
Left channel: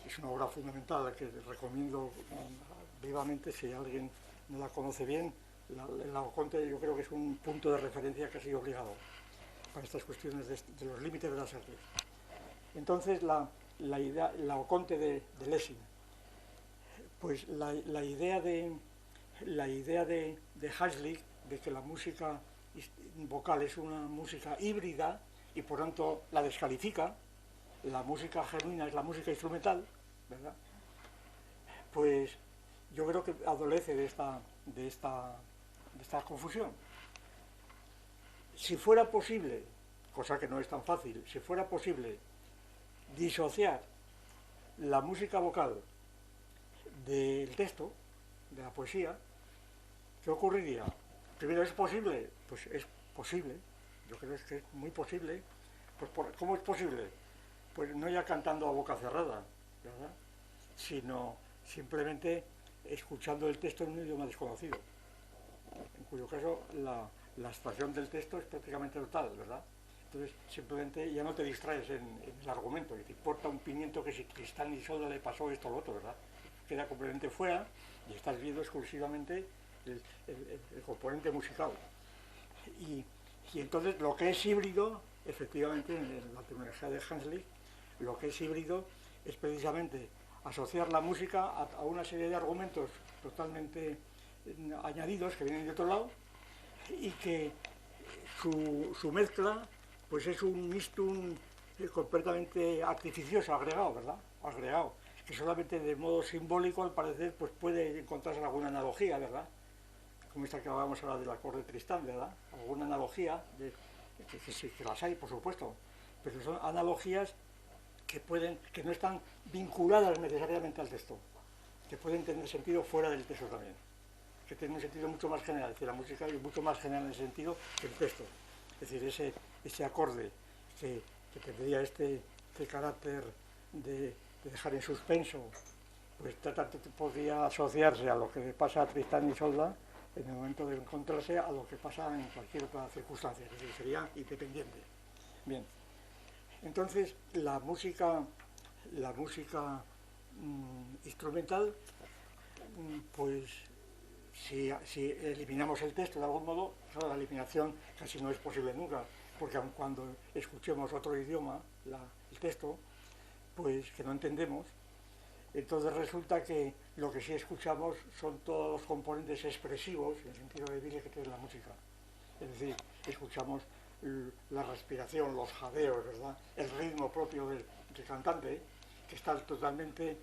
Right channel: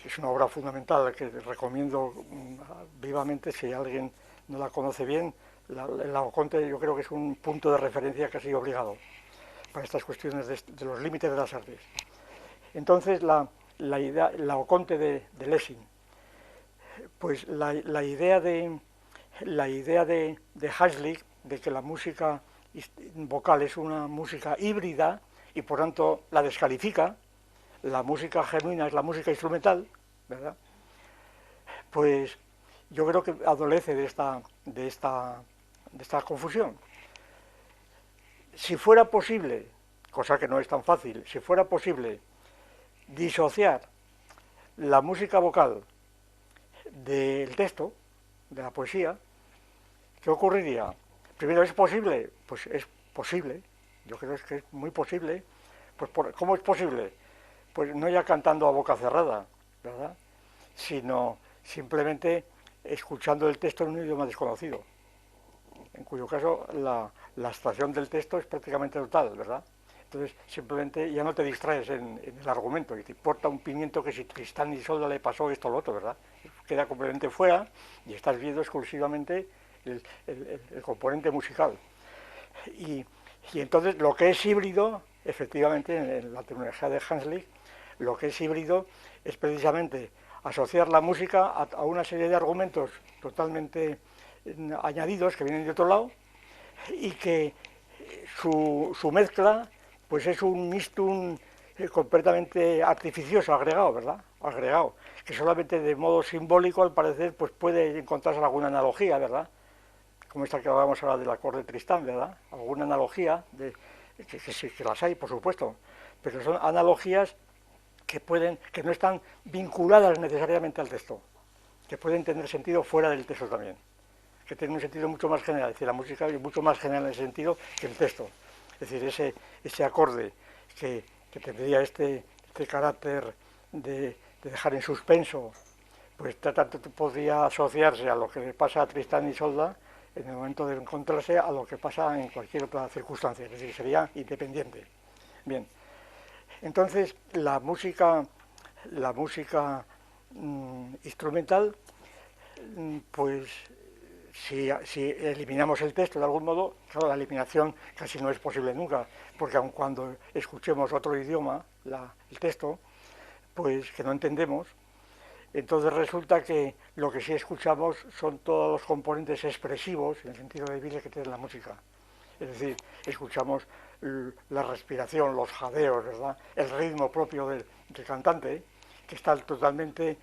Es una obra fundamental que recomiendo vivamente si alguien no la conoce bien. El Laoconte yo creo que es un punto de referencia casi obligado para estas cuestiones de los límites de las artes. Entonces la idea, el Laoconte de Lessing, pues la idea de Hanslick de que la música vocal es una música híbrida y por tanto la descalifica, la música genuina es la música instrumental, ¿verdad? Pues yo creo que adolece de esta confusión. Si fuera posible, cosa que no es tan fácil, si fuera posible disociar la música vocal del texto, de la poesía, ¿qué ocurriría? Primero, ¿es posible? Pues es posible, yo creo que es muy posible. Pues ¿cómo es posible? Pues no ya cantando a boca cerrada, ¿verdad? Sino simplemente escuchando el texto en un idioma desconocido, en cuyo caso la abstracción del texto es prácticamente total, ¿verdad? Entonces simplemente ya no te distraes en el argumento y te importa un pimiento que si Tristán y Isolda le pasó esto o lo otro, ¿verdad? Queda completamente fuera y estás viendo exclusivamente el componente musical. Y entonces lo que es híbrido, efectivamente, en la terminología de Hanslick, lo que es híbrido es precisamente asociar la música a una serie de argumentos totalmente añadidos que vienen de otro lado y que su mezcla pues es un mixtum completamente artificioso, agregado, ¿verdad? Agregado, que solamente de modo simbólico al parecer pues puede encontrarse alguna analogía, ¿verdad? Como esta que hablábamos ahora del acorde de Tristán, ¿verdad? Alguna analogía, que las hay, por supuesto, pero son analogías que no están vinculadas necesariamente al texto, que pueden tener sentido fuera del texto también, que tienen un sentido mucho más general. Es decir, la música es mucho más general en ese sentido que el texto. Es decir, ese acorde que tendría este carácter de dejar en suspenso, pues podría asociarse a lo que le pasa a Tristán y Isolda en el momento de encontrarse a lo que pasa en cualquier otra circunstancia, es decir, sería independiente. Bien, entonces la música instrumental, pues si eliminamos el texto de algún modo, claro, la eliminación casi no es posible nunca, porque aun cuando escuchemos otro idioma, el texto, pues que no entendemos, Entonces resulta que lo que sí escuchamos son todos los componentes expresivos, en el sentido de vida que tiene la música. Es decir, escuchamos la respiración, los jadeos, ¿verdad? El ritmo propio del cantante, que está totalmente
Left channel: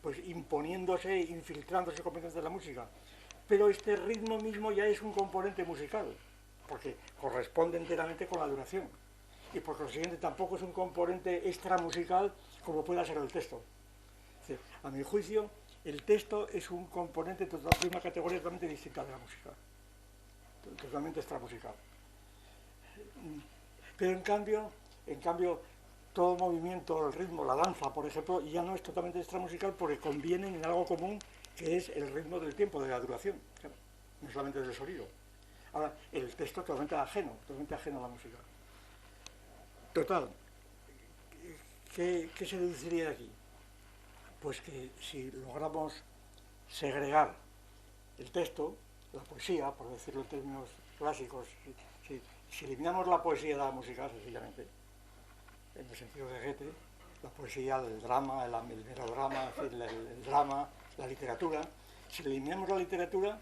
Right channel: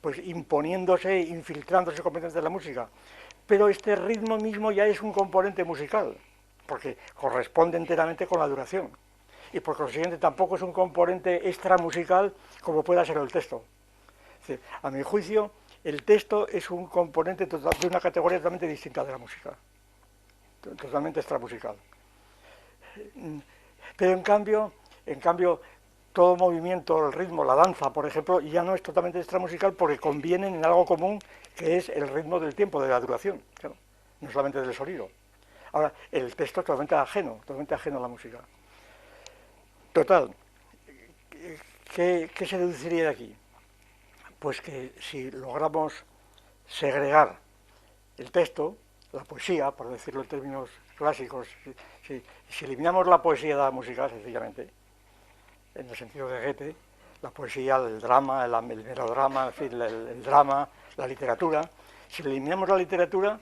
pues imponiéndose, infiltrándose completamente en la música. Pero este ritmo mismo ya es un componente musical, porque corresponde enteramente con la duración. Y por consiguiente tampoco es un componente extramusical como pueda ser el texto. Es decir, a mi juicio, el texto es un componente de una categoría totalmente distinta de la música, totalmente extramusical. Pero en cambio, todo movimiento, el ritmo, la danza, por ejemplo, ya no es totalmente extramusical porque convienen en algo común que es el ritmo del tiempo, de la duración, claro, no solamente del sonido. Ahora, el texto es totalmente ajeno a la música. Total, ¿qué se deduciría de aquí? Pues que si logramos segregar el texto, la poesía, por decirlo en términos clásicos, si eliminamos la poesía de la música, sencillamente, en el sentido de Goethe, la poesía, el drama, el melodrama, en fin, el drama, la literatura, si eliminamos la literatura,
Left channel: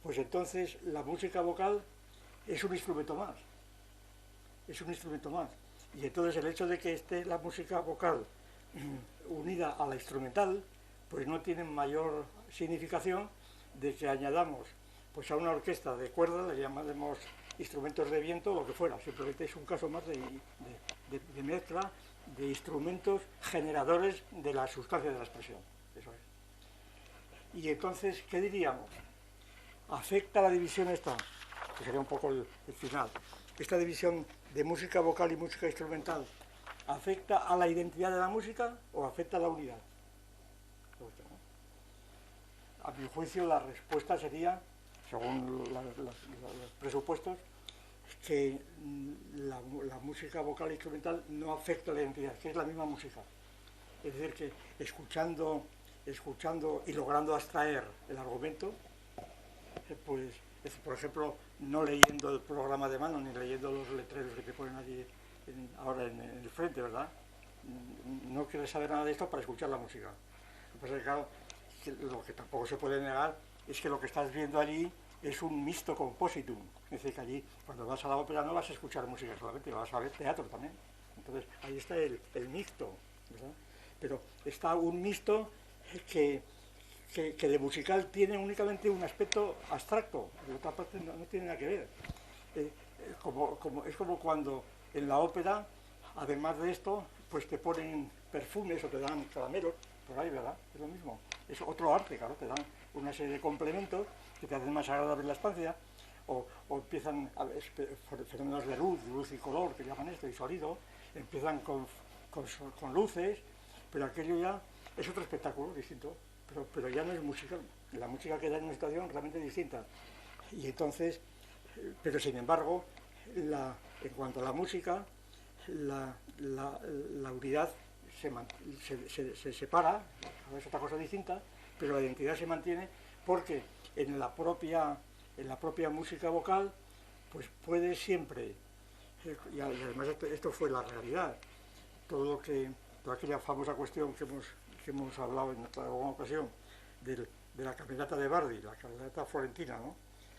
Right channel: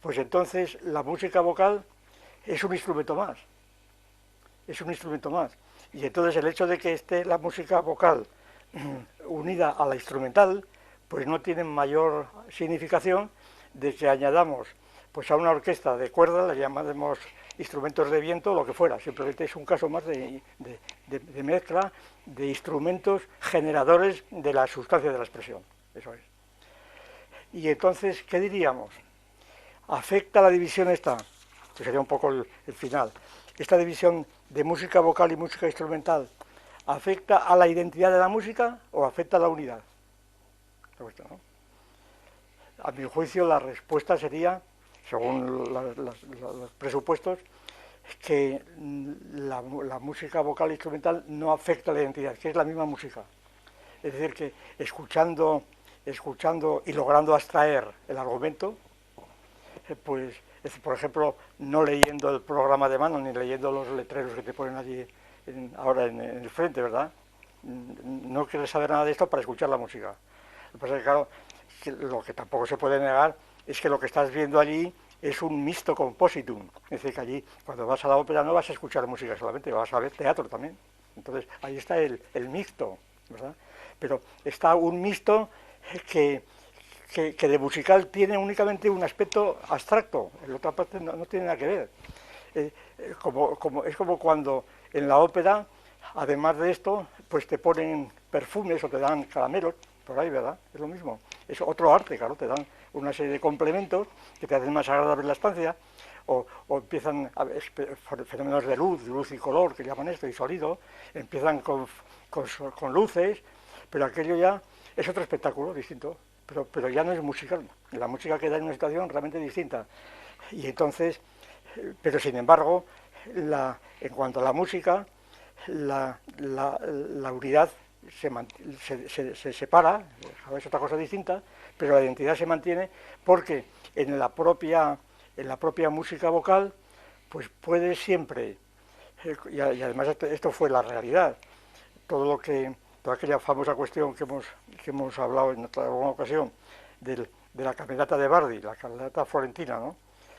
pues entonces la música vocal es un instrumento más. Es un instrumento más. Y entonces el hecho de que esté la música vocal unida a la instrumental, pues no tiene mayor significación de que añadamos pues a una orquesta de cuerda, le llamaremos instrumentos de viento, lo que fuera. Simplemente es un caso más de mezcla de instrumentos generadores de la sustancia de la expresión. Eso es. Y entonces, ¿qué diríamos? ¿Afecta la división esta? Que sería un poco el final. Esta división de música vocal y música instrumental, ¿afecta a la identidad de la música o afecta a la unidad? A mi juicio la respuesta sería, según los presupuestos, que la música vocal e instrumental no afecta a la identidad, que es la misma música. Es decir, que escuchando y logrando abstraer el argumento, pues, por ejemplo, no leyendo el programa de mano ni leyendo los letreros que te ponen allí ahora en el frente, ¿verdad? No quieres saber nada de esto para escuchar la música. Lo que pasa es que, claro, lo que tampoco se puede negar es que lo que estás viendo allí es un mixto compositum. Es decir, que allí, cuando vas a la ópera, no vas a escuchar música solamente, vas a ver teatro también. Entonces, ahí está el mixto, ¿verdad? Pero está un mixto que de musical tiene únicamente un aspecto abstracto, en la otra parte no tiene nada que ver. Es como cuando en la ópera, además de esto, pues te ponen perfumes o te dan caramelos, por ahí, ¿verdad? Es lo mismo. Es otro arte, claro, te dan una serie de complementos que te hacen más agradable la estancia, o empiezan a ver fenómenos de luz y color, que llaman esto, y sonido, empiezan con luces, pero aquello ya es otro espectáculo distinto, pero ya no es musical. La música queda en una situación realmente distinta. Y entonces, pero sin embargo, en cuanto a la música, la unidad se separa, es otra cosa distinta, pero la identidad se mantiene porque en la propia música vocal, pues puede siempre, y además esto fue la realidad, toda aquella famosa cuestión que hemos hablado en otra ocasión, de la camerata de Bardi, la camerata florentina, ¿no?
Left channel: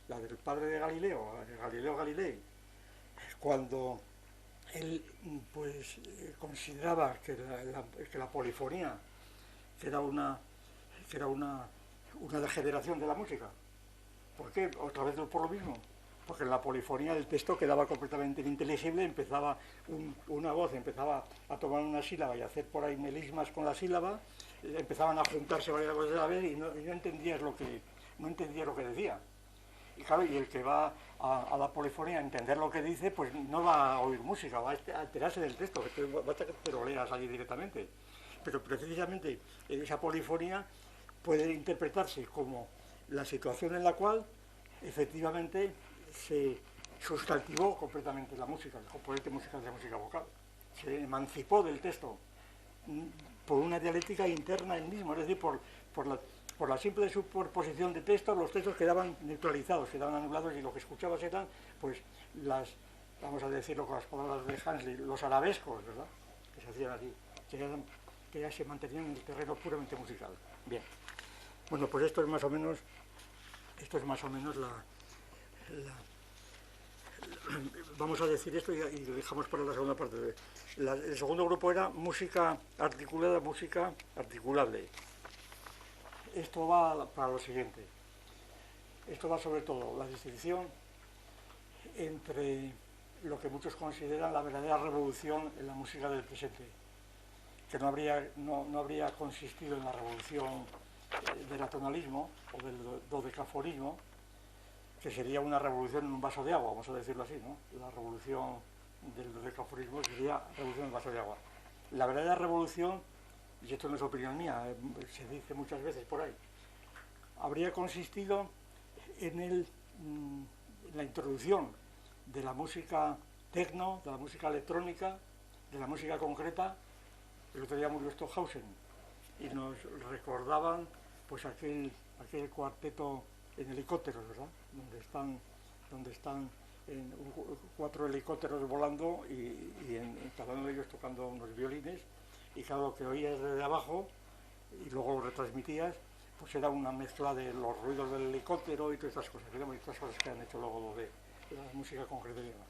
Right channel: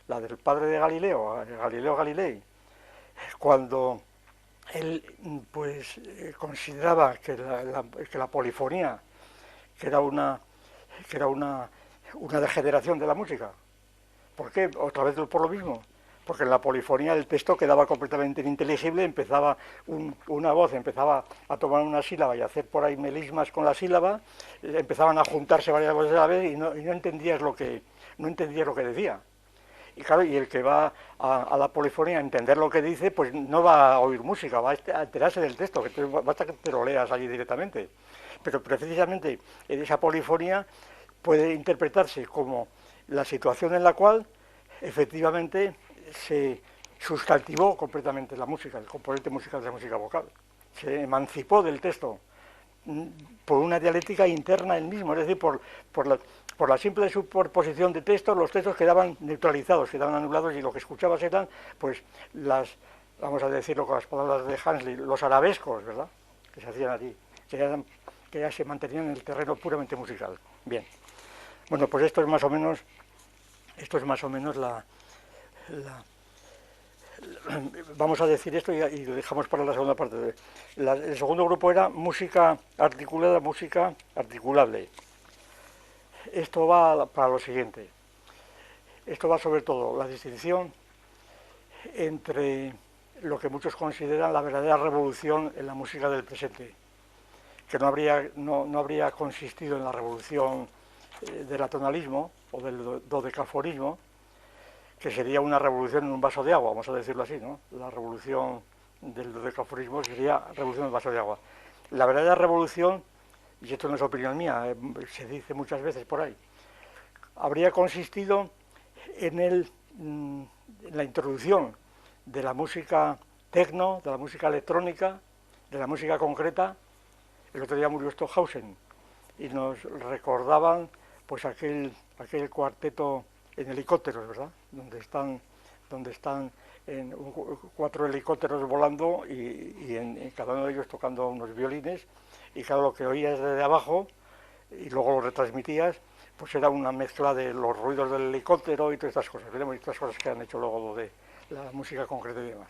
La del padre de Galileo, Galileo Galilei, cuando él pues consideraba que la polifonía que era una degeneración de la música. ¿Por qué? Otra vez por lo mismo. Porque en la polifonía el texto quedaba completamente ininteligible, empezaba una voz, empezaba a tomar una sílaba y a hacer por ahí melismas con la sílaba, empezaban a juntarse varias voces a la vez y no entendías lo que decía. Y claro, y el que va a la polifonía a entender lo que dice, pues no va a oír música, va a enterarse del texto, que basta que te lo leas allí directamente. Pero precisamente en esa polifonía puede interpretarse como la situación en la cual efectivamente se sustantivó completamente la música, el componente musical de la música vocal. Se emancipó del texto por una dialéctica interna él mismo, es decir, por la simple superposición de textos, los textos quedaban neutralizados, quedaban anulados y lo que escuchabas eran, pues, vamos a decirlo con las palabras de Hanslick, los arabescos, ¿verdad?, que se hacían allí, que eran que ya se mantenían en el terreno puramente musical. Bien, bueno, pues esto es más o menos vamos a decir esto y lo dejamos para la segunda parte. El segundo grupo era música articulada, música articulable. Esto va para lo siguiente. Esto va sobre todo la distinción entre lo que muchos consideran la verdadera revolución en la música del presente, que no habría consistido en la revolución del atonalismo o del dodecafonismo, que sería una revolución en un vaso de agua, vamos a decirlo así, ¿no? La revolución del dodecafonismo sería revolución en un vaso de agua. La verdadera revolución, y esto no es opinión mía, se dice muchas veces por ahí, habría consistido en la introducción de la música tecno, de la música electrónica, de la música concreta. El otro día murió Stockhausen y nos recordaban pues aquel cuarteto en helicópteros, ¿verdad? Donde están 4 helicópteros volando y en cada uno de ellos tocando unos violines, y claro, lo que oías desde abajo y luego lo retransmitías, pues era una mezcla de los ruidos del helicóptero y todas estas cosas, ¿verdad? Y otras cosas que han hecho luego de la música concreta y demás.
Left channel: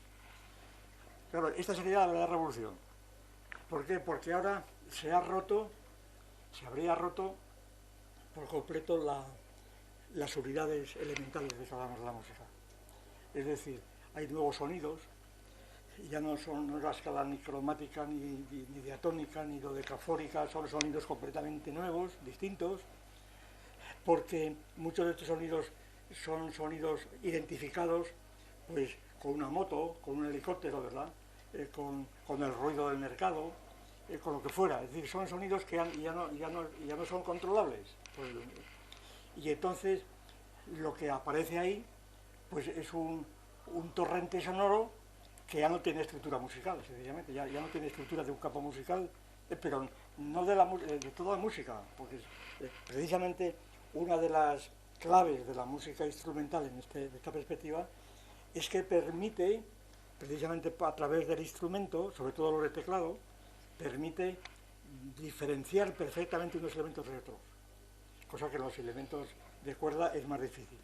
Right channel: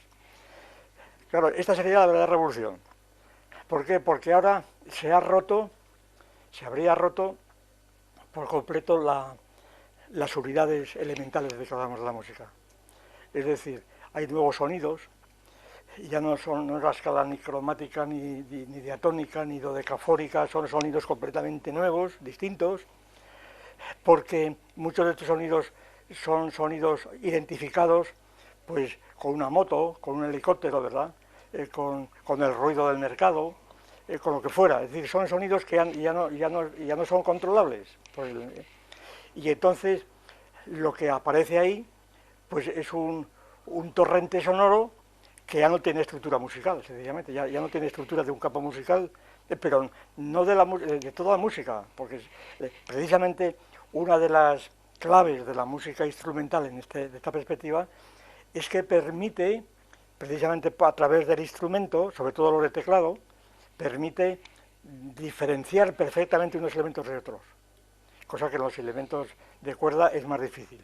Claro, esta sería la verdadera revolución. ¿Por qué? Porque ahora se habría roto por completo las unidades elementales de que hablamos de la música. Es decir, hay nuevos sonidos, ya no es la escala ni cromática, ni diatónica, ni dodecafórica, son sonidos completamente nuevos, distintos, porque muchos de estos sonidos son sonidos identificados pues con una moto, con un helicóptero, ¿verdad? Con el ruido del mercado, con lo que fuera. Es decir, son sonidos que ya no son controlables. Y entonces lo que aparece ahí pues es un torrente sonoro que ya no tiene estructura musical, sencillamente, ya no tiene estructura de un campo musical, pero no de toda la música, porque precisamente una de las claves de la música instrumental de esta perspectiva es que permite, precisamente a través del instrumento, sobre todo los de teclado, permite diferenciar perfectamente unos elementos de otros, cosa que en los elementos de cuerda es más difícil,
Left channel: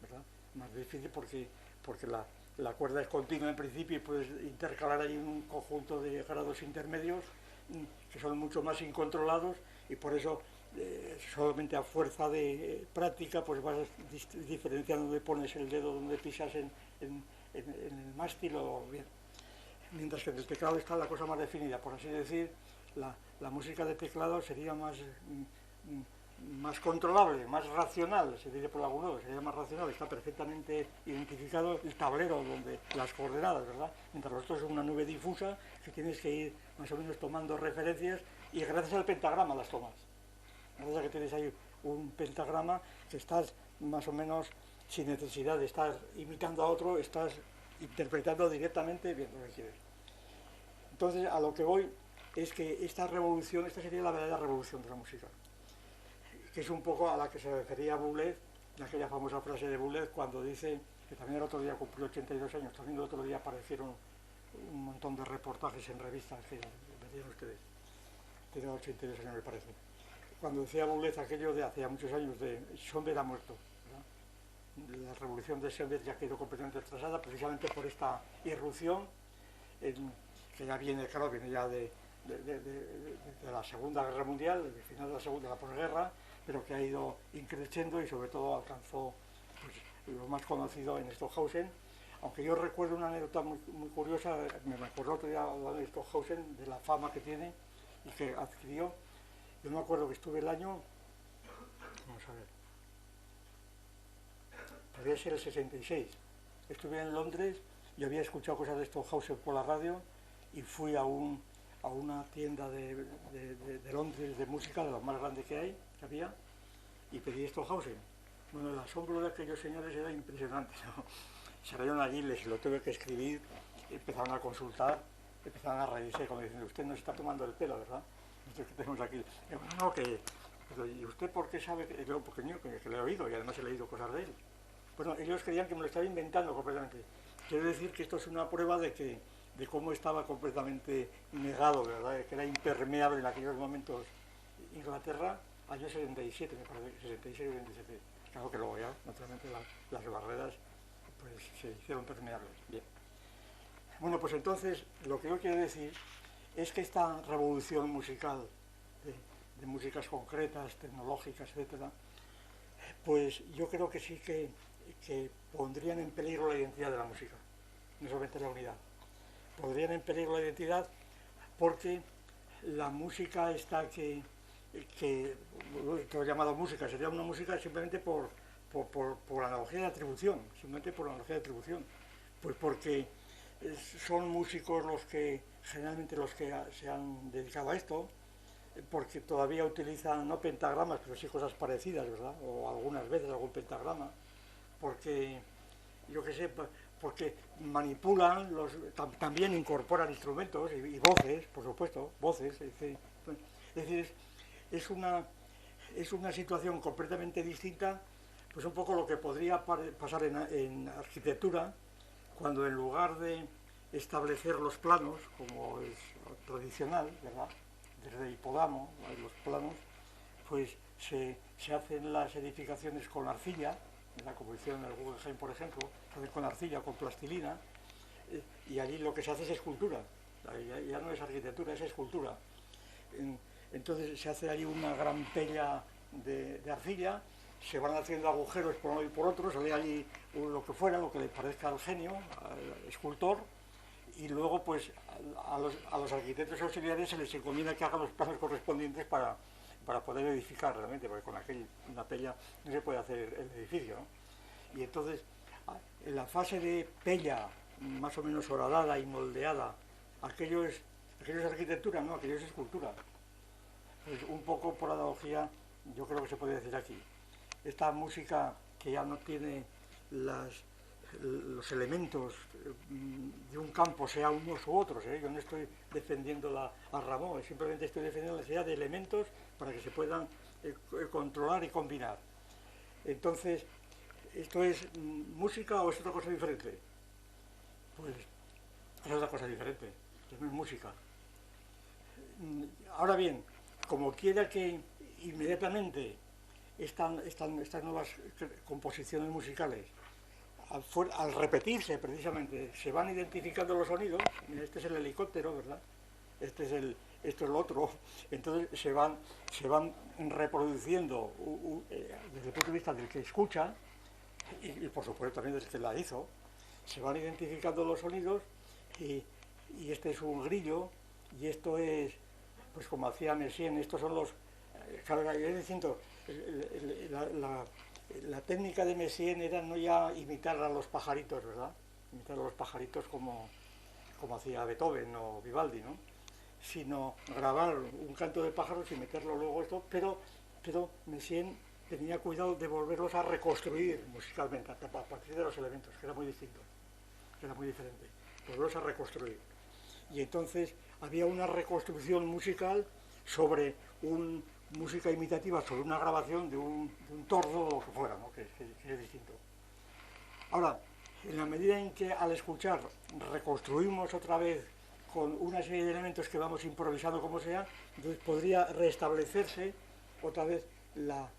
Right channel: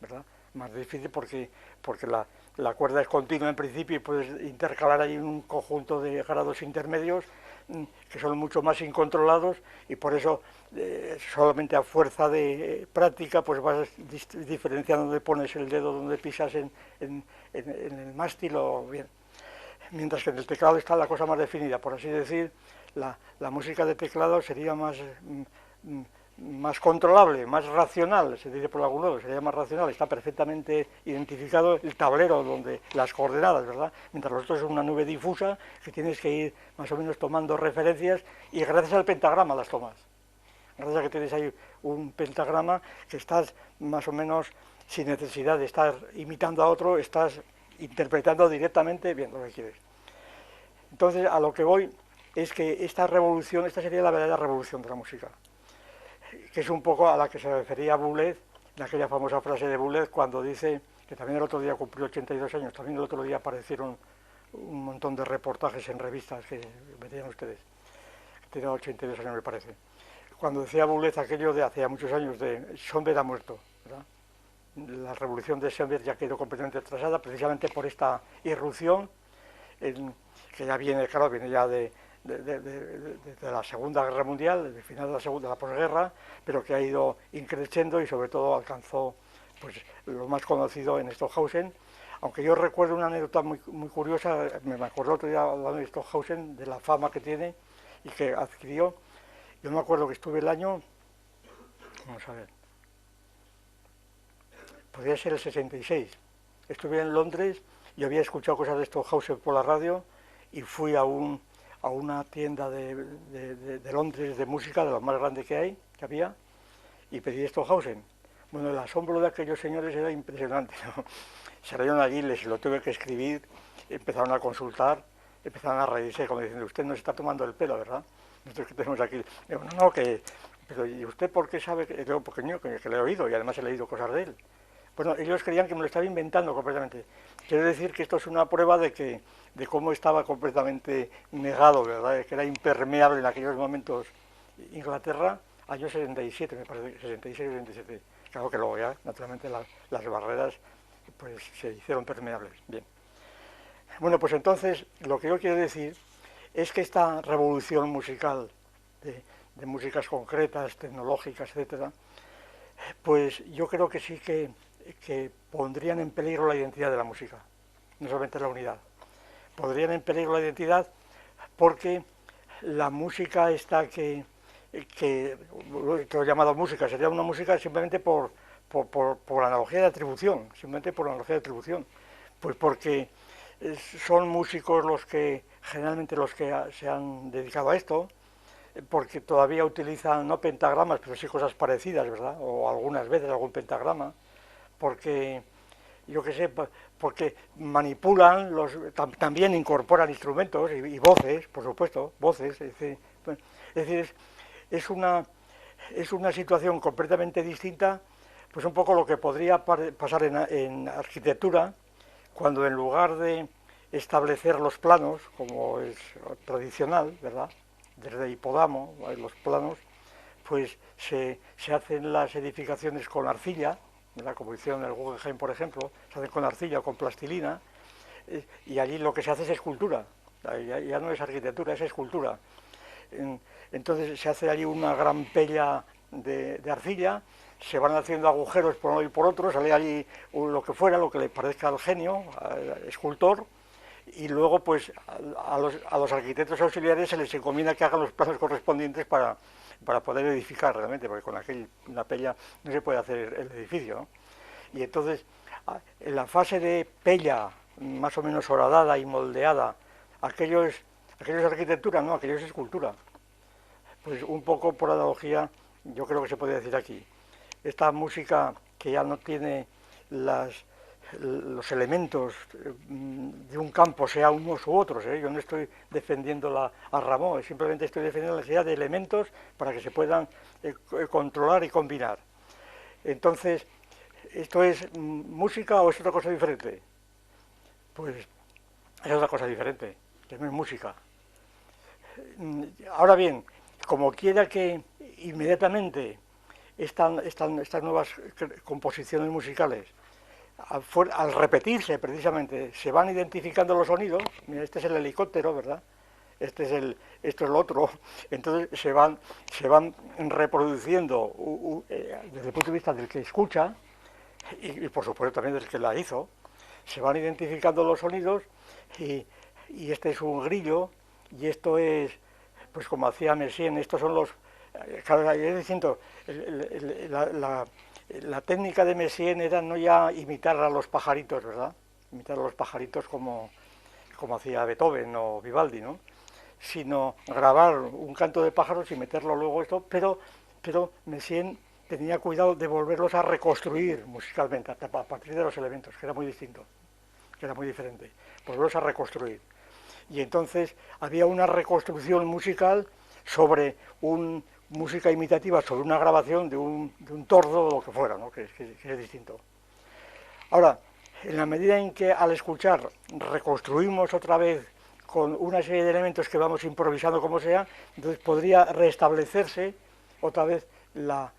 ¿verdad? Más difícil porque la cuerda es continua en principio y puedes intercalar ahí un conjunto de grados intermedios que son mucho más incontrolados, y por eso solamente a fuerza de práctica pues vas diferenciando dónde pones el dedo, dónde pisas en el mástil o bien. Mientras que en el teclado está la cosa más definida, por así decir, la música de teclado sería más controlable, más racional, se dice por algún lado, sería más racional, está perfectamente identificado el tablero donde las coordenadas, ¿verdad? Mientras lo otro es una nube difusa que tienes que ir más o menos tomando referencias, y gracias al pentagrama las tomas. Gracias a que tienes ahí un pentagrama que estás más o menos sin necesidad de estar imitando a otro, estás interpretando directamente bien lo que quieres. Entonces, a lo que voy es que esta sería la verdadera revolución de la música, que es un poco a la que se refería Boulez, en aquella famosa frase de Boulez, cuando dice que también el otro día cumplió 82 años, también el otro día aparecieron un montón de reportajes en revistas que veían ustedes, tenía 82 años me parece, cuando decía Boulez aquello de hace muchos años de Schoenberg ha muerto, ¿verdad? La revolución de Schoenberg ya quedó completamente atrasada precisamente por esta irrupción que ya viene, claro, viene ya de la Segunda Guerra Mundial, del final de la posguerra, pero que ha ido increciendo y sobre todo alcanzó pues lo más conocido en Stockhausen. Aunque yo recuerdo una anécdota muy curiosa, me acuerdo otro día hablando de Stockhausen, de la fama que tiene y que adquirió. Yo me acuerdo que estuve el año, vamos a ver, podría ser el 66, estuve en Londres y había escuchado cosas de Stockhausen por la radio, y fui a una tienda de Londres de música, de lo más grande que había, y pedí Stockhausen. Bueno, el asombro de aquellos señores era impresionante, ¿no? Salieron allí, les lo tuve que escribir, empezaron a consultar, empezaron a reírse como diciendo, usted nos está tomando el pelo, ¿verdad? Nosotros que tenemos aquí. Digo, no, pero ¿y usted por qué sabe? Digo, porque yo que le he oído y además he leído cosas de él. Bueno, ellos creían que me lo estaba inventando completamente. Quiero decir que esto es una prueba de que de cómo estaba completamente negado, ¿verdad? Que era impermeable en aquellos momentos Inglaterra, años 77, me parece, 66-77. Claro que luego ya, naturalmente, las barreras pues se hicieron permeables. Bien. Bueno, pues entonces, lo que yo quiero decir es que esta revolución musical de músicas concretas, tecnológicas, etcétera, pues yo creo que sí que pondrían en peligro la identidad de la música, no solamente la unidad. Podrían en peligro la identidad porque la música esta que he llamado música, sería una música simplemente por analogía de atribución, simplemente por analogía de atribución, pues porque son músicos los que, generalmente los que se han dedicado a esto, porque todavía utilizan no pentagramas, pero sí cosas parecidas, ¿verdad? O algunas veces algún pentagrama, porque, yo qué sé, porque manipulan, también incorporan instrumentos y voces, por supuesto, voces, es decir, es una situación completamente distinta, pues un poco lo que podría pasar en arquitectura, cuando en lugar de establecer los planos, como es tradicional, ¿verdad?, desde Hipódamo, los planos, pues se hacen las edificaciones con arcilla, ¿verdad?, como hicieron en el Guggenheim, por ejemplo, se hacen con arcilla o con plastilina, y allí lo que se hace es escultura, ya no es arquitectura, es escultura. Entonces se hace allí una gran pella de arcilla, se van haciendo agujeros por uno y por otro, sale allí lo que fuera, lo que le parezca al genio, al escultor, y luego pues a los arquitectos auxiliares se les encomienda que hagan los planos correspondientes para poder edificar realmente, porque con una pella no se puede hacer el edificio, ¿no? Y entonces, en la fase de pella, más o menos horadada y moldeada, aquello es arquitectura, no, aquello es escultura. Pues un poco por analogía, yo creo que se puede decir aquí. Esta música que ya no tiene los elementos de un campo, sea unos u otros, yo no estoy defendiendo a Ramón, simplemente estoy defendiendo la necesidad de elementos para que se puedan controlar y combinar. Entonces, ¿esto es música o es otra cosa diferente? Pues es otra cosa diferente, que no es música. Ahora bien, como quiera que inmediatamente estas nuevas composiciones musicales, al repetirse precisamente, se van identificando los sonidos. Mira, este es el helicóptero, ¿verdad? Esto es lo otro. Entonces se van reproduciendo desde el punto de vista del que escucha y por supuesto también del que la hizo. Se van identificando los sonidos y este es un grillo y esto es, pues como hacía Messiaen, estos son los... Claro, es distinto. La técnica de Messiaen era no ya imitar a los pajaritos, ¿verdad? Imitar a los pajaritos como hacía Beethoven o Vivaldi, ¿no? Sino grabar un canto de pájaros y meterlo luego esto, pero Messiaen tenía cuidado de volverlos a reconstruir musicalmente a partir de los elementos, que era muy distinto, que era muy diferente, volverlos a reconstruir. Y entonces había una reconstrucción musical sobre música imitativa, sobre una grabación de un tordo o lo que fuera, ¿no? que es distinto. Ahora, en la medida en que al escuchar reconstruimos otra vez con una serie de elementos que vamos improvisando como sea, entonces podría restablecerse otra vez la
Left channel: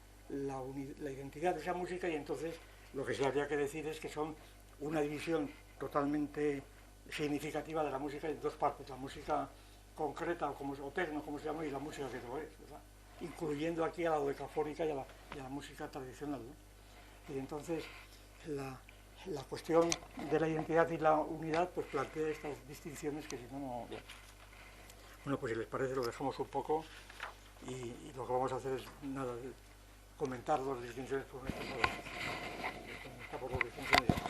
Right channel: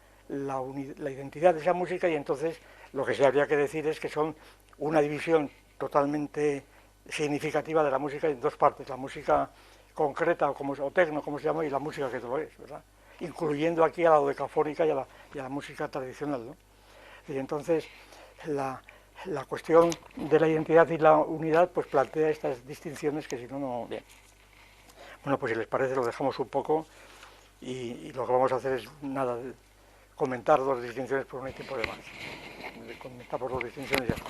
identidad de esa música y entonces lo que se habría que decir es que son una división totalmente significativa de la música en dos partes, la música concreta o tecno, como se llama, y la música que no lo es, ¿verdad? Incluyendo aquí a la dodecafónica y a la música tradicional, ¿no? Y entonces la cuestión de la identidad y la unidad pues plantea estas distinciones que si no, no... Bien. Bueno, pues si les parece lo dejamos un poco y lo que vamos a hacer es nada, comentar dos distinciones por un tiempo de más. Comentamos dos distinciones y ya está.